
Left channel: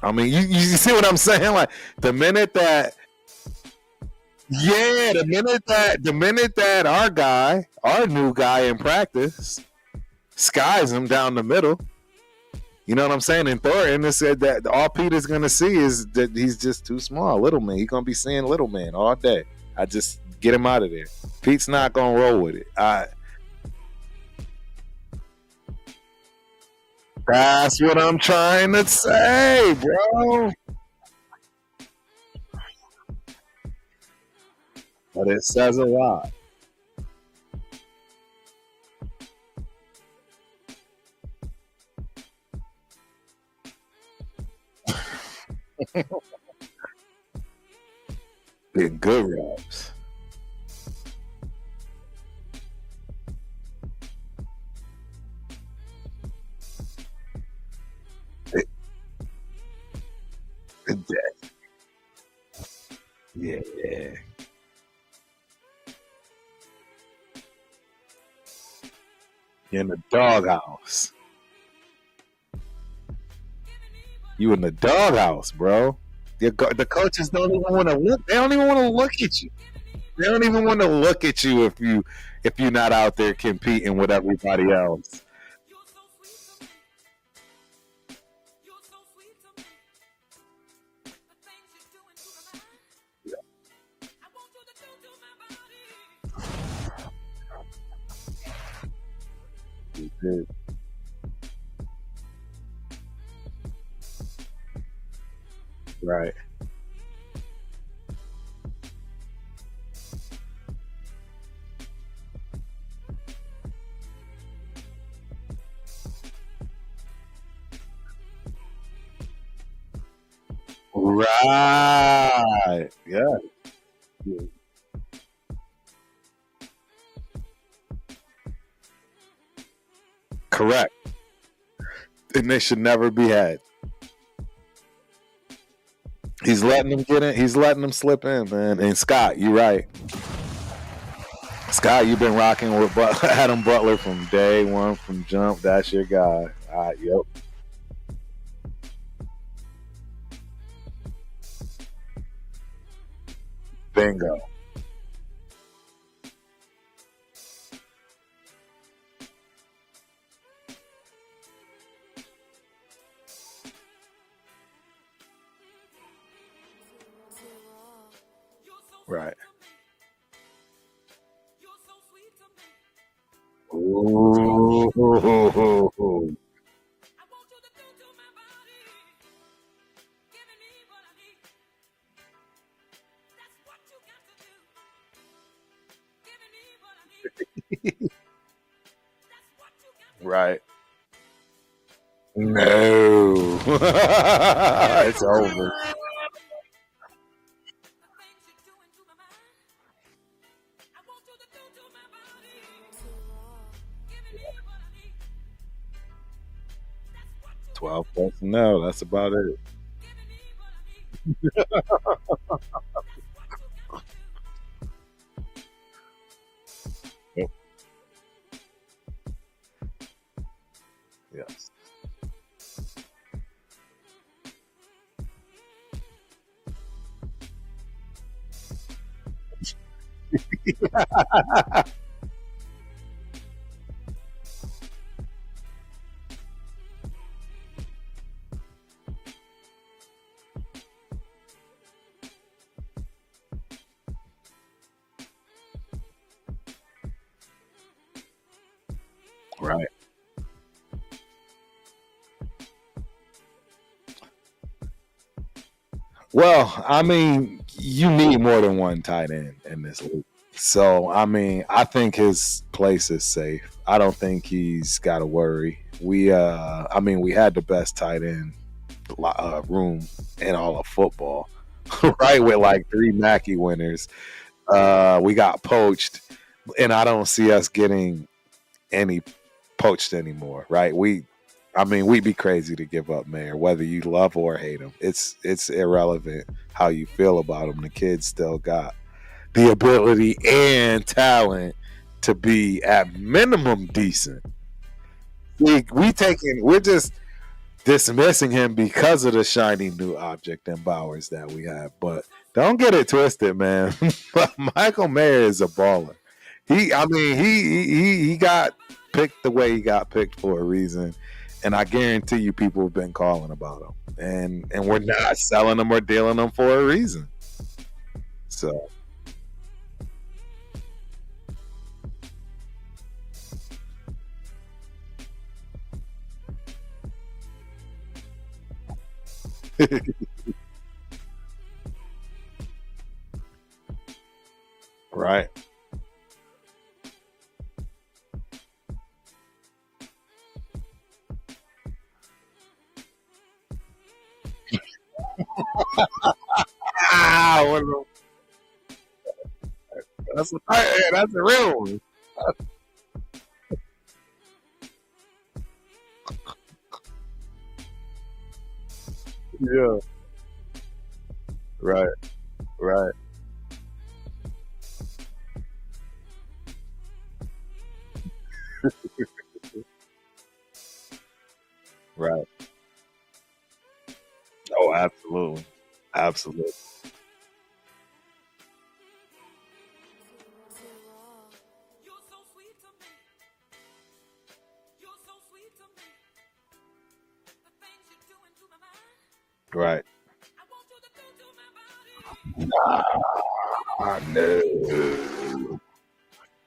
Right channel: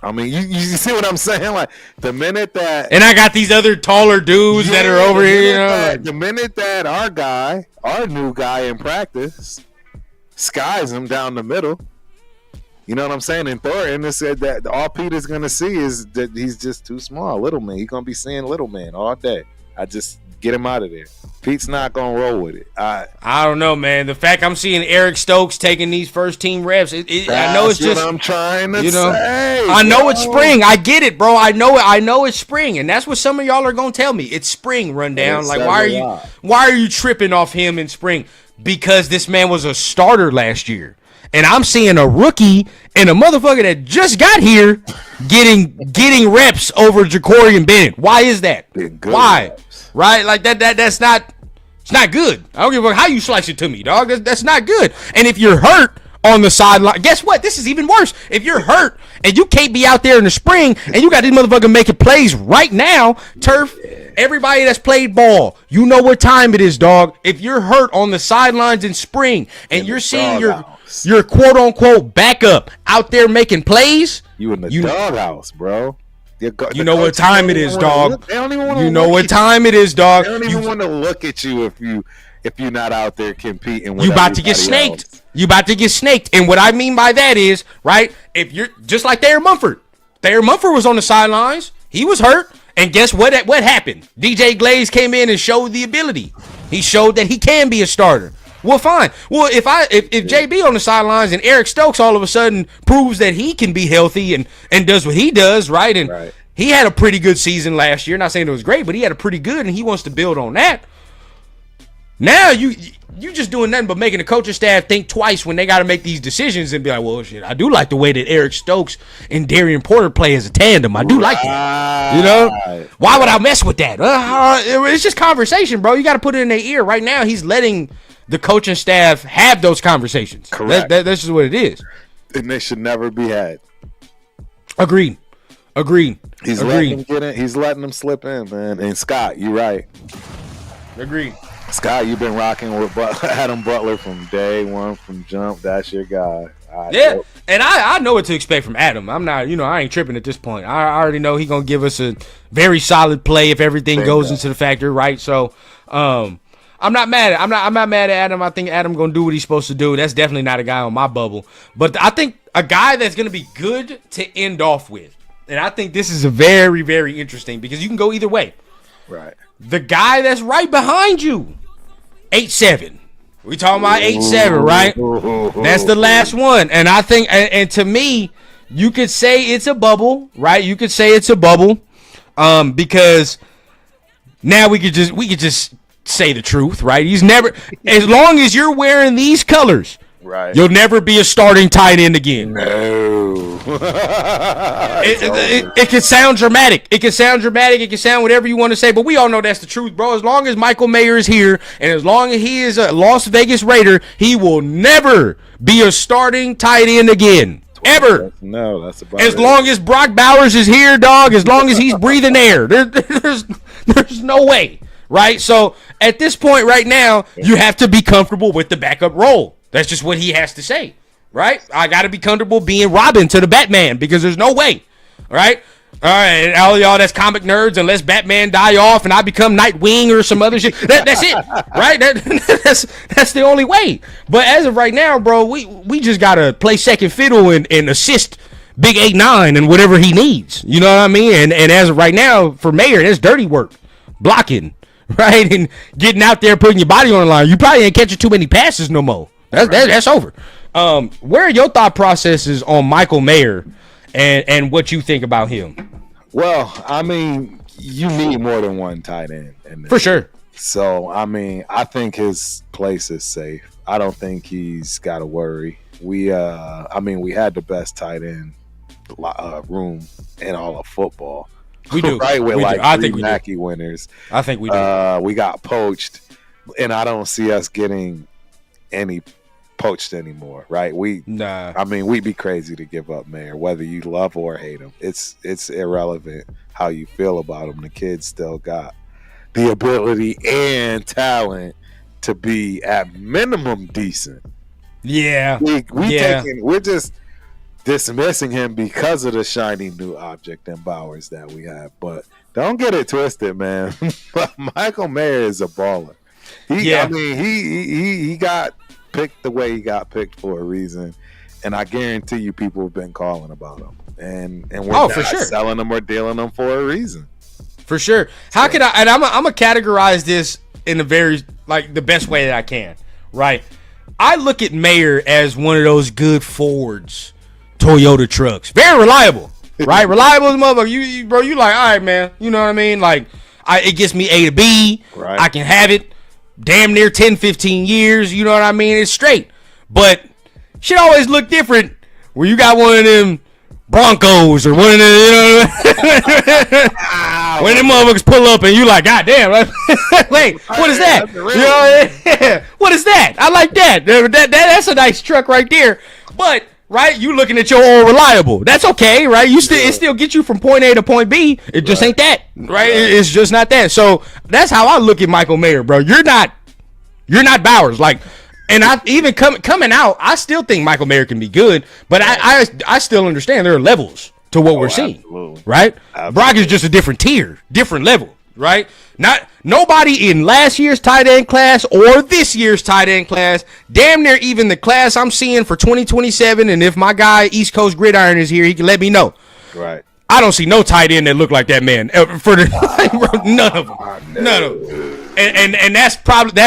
I mean, you see what I'm saying? Like, the minute that... And I got these other taller dudes that are over here. The minute that our new guy in practice, skies him down the middle, you know what I'm saying? And Thornton said that all Pete is going to see is that he's just too small, little man. He's going to be seeing little man all day. I just get him out of there. Pete's not going to roll with it. I don't know, man. The fact I'm seeing Eric Stokes taking these first-team reps, I know it's that's just... what I'm trying to say. I know it's spring. I get it, bro. I know it's spring, and that's what some of y'all are going to tell me. It's spring, Rundown. Like, why are you tripping off him in spring? Because this man was a starter last year. And I'm seeing a rookie and a motherfucker that just got here getting reps over Jakorian Bennett. Why is that? Why? Reps. Right? Like that's not it's not good. I don't give a fuck how you slice it to me, dog. That's not good. And if you're hurt on the sideline, guess what? This is even worse. If you're hurt and you can't be out there in the spring and you got this motherfucker making plays right now, Turf, everybody that's played ball, you know what time it is, dog. If you're hurt on the sidelines in spring and you're seeing your quote-unquote backup out there making plays, you in the doghouse, bro. You know what time it is, dog. They don't even want to. You know what time it is, dog. They don't even want to look at you if you're not out there competing with everybody else. You about to get snaked. You about to get snaked. And what I mean by that is, right, if you're just like Thayer Mumford. Thayer Mumford was on the sidelines. He was hurt. And guess what happened? DJ Glaze came in and showed the ability. He showed that he can be a starter. Well, fine. Well, if JB on the sidelines and Eric Stokes all of a sudden proves that he can be healthy and does what he does, right? And he had a pretty good season last year. Not saying it was great, but he had a pretty good, and he wants to build on that. Now you just doing nothing but making the coaching staff think twice when they got to make these decisions and be like, well, shit, I do like the way that Eric Stokes and Darian Porter play as a tandem. I do like it. You know? Why would I mess with that? It's just conversation, bro. You got to put it in their ear. Right now, he's letting the coaching staff have those conversations. Correct. That's just what it is. And they should never be had. Agreed. He's letting them get in. He's letting them slip in, man. And Scott, you're right. Agreed. Scott, you've been rocking with Adam Butler from day one, from jump. That's your guy. And I know what to expect from Adam. I'm not, I ain't tripping at this point. I already know he's gonna give us a very solid play if everything goes into the factor, right? So, I'm not mad at I'm not mad at Adam. I think Adam gonna do what he's supposed to do. That's definitely not a guy on my bubble. But I think a guy that's gonna be good to end off with. And I think this is a very, very interesting because you can go either way. Right. The guy that's right behind you, 8'7". We talking about 8'7", right? That's the last one. And I think, and to me, you could say it's a bubble, right? You could say it's a bubble, because now we could just say the truth, right? He's never, as long as you're wearing these colors, right, you'll never be a starting tight end again. No. It can sound dramatic. It can sound whatever you want to say, but we all know that's the truth, bro. As long as Michael Mayer is here, and as long as he is a Las Vegas Raider, he will never be a starting tight end again. Ever. No, that's about as long as Brock Bowers is here, dog, as long as he's breathing air, there's no way, right? So at this point right now, you have to be comfortable with the backup role. That's just what he has to say, right? I got to be comfortable being Robin to the Batman because there's no way, right? All right, all y'all that's comic nerds, unless Batman die off and I become Nightwing or some other shit, that's it, right? That's the only way. But as of right now, bro, we just got to play second fiddle and assist Big 8-9 and whatever he needs. You know what I mean? And as of right now, for Mayer, that's dirty work, blocking, right? And getting out there, putting your body on the line. You probably ain't catching too many passes no more. That's over. Where are your thought processes on Michael Mayer and what you think about him? Well, I mean, you need more than one tight end in this. For sure. So, I mean, I think his place is safe. I don't think he's got to worry. We had the best tight end room in all of football. We do. Right, with We like do. I 3 think we do. Mackey winners. I think we do. We got poached, and I don't see us getting any poached anymore, right? Nah. I mean, we'd be crazy to give up Mayer, whether you love or hate him. It's irrelevant how you feel about him. The kid still got the ability and talent to be at minimum decent. Yeah. We're just dismissing him because of the shiny new object and Bowers that we have. But don't get it twisted, man. Michael Mayer is a baller. He got picked the way he got picked for a reason, and I guarantee you people have been calling about him, and we're not selling them or dealing them for a reason. For sure. How can I? And I'm gonna categorize this in the best way that I can. Right. I look at Mayer as one of those good Fords, Toyota trucks, very reliable. Right, reliable as a motherfucker. You like, all right, man. You know what I mean? Like, it gets me A to B. Right. I can have it. Damn near 10, 15 years, you know what I mean? It's straight. But shit always look different where you got one of them Broncos or one of them, you know when them motherfuckers pull up and you like, God damn, wait, what is that? You know, what is that? I like that. That's a nice truck right there. But right, you looking at your old reliable. That's okay, right? It still gets you from point A to point B. It just ain't that, right? It's just not that. So that's how I look at Michael Mayer, bro. You're not Bowers, like, and I even coming out, I still think Michael Mayer can be good, but I still understand there are levels to what we're seeing, absolutely. Right? Absolutely. Brock is just a different tier, different level, right? Nobody in last year's tight end class or this year's tight end class, damn near even the class I'm seeing for 2027. And if my guy East Coast Gridiron is here, he can let me know. Right. I don't see no tight end that look like that man. None of them. None of them. And that's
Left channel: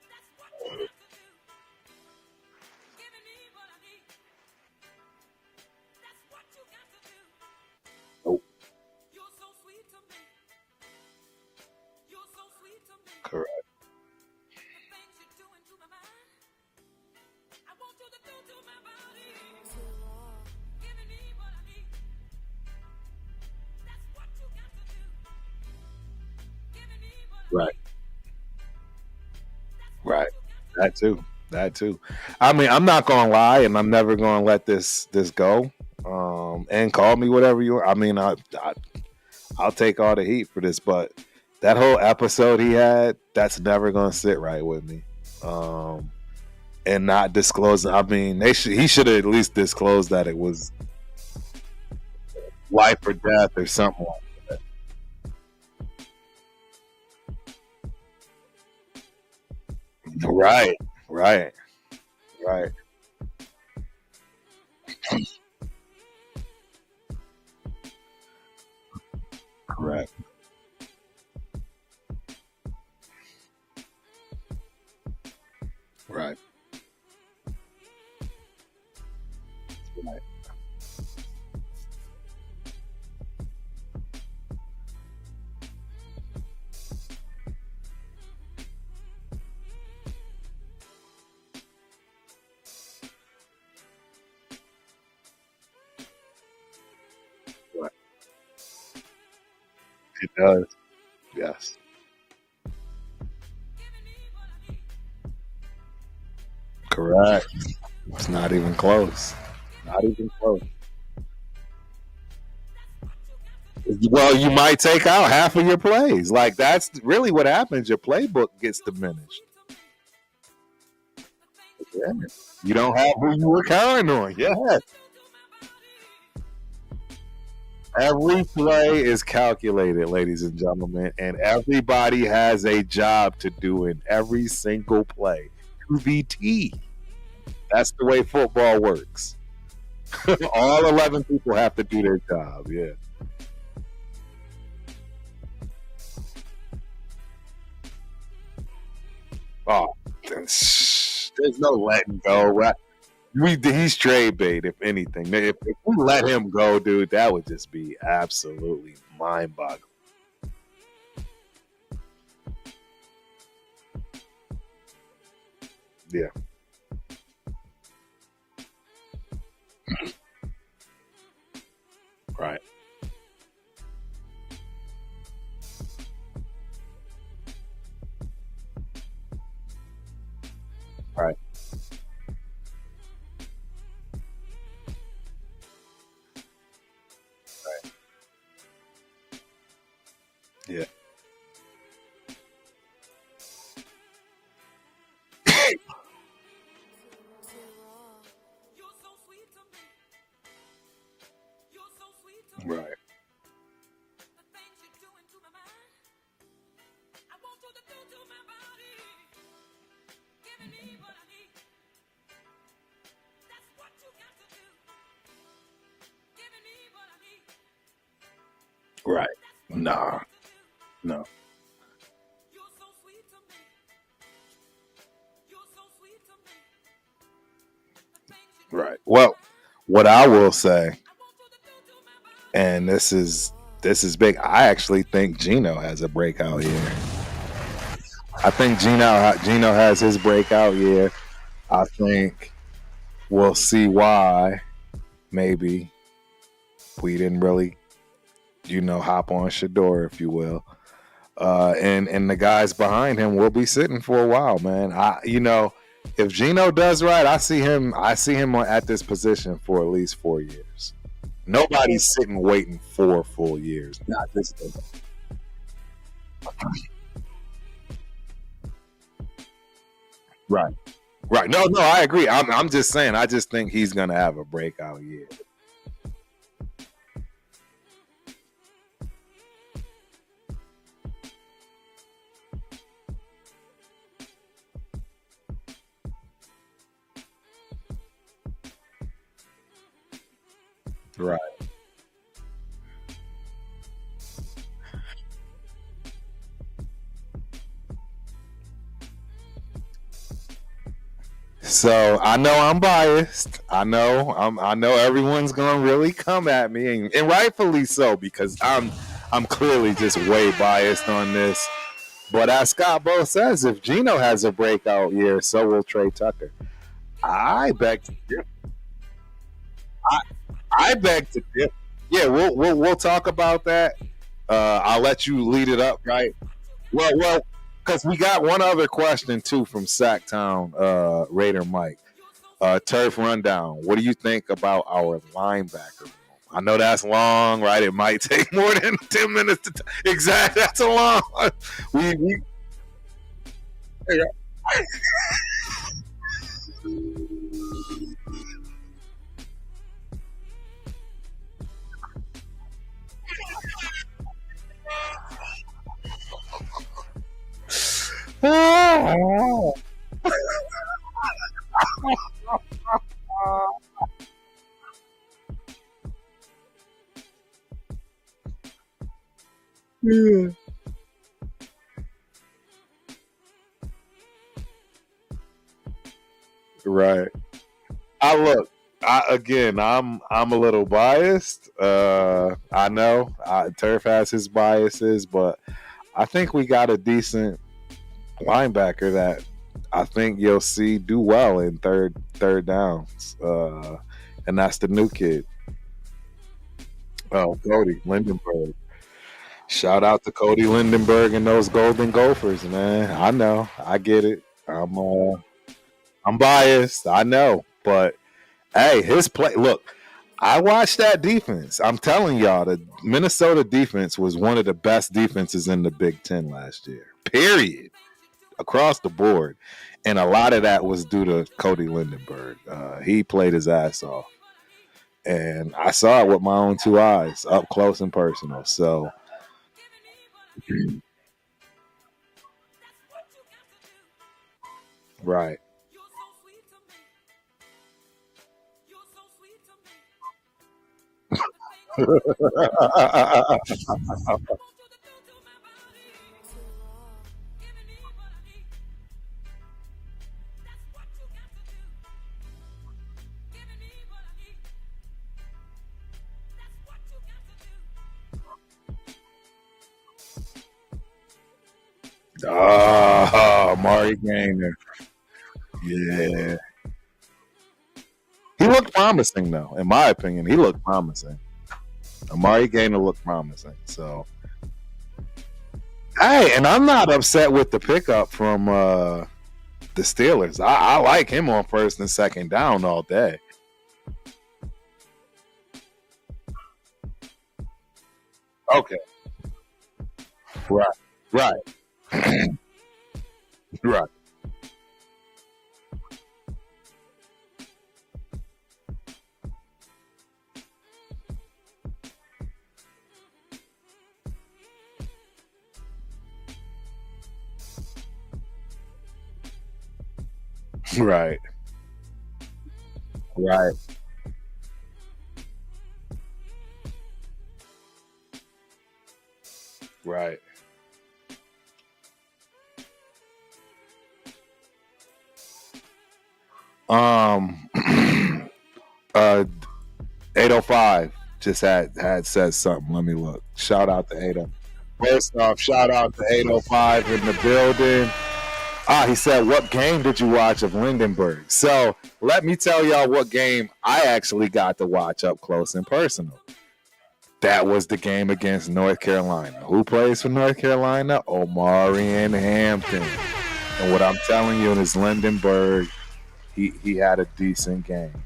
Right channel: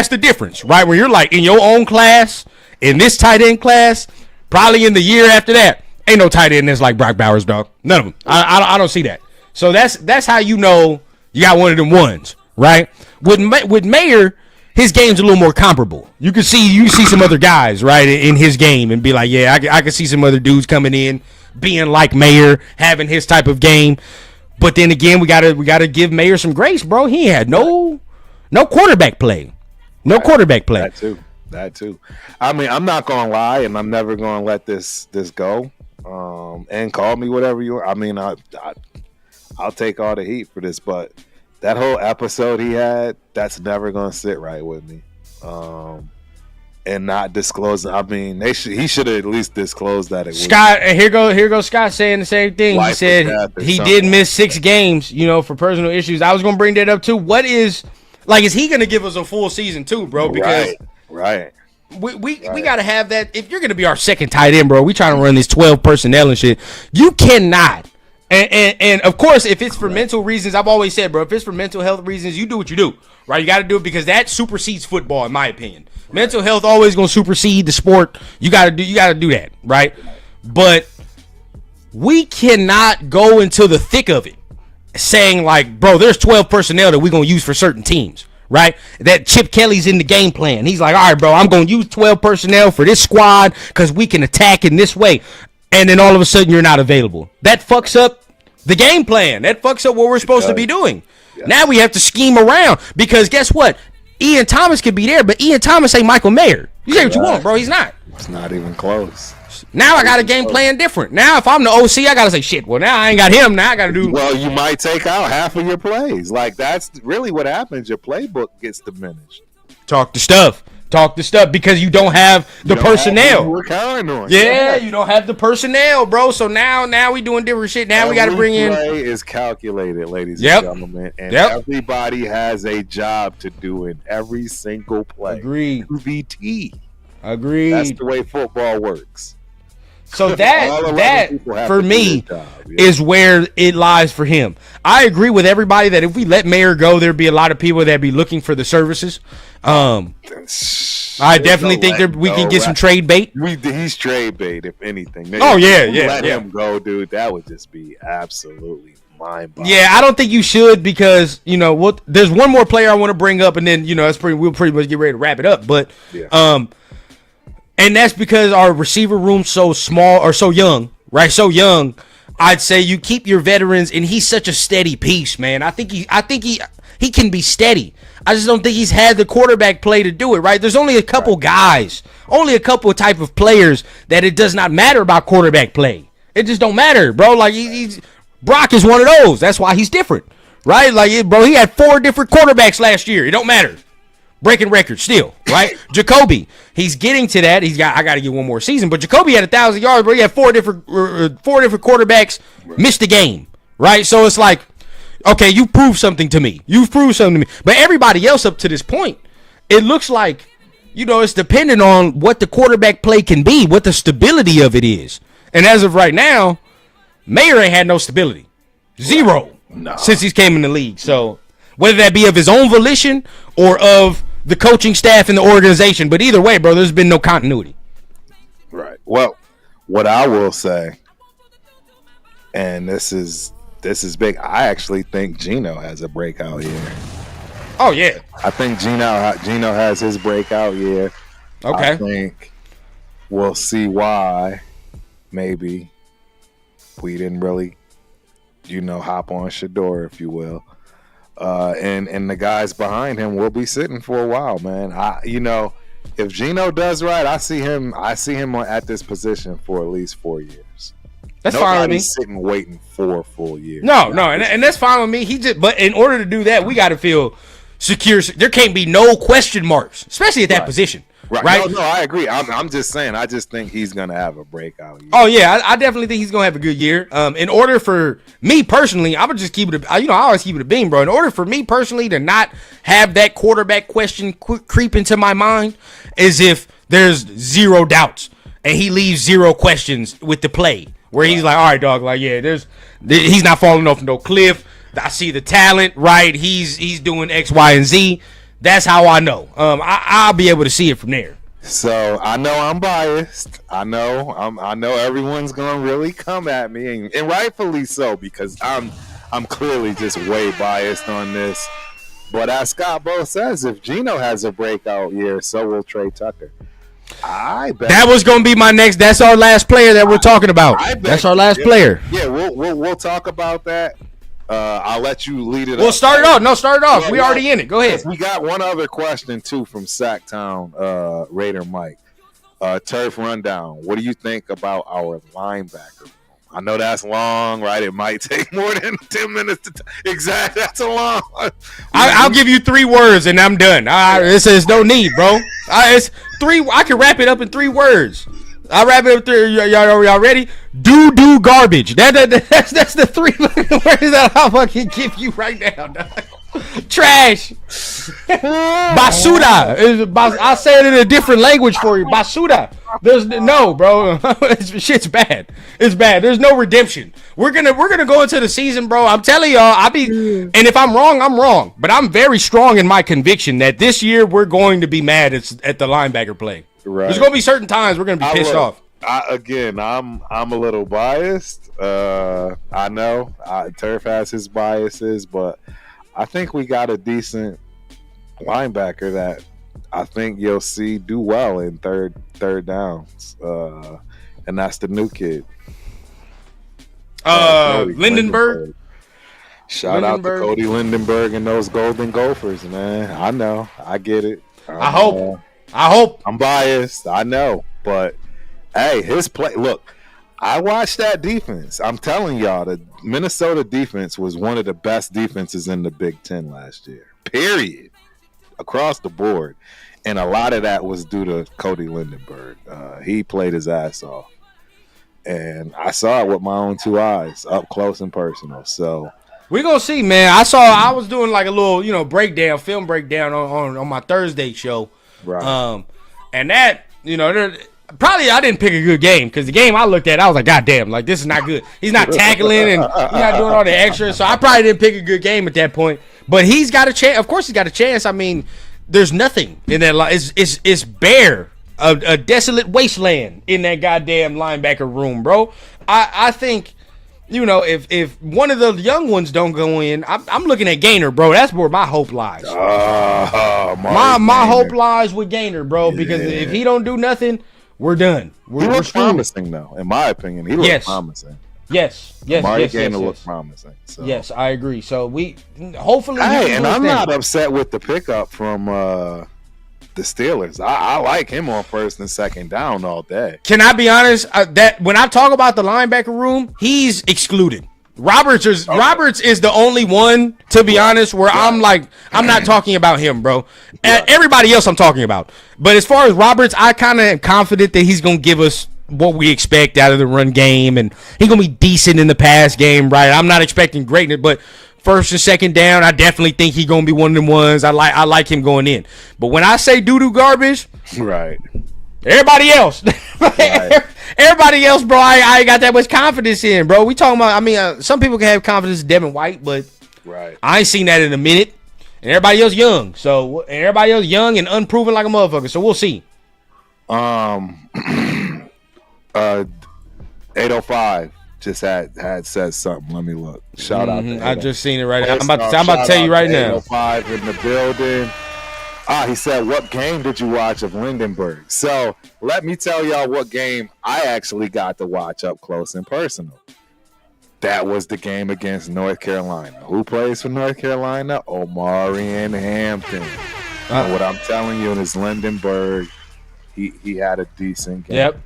the difference, right? Where you're like in your own class, in this tight end class, probably in the year after that, ain't no tight end that's like Brock Bowers, dog. None of them. I don't see that. So that's how you know you got one of them ones. Right, with Mayer, his game's a little more comparable. You see some other guys right in his game and be like, yeah, I can see some other dudes coming in being like Mayer, having his type of game. But then again, we gotta give Mayer some grace, bro. He had no quarterback play, quarterback play. That too. I mean, I'm not gonna lie, and I'm never gonna let this go. And call me whatever you are. I mean, I'll take all the heat for this, but that whole episode he had, that's never gonna sit right with me. And not disclosing. I mean, he should have at least disclosed that it was Scott. And here goes Scott saying the same thing. He said he did miss 6 games, for personal issues. I was gonna bring that up too. Is he gonna give us a full season too, bro? Because right. We gotta have that. If you're gonna be our second tight end, bro, we trying to run this 12 personnel and shit. You cannot. And of course, if it's for mental reasons, I've always said, bro, if it's for mental health reasons, you do what you do, right? You got to do it because that supersedes football, in my opinion. Right. Mental health always gonna supersede the sport. You gotta do that, right? But we cannot go into the thick of it, saying like, bro, there's 12 personnel that we're gonna use for certain teams, right? That Chip Kelly's in the game plan. He's like, all right, bro, I'm gonna use 12 personnel for this squad because we can attack in this way. And then all of a sudden you're not available. That fucks up the game plan. That fucks up what we're supposed to be doing. Yeah. Now we have to scheme around because guess what? Ian Thomas could be there, but Ian Thomas ain't Michael Mayer. You say what you want, bro. He's not. It's not even close. Now I got a game plan different. Now if I'm the OC, I got to say, shit, well, now I ain't got him. Now I got to do. Well, you might take out half of your plays. Like, that's really what happens. Your playbook gets diminished. Talk the stuff because you don't have the personnel. We're counting on. Yeah, you don't have the personnel, bro. So now we doing different shit. Now we got to bring in. Every play is calculated, ladies and gentlemen, and everybody has a job to do in every single play. Agreed. QVT. Agreed. That's the way football works. So that for me is where it lies for him. I agree with everybody that if we let Mayer go, there'd be a lot of people that'd be looking for the services. I definitely think we can get some trade bait. He's trade bait, if anything. Let him go, dude. That would just be absolutely mind-boggling. Yeah, I don't think you should because there's one more player I want to bring up, and then we'll pretty much get ready to wrap it up. But and that's because our receiver room's so small or so young, right? So young. I'd say you keep your veterans, and he's such a steady piece, man. I think he can be steady. I just don't think he's had the quarterback play to do it, right? There's only a couple guys, only a couple type of players that it does not matter about quarterback play. It just don't matter, bro. Like Brock is one of those. That's why he's different, right? Like, bro, he had 4 different quarterbacks last year. It don't matter. Breaking records still, right? Jacoby, he's getting to that. I got to get one more season, but Jacoby had 1,000 yards, but he had 4 different quarterbacks missed the game, right? So it's like, okay, you proved something to me. You've proved something to me. But everybody else up to this point, it looks like, it's dependent on what the quarterback play can be, what the stability of it is. And as of right now, Mayer ain't had no stability. Zero. Since he's came in the league. So whether that be of his own volition or of the coaching staff and the organization, but either way, bro, there's been no continuity. Right. Well, what I will say, and this is big, I actually think Geno has a breakout year. Oh, yeah. I think Geno has his breakout year. Okay. I think we'll see why maybe we didn't really, hop on Shador, if you will. And the guys behind him will be sitting for a while, man. If Geno does right, I see him at this position for at least 4 years. That's fine with me. Nobody's sitting waiting 4 full years. No, and that's fine with me. But in order to do that, we got to feel secure. There can't be no question marks, especially at that position. Right. No, I agree. I'm just saying. I just think he's gonna have a breakout year. Oh yeah, I definitely think he's gonna have a good year. In order for me personally, I would just keep it. I always keep it a beam, bro. In order for me personally to not have that quarterback question creep into my mind, is if there's 0 doubts and he leaves 0 questions with the play, where he's like, all right, dog, like he's not falling off no cliff. I see the talent, right? He's doing X, Y, and Z. That's how I know. I'll be able to see it from there. So I know I'm biased. I know everyone's gonna really come at me, and rightfully so, because I'm clearly just way biased on this. But as Scott Bo says, if Geno has a breakout year, so will Trey Tucker. I bet that was gonna be my next. That's our last player that we're talking about. That's our last player. Yeah, we'll talk about that. I'll let you lead it up. Well, start it off. No, start it off. We're already in it. Go ahead. We got one other question, too, from Sacktown Raider Mike. Turf Rundown. What do you think about our linebacker room? I know that's long, right? It might take more than 10 minutes to exactly. That's a long. I'll give you 3 words, and I'm done. It says no need, bro. It's 3. I can wrap it up in 3 words. I'll wrap it up 3. Y'all ready? Do garbage. That's the 3 words that I'll fucking give you right now, dog. Trash. Basura. I'll say it in a different language for you. Basura. There's no, bro. Shit's bad. It's bad. There's no redemption. We're gonna go into the season, bro. I'm telling y'all. And if I'm wrong, I'm wrong. But I'm very strong in my conviction that this year we're going to be mad at the linebacker play. Right. There's gonna be certain times we're gonna be pissed off. I'm a little biased. I know Turf has his biases, but I think we got a decent linebacker that I think you'll see do well in third downs, and that's the new kid, Lindenberg. Shout out to Cody Lindenberg and those Golden Gophers, man. I know, I get it. I hope. I'm biased, I know, but hey, his play. Look, I watched that defense. I'm telling y'all, the Minnesota defense was one of the best defenses in the Big Ten last year. Period. Across the board. And a lot of that was due to Cody Lindenberg. He played his ass off. And I saw it with my own 2 eyes, up close and personal. So we're going to see, man. I was doing like a little, film breakdown on my Thursday show. Right. And that, probably I didn't pick a good game, because the game I looked at, I was like, God damn, like, this is not good. He's not tackling and he's not doing all the extra. So I probably didn't pick a good game at that point. But he's got a chance. Of course he's got a chance. I mean, there's nothing in that line. It's bare. A desolate wasteland in that goddamn linebacker room, bro. I think, if one of the young ones don't go in, I'm looking at Gaynor, bro. That's where my hope lies. My hope lies with Gaynor, bro, because if he don't do nothing, we're done. He looks promising, though, in my opinion. He looks promising. Yes. Amari Gainer looked promising. So. Yes, I agree. So we hopefully. Hey, and I'm not upset with the pickup from the Steelers. I like him on first and second down all day. Can I be honest? That when I talk about the linebacker room, he's excluded. Roberts is the only one, to be honest, where I'm like, I'm not talking about him, bro. Everybody else I'm talking about. But as far as Roberts, I kind of am confident that he's gonna give us what we expect out of the run game, and he's gonna be decent in the pass game, right? I'm not expecting greatness, but first and second down, I definitely think he's gonna be one of them ones. I like him going in. But when I say doo-doo garbage, right? Everybody else, right. Everybody else, bro, I ain't got that much confidence in, bro. We talking about, I mean, some people can have confidence in Devin White, but I ain't seen that in a minute. And everybody else young, and everybody else young and unproven like a motherfucker. So we'll see. 805 just had said something. Let me look. Shout out to 805. I just seen it right now. I'm about to tell you right now. 805 in the building. He said, what game did you watch of Lindenberg? So let me tell y'all what game I actually got to watch up close and personal. That was the game against North Carolina. Who plays for North Carolina? Omarion Hampton. And what I'm telling you is Lindenberg, he had a decent game. Yep.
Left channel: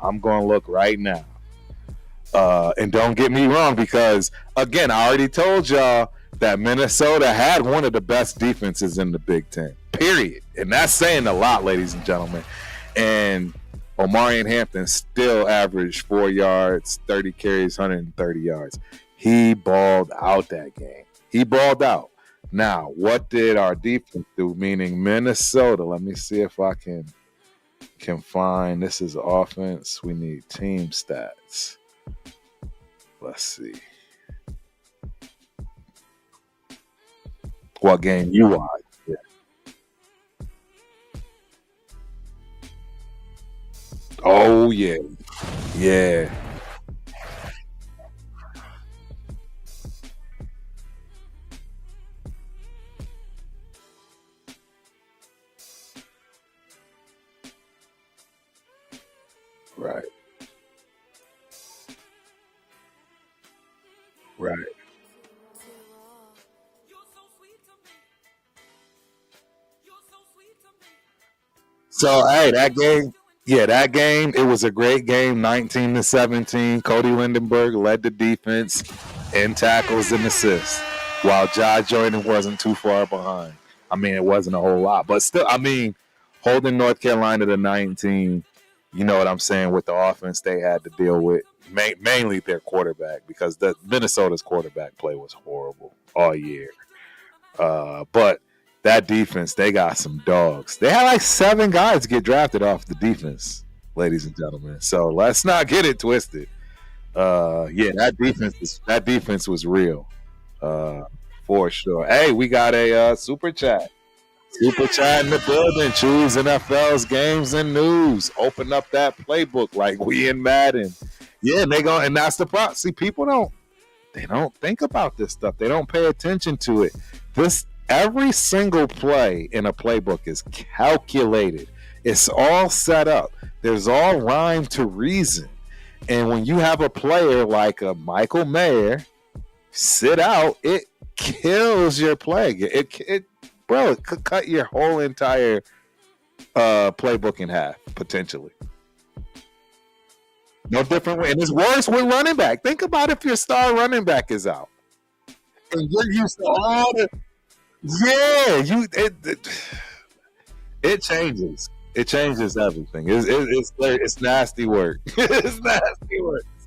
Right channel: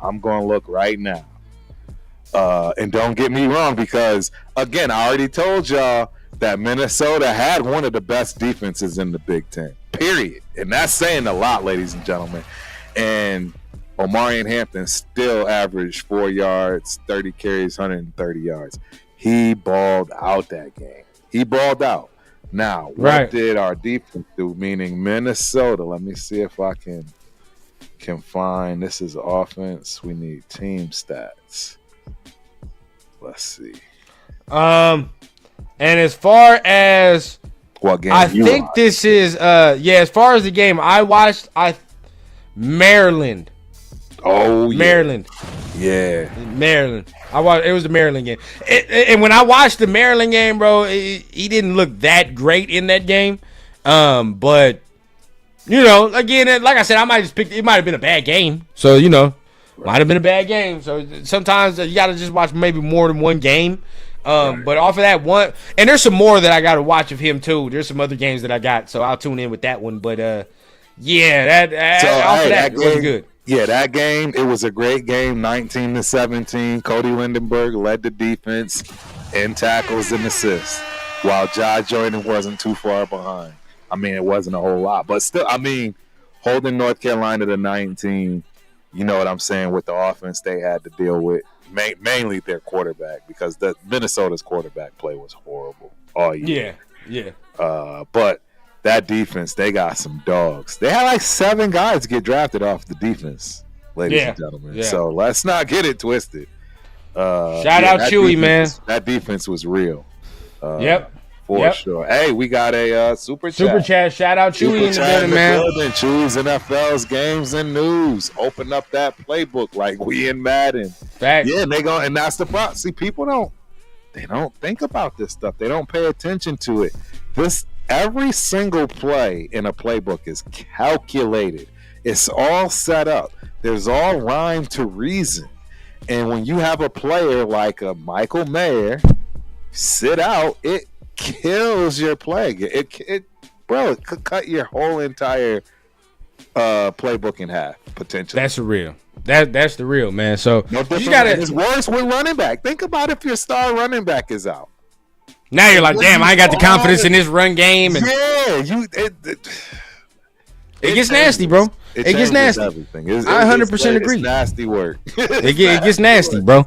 I'm going to look right now. And don't get me wrong, because, again, I already told y'all that Minnesota had one of the best defenses in the Big Ten, period. And that's saying a lot, ladies and gentlemen. And Omarion Hampton still averaged 4 yards, 30 carries, 130 yards. He balled out that game. He balled out. Now, what did our defense do, meaning Minnesota? Let me see if I can find. This is offense. We need team stats. Let's see. And as far as what game I you think watched? this is as far as the game I watched, Maryland. Oh yeah. Maryland. Yeah. Maryland. It was the Maryland game. And when I watched the Maryland game, bro, he didn't look that great in that game. But you know, again, like I said, it might have been a bad game. So, you know, might have been a bad game. So sometimes you got to just watch maybe more than one game. But off of that one, and there's some more that I got to watch of him too. There's some other games that I got, so I'll tune in with that one. But that game, good. Yeah, that game, it was a great game. 19-17. Cody Lindenberg led the defense in tackles and assists, while Josh Jordan wasn't too far behind. I mean, it wasn't a whole lot, but still, I mean, holding North Carolina to 19. You know what I'm saying, with the offense they had to deal with. Mainly their quarterback, because the Minnesota's quarterback play was horrible all year. Yeah. But that defense, they got some dogs. They had like 7 guys get drafted off the defense, ladies and gentlemen. Yeah. So let's not get it twisted. Shout out Chewy, man. That defense was real. For sure. Hey, we got a super chat. Shout out Chewy. Super chat in the building. Chewy's NFL's games and news. Open up that playbook like we in Madden. Fact. Yeah, and that's the problem. See, people don't think about this stuff. They don't pay attention to it. Every single play in a playbook is calculated. It's all set up. There's all rhyme to reason. And when you have a player like a Michael Mayer sit out, it kills your play. It could cut your whole entire playbook in half potentially. That's the real. That's the real, man. So no different. It's worse with running back. Think about if your star running back is out. Now you're like, damn, I ain't got the confidence in this run game. And it gets nasty, bro. It gets nasty. Everything. I 100% agree. It's nasty work. It gets nasty, bro.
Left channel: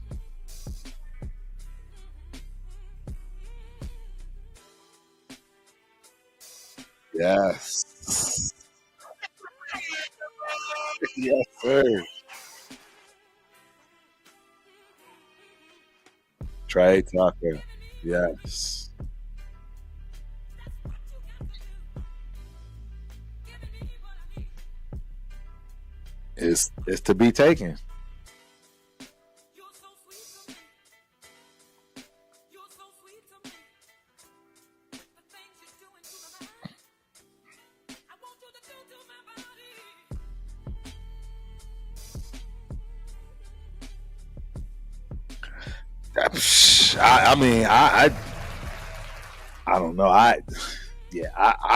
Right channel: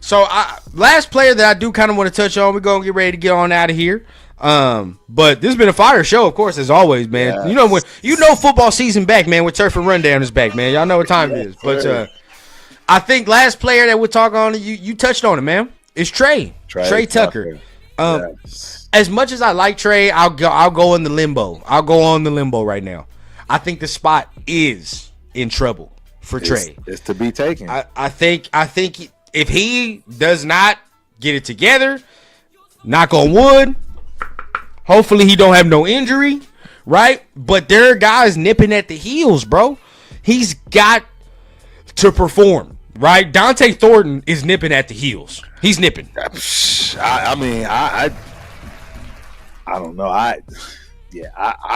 So last player that I do kind of want to touch on, we're going to get ready to get on out of here. But this has been a fire show, of course, as always, man. Yes. You know football season back, man, with Turf and Rundown is back, man. Y'all know what time it is. But I think last player that we'll talk on, you touched on it, man. It's Trey Tucker. Yes. As much as I like Trey, I'll go in the limbo. I'll go on the limbo right now. I think the spot is in trouble for Trey. It's to be taken. I think if he does not get it together, knock on wood, hopefully he don't have no injury, right? But there are guys nipping at the heels, bro. He's got to perform. right? Dante Thornton is nipping at the heels. He's nipping. I mean, I don't know. I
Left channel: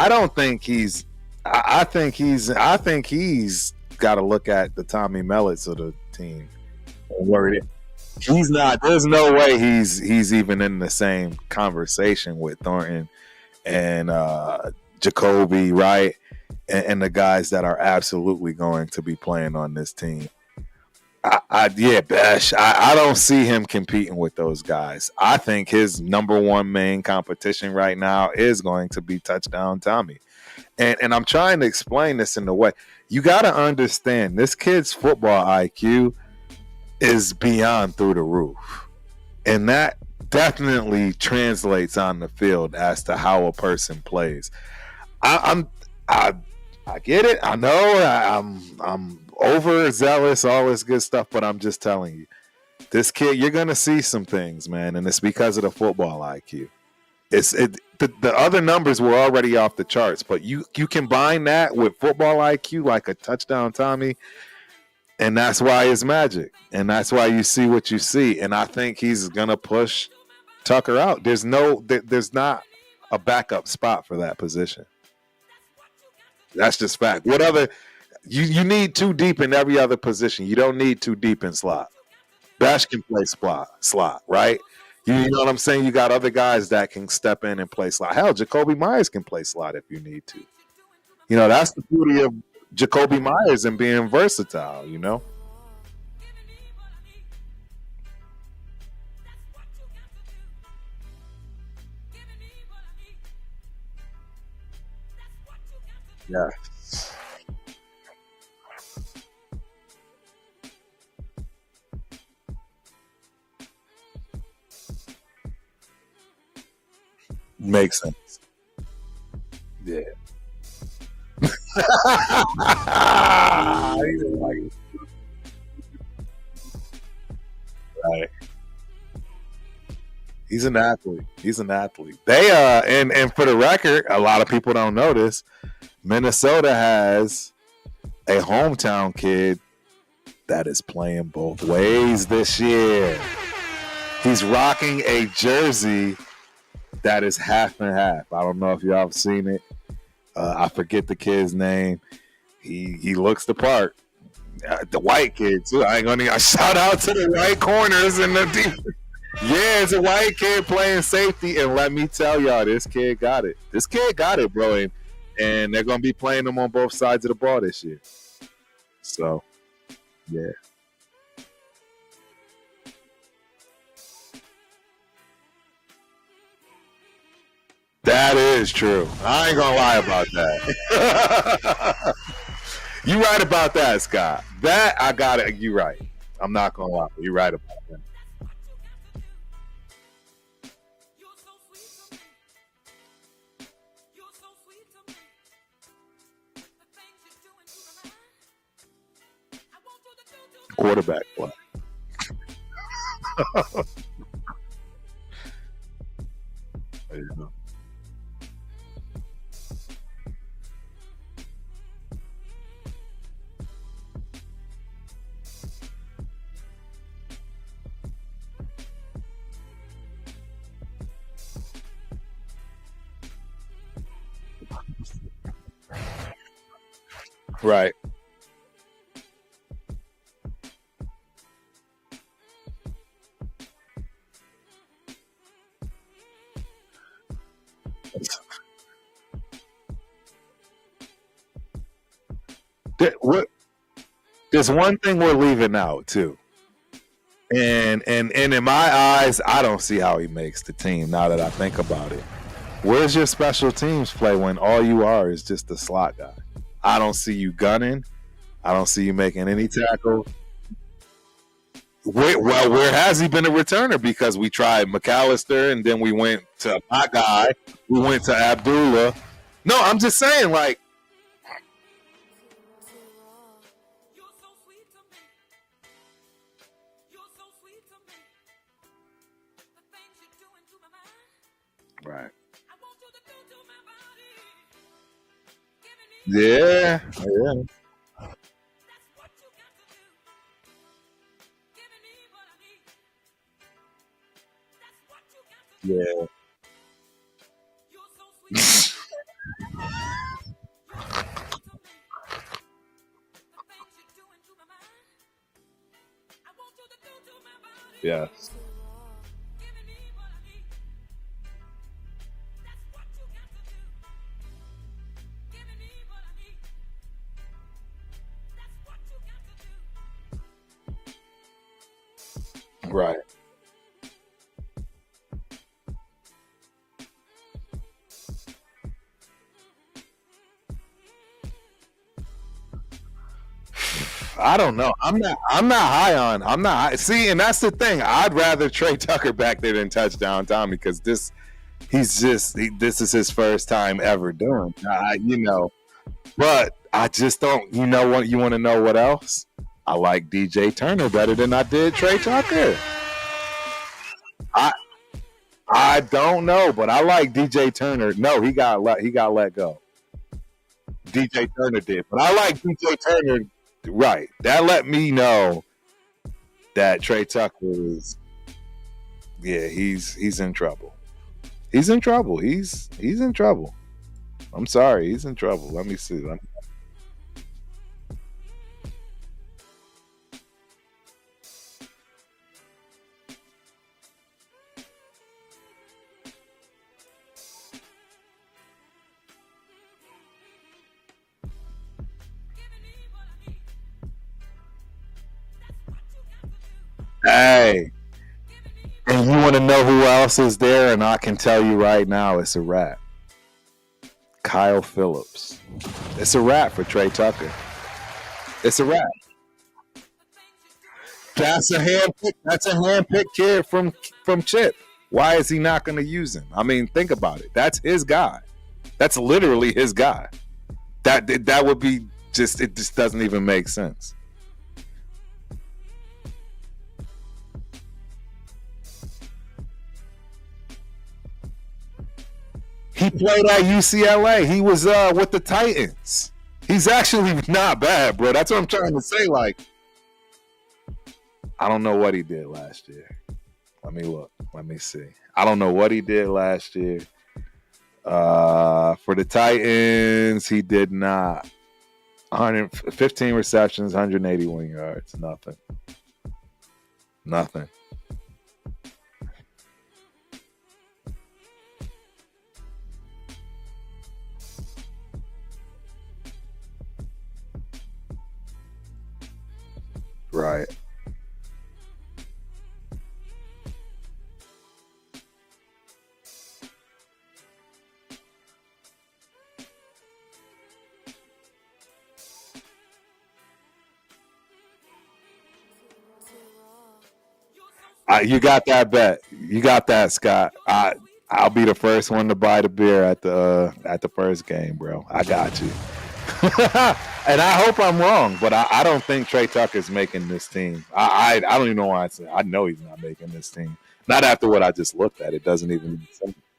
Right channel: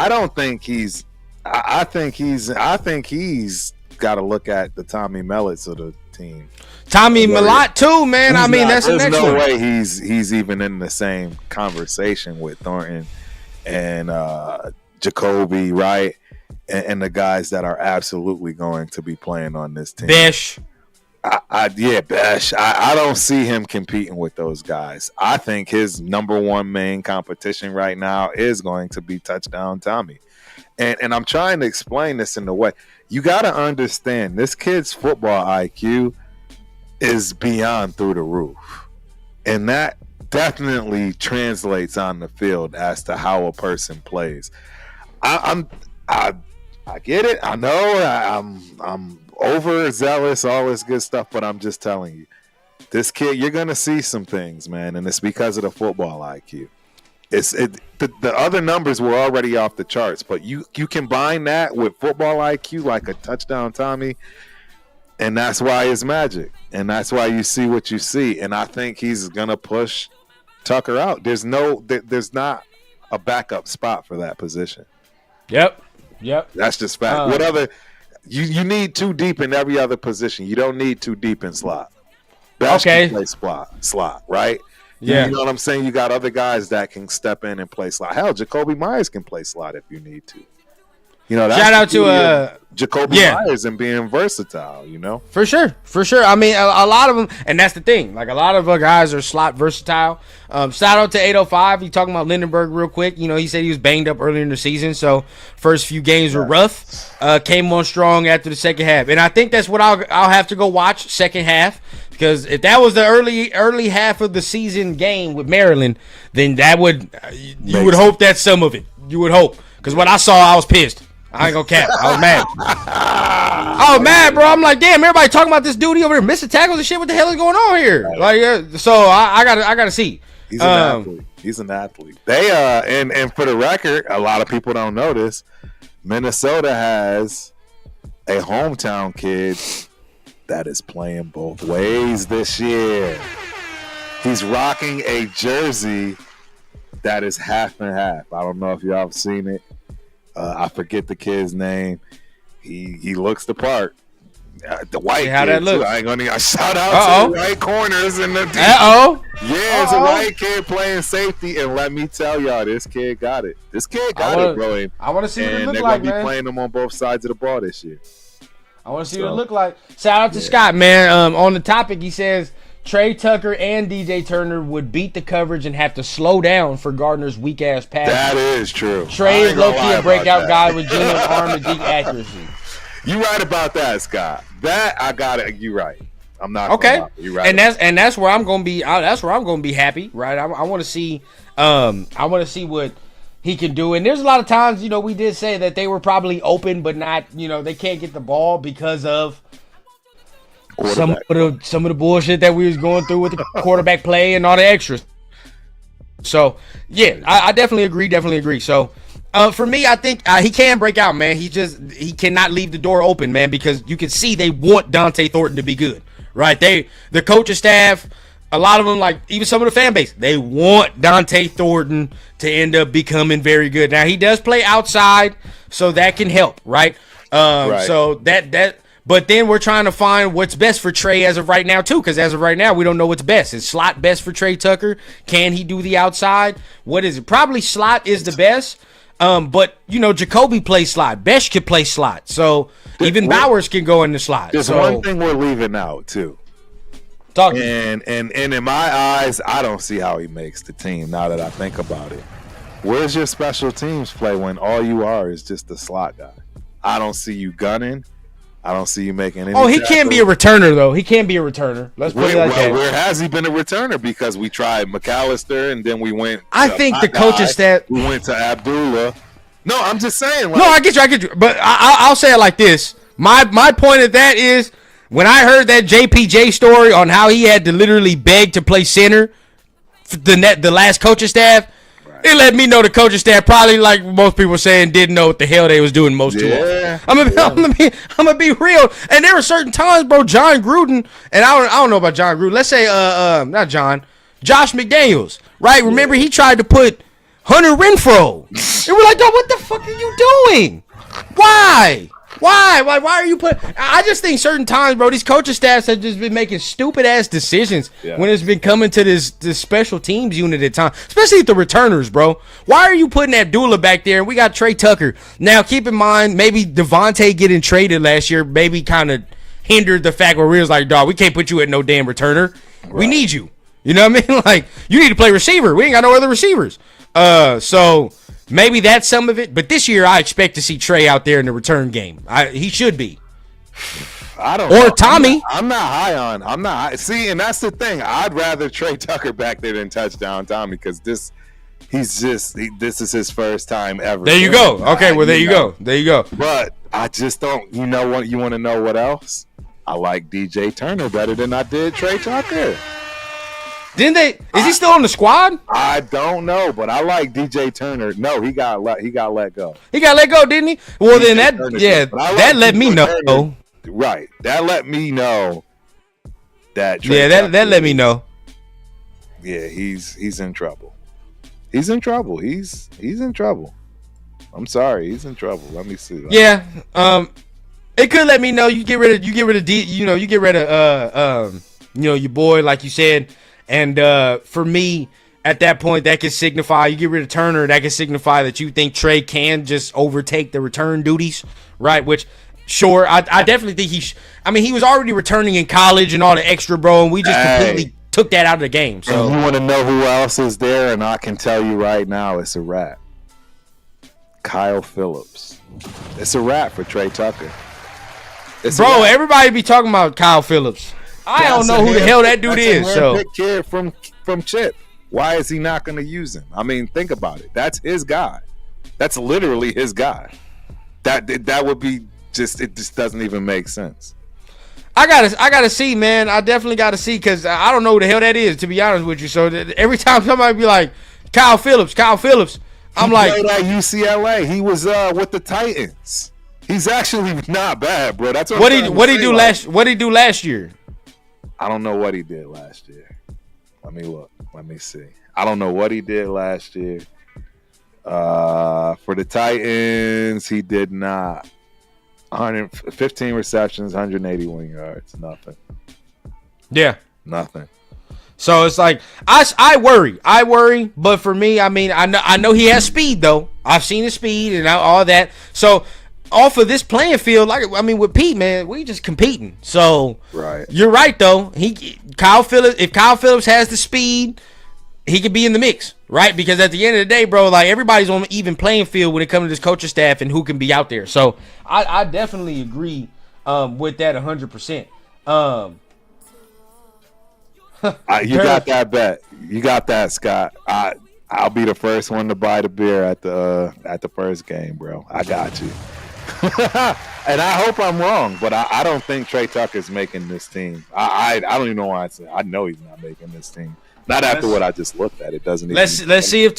don't think he's. I think he's got to look at the Tommy Mellets of the team. Tommy Mellott too, man. I mean, there's no way he's even in the same conversation with Thornton and Jacoby, right? And the guys that are absolutely going to be playing on this team. Besh. Besh. I don't see him competing with those guys. I think his number one main competition right now is going to be touchdown Tommy. And I'm trying to explain this in the way. You got to understand, this kid's football IQ is beyond through the roof. And that definitely translates on the field as to how a person plays. I get it. I know I'm overzealous, all this good stuff, but I'm just telling you, this kid, you're gonna see some things, man, and it's because of the football IQ. The other numbers were already off the charts, but you combine that with football IQ, like a touchdown Tommy, and that's why it's magic, and that's why you see what you see. And I think he's gonna push Tucker out. There's not a backup spot for that position. Yep. That's just fact. What other? You need too deep in every other position. You don't need too deep in slot. Bash can play slot, right? Yeah. You know what I'm saying? You got other guys that can step in and play slot. Hell, Jacoby Myers can play slot if you need to. You know, that's shout out to Jacoby Myers and being versatile, you know? For sure. I mean, a lot of them, and that's the thing. Like, a lot of guys are slot versatile. Shout out to 805. He talking about Lindenberg real quick. You know, he said he was banged up earlier in the season, so first few games were rough. Came on strong after the second half. And I think that's what I'll have to go watch second half, because if that was the early half of the season game with Maryland, then that would you would hope that's some of it. You would hope. Because what I saw, I was pissed. I ain't gonna cap. I was mad. I was mad, bro. I'm like, damn, everybody talking about this dude over there missing tackles and shit. What the hell is going on here? Right. Like, so I gotta see. He's an athlete. He's an athlete. They and for the record, a lot of people don't know this. Minnesota has a hometown kid that is playing both ways this year. He's rocking a jersey that is half and half. I don't know if y'all have seen it. I forget the kid's name. He looks the part. The white kid too. I ain't gonna shout out to the white corners in the deep. Yeah, it's a white kid playing safety, and let me tell y'all, this kid got it. This kid got it, bro. I want to see. And they're gonna be playing them on both sides of the ball this year. I want to see what it look like. Shout out to Scott, man. On the topic, he says Trey Tucker and DJ Turner would beat the coverage and have to slow down for Gardner's weak ass pass. That is true. Trey is a breakout guy with Jalen arm and deep accuracy. You right about that, Scott. That I got it. You right. I'm not gonna lie. You right. And that's where I'm gonna be. That's where I'm gonna be happy, right? I want to see. I want to see what he can do. And there's a lot of times, we did say that they were probably open, but not. They can't get the ball because of some of the bullshit that we was going through with the quarterback play and all the extras. So yeah, I definitely agree. So. For me, I think he can break out, man. He cannot leave the door open, man, because you can see they want Dante Thornton to be good, right? The coaching staff, a lot of them, like even some of the fan base, they want Dante Thornton to end up becoming very good. Now he does play outside, so that can help, right? Right. So that. But then we're trying to find what's best for Trey as of right now, too, because as of right now, we don't know what's best. Is slot best for Trey Tucker? Can he do the outside? What is it? Probably slot is the best. But Jacoby plays slot. Besh can play slot. So even Bowers can go in the slot. There's one thing we're leaving out too. And in my eyes, I don't see how he makes the team now that I think about it. Where's your special teams play when all you are is just a slot guy? I don't see you gunning. I don't see you making any. He can't be a returner though. He can't be a returner. Where has he been a returner? Because we tried McAllister and then we went. I think the coaching staff. We went to Abdullah. No, I'm just saying. No, I get you. But I'll say it like this. My point of that is when I heard that JPJ story on how he had to literally beg to play center, the last coaching staff. Right. It let me know the coaching staff probably, like most people saying, didn't know what the hell they was doing most of it. I'm gonna be real. And there were certain times, bro, John Gruden, and I don't know about John Gruden. Let's say not John, Josh McDaniels, right? Remember he tried to put Hunter Renfrow. And we're like, dog, what the fuck are you doing? Why? Why are you I just think certain times, bro, these coaching staffs have just been making stupid ass decisions when it's been coming to this special teams unit at time, especially the returners, bro. Why are you putting Abdullah back there? And we got Trey Tucker. Now, keep in mind, maybe Devontae getting traded last year maybe kind of hindered the fact where we was like, dog, we can't put you at no damn returner. Right. We need you. You know what I mean? Like, you need to play receiver. We ain't got no other receivers. So maybe that's some of it. But this year, I expect to see Trey out there in the return game. He should be. I don't know. Or Tommy. I'm not high on. See, and that's the thing. I'd rather Trey Tucker back there than touchdown Tommy because this is his first time ever. There you go. Okay, well, there you go. There you go. But I just don't. You know what? You want to know what else? I like DJ Turner better than I did Trey Tucker. Didn't they? Is he still on the squad? I don't know, but I like DJ Turner. No, he got let go. He got let go, didn't he? Well, DJ then that let me know. Turner. Right, that let me know that Trey that let me know. Yeah, he's in trouble. He's in trouble. He's in trouble. I'm sorry, he's in trouble. Let me see that. Yeah, it could let me know. You get rid of your boy, like you said. And for me, at that point, that could signify, you get rid of Turner, that could signify that you think Trey can just overtake the return duties, right? Which, sure, I definitely think he was already returning in college and all the extra, bro, and we just completely took that out of the game. So. And you want to know who else is there, and I can tell you right now, it's a wrap. Kyle Phillips. It's a wrap for Trey Tucker. Bro, everybody be talking about Kyle Phillips. I don't know who the hell that dude is. That's a handpicked kid from Chip. Why is he not going to use him? I mean, think about it. That's his guy. That's literally his guy. That would be just. It just doesn't even make sense. I gotta see, man. I definitely gotta see because I don't know who the hell that is. To be honest with you, so every time somebody be like Kyle Phillips, I'm like, he played at UCLA. He was with the Titans. He's actually not bad, bro. That's what he do last. What did he do last year? I don't know what he did last year. Let me look. Let me see. I don't know what he did last year. For the Titans, he did not. 115 receptions, 181 yards. Nothing. Yeah. Nothing. So it's like I worry. But for me, I mean, I know he has speed though. I've seen his speed and all that. So. Off of this playing field, with Pete, man, we just competing. So right, you're right though. If Kyle Phillips has the speed, he could be in the mix, right? Because at the end of the day, bro, like everybody's on an even playing field when it comes to this coaching staff and who can be out there. So I definitely agree with that 100%. You got that bet. You got that, Scott. I'll be the first one to buy the beer at the first game, bro. I got you. And I hope I'm wrong, but I don't think Trey Tucker's making this team. I don't even know why I know he's not making this team. Not after what I just looked at. It doesn't even. Let's see if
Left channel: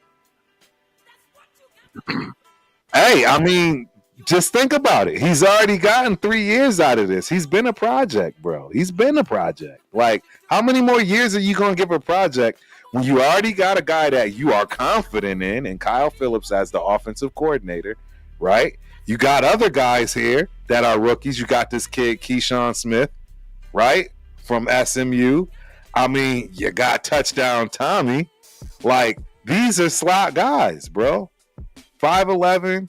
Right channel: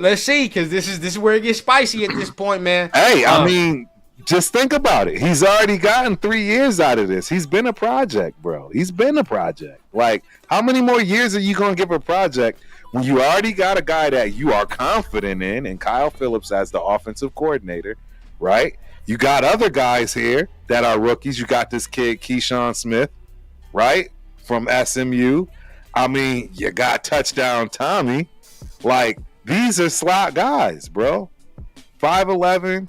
let's see, because this is where it gets spicy at this point, man. Hey, I mean, just think about it. He's already gotten 3 years out of this. He's been a project, bro. He's been a project. Like, how many more years are you gonna give a project when you already got a guy that you are confident in, and Kyle Phillips as the offensive coordinator, right? You got other guys here that are rookies. You got this kid, Keyshawn Smith, right, from SMU. I mean, you got touchdown Tommy. Like, these are slot guys, bro. 5'11".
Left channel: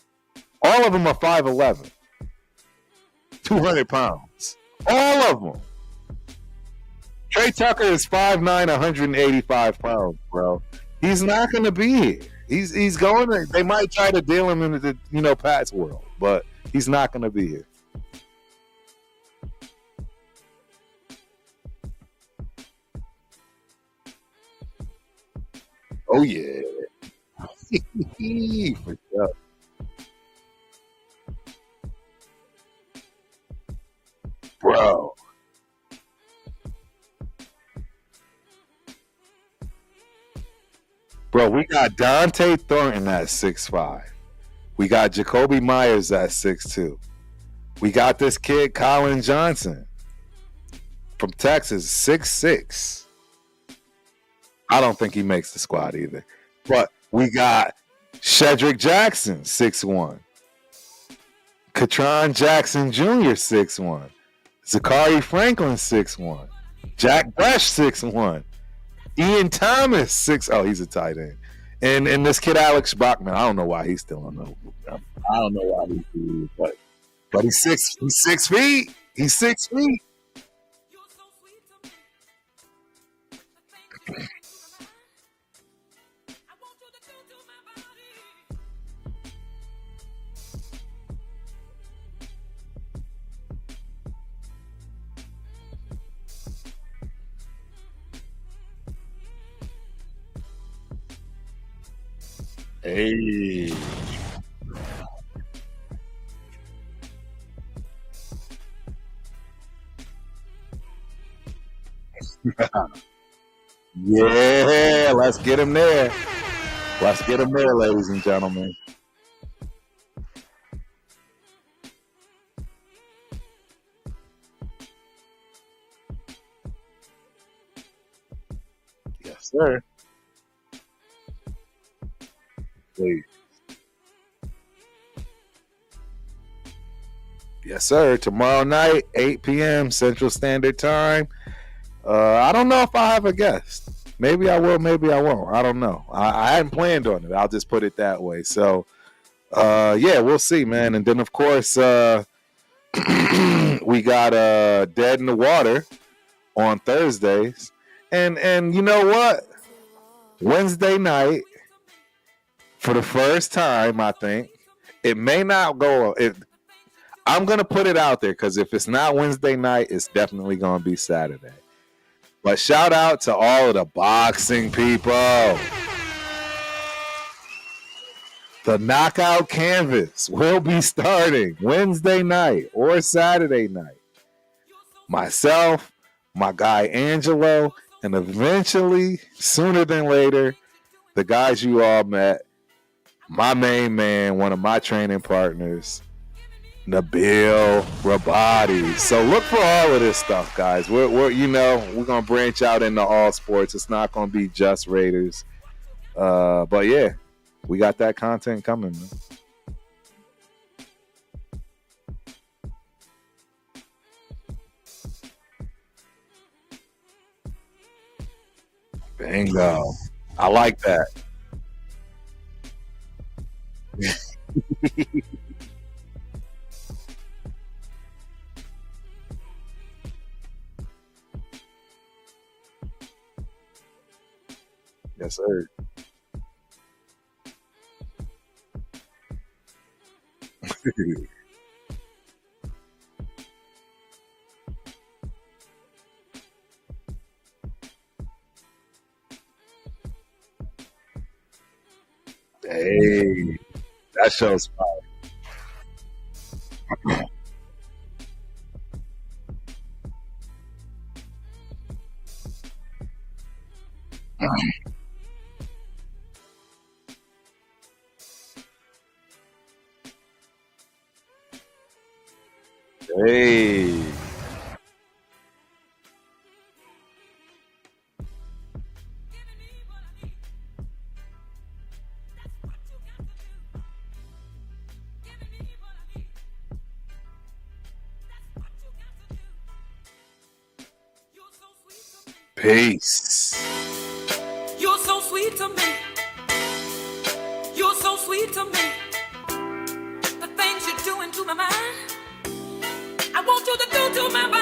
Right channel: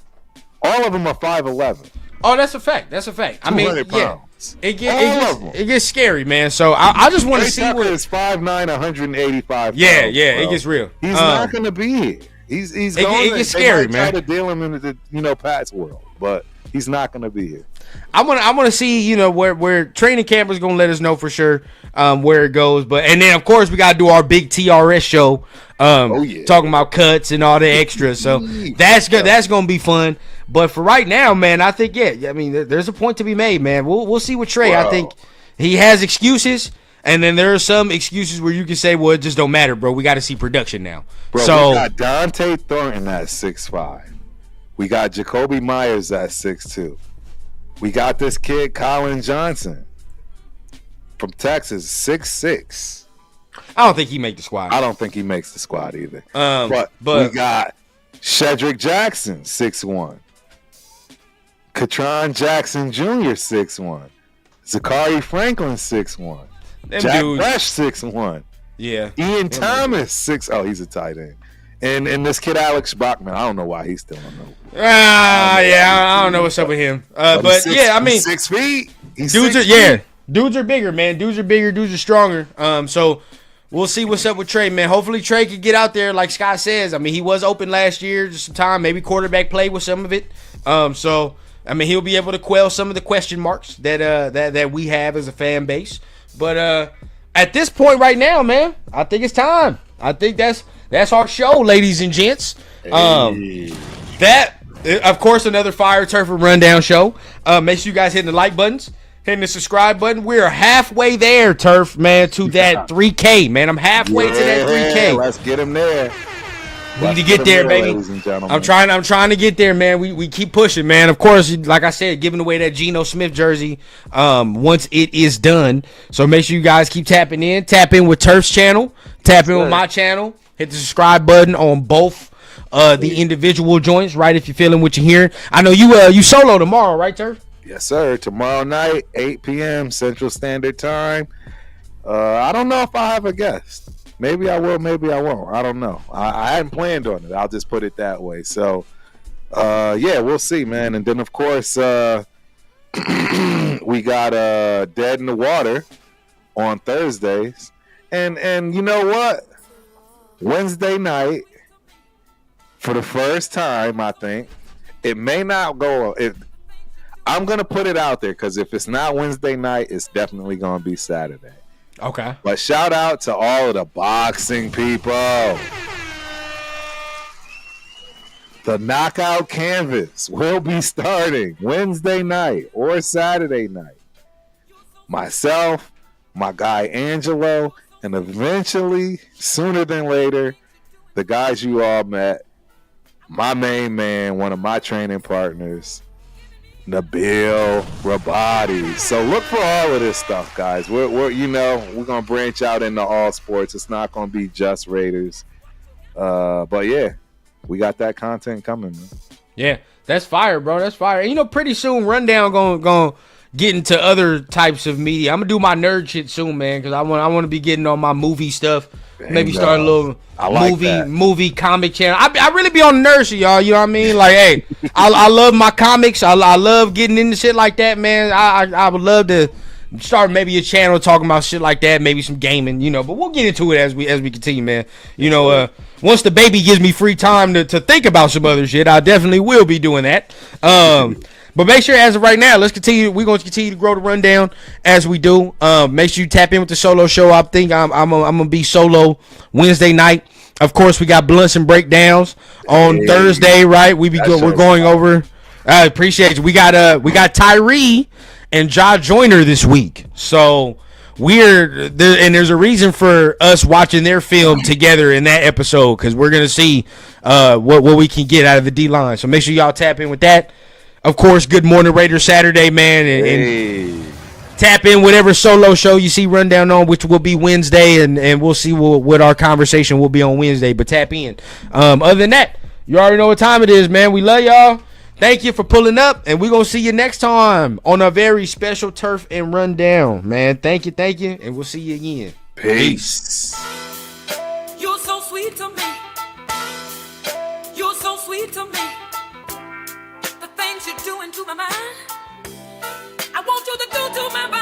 All of them are 5'11". Oh, that's a fact. 200 pounds. All of them. It gets scary, man. So I just want to see. Trey Tucker is 5'9", 185 pounds. Yeah, bro. It gets real. He's not going to be here. He's going. They might try to deal him into the Pat's world, but he's not going to be here. I want to see where training camp is going to let us know for sure where it goes. And then of course we got to do our big TRS show. Talking about cuts and all the extras. So that's good. That's going to be fun. But for right now, man, I think there's a point to be made, man. We'll see with Trey. Bro. I think he has excuses. And then there are some excuses where you can say, well, it just don't matter, bro. We got to see production now. Bro, so, we got Dante Thornton at 6'5". We got Jacoby Myers at 6'2". We got this kid, Colin Johnson, from Texas, 6'6". I don't think he make the squad. I don't think he makes the squad either. But we got Shedrick Jackson, 6'1". Katron Jackson Jr., 6'1". Zachary Franklin, 6'1". Jack Fresh, 6'1". Yeah. Ian Thomas, 6. Oh, he's a tight end. And this kid Alex Bachman, I don't know why he's still on the. I don't know what's up with him. But yeah, I mean, 6 feet. He's dudes 6 are feet. dudes are bigger, man. Dudes are bigger. Dudes are stronger. So we'll see what's up with Trey, man. Hopefully Trey can get out there, like Scott says. I mean, he was open last year, just some time. Maybe quarterback play with some of it. So I mean, he'll be able to quell some of the question marks that we have as a fan base. But at this point right now, man, I think it's time. I think that's our show, ladies and gents. That, of course, another Fire Turf and Rundown show. Make sure you guys hitting the like buttons, hitting the subscribe button. We're halfway there, Turf, man, to that 3K, man. I'm halfway to that 3K. Let's get him there. We need to get there, baby. Ladies and gentlemen. I'm trying to get there, man. We keep pushing, man. Of course, like I said, giving away that Geno Smith jersey once it is done. So make sure you guys keep tapping in. Tap in with Turf's channel. Tap in with my channel. Hit the subscribe button on both the individual joints, right? If you're feeling what you're hearing. I know you solo tomorrow, right, Turf? Yes, sir. Tomorrow night, 8 p.m. Central Standard Time. I don't know if I have a guest. Maybe I will, maybe I won't. I don't know. I hadn't planned on it. I'll just put it that way. So, yeah, we'll see, man. And then, of course, we got Dead in the Water on Thursdays. And you know what? Wednesday night, for the first time, I think, it may not go. I'm going to put it out there because if it's not Wednesday night, it's definitely going to be Saturday. Okay. But shout out to all of the boxing people. The Knockout Canvas will be starting Wednesday night or Saturday night. Myself, my guy Angelo, and eventually, sooner than later, the guys you all met, my main man, one of my training partners, Nabil Rabadi. So look for all of this stuff, guys. We're gonna branch out into all sports. It's not gonna be just Raiders. But yeah, we got that content coming, man. Yeah, that's fire, bro. That's fire. And, pretty soon Rundown gonna get into other types of media. I'm gonna do my nerd shit soon, man, because I want to be getting on my movie stuff. Maybe start a little movie comic channel. I really be on the nerd shit, y'all. You know what I mean? Like, hey, I love my comics. I love getting into shit like that, man. I would love to start maybe a channel talking about shit like that, maybe some gaming, but we'll get into it as we continue, man. Once the baby gives me free time to think about some other shit, I definitely will be doing that. But make sure, as of right now, let's continue. We're going to continue to grow the rundown as we do. Make sure you tap in with the solo show. I think I'm gonna be solo Wednesday night. Of course, we got blunts and breakdowns on Thursday, right? We're going over. I appreciate you. We got Tyrie and Ja Joyner this week, so we're there, and there's a reason for us watching their film together in that episode because we're gonna see what we can get out of the D line. So make sure y'all tap in with that. Of course, Good Morning Raider Saturday, man. And tap in whatever solo show you see Rundown on, which will be Wednesday, and we'll see what our conversation will be on Wednesday. But tap in. Other than that, you already know what time it is, man. We love y'all. Thank you for pulling up, and we're going to see you next time on a very special Turf and Rundown, man. Thank you, and we'll see you again. Peace. You're so sweet to me. You're so sweet to me. Things you're doing to my mind, I want you to do to my body.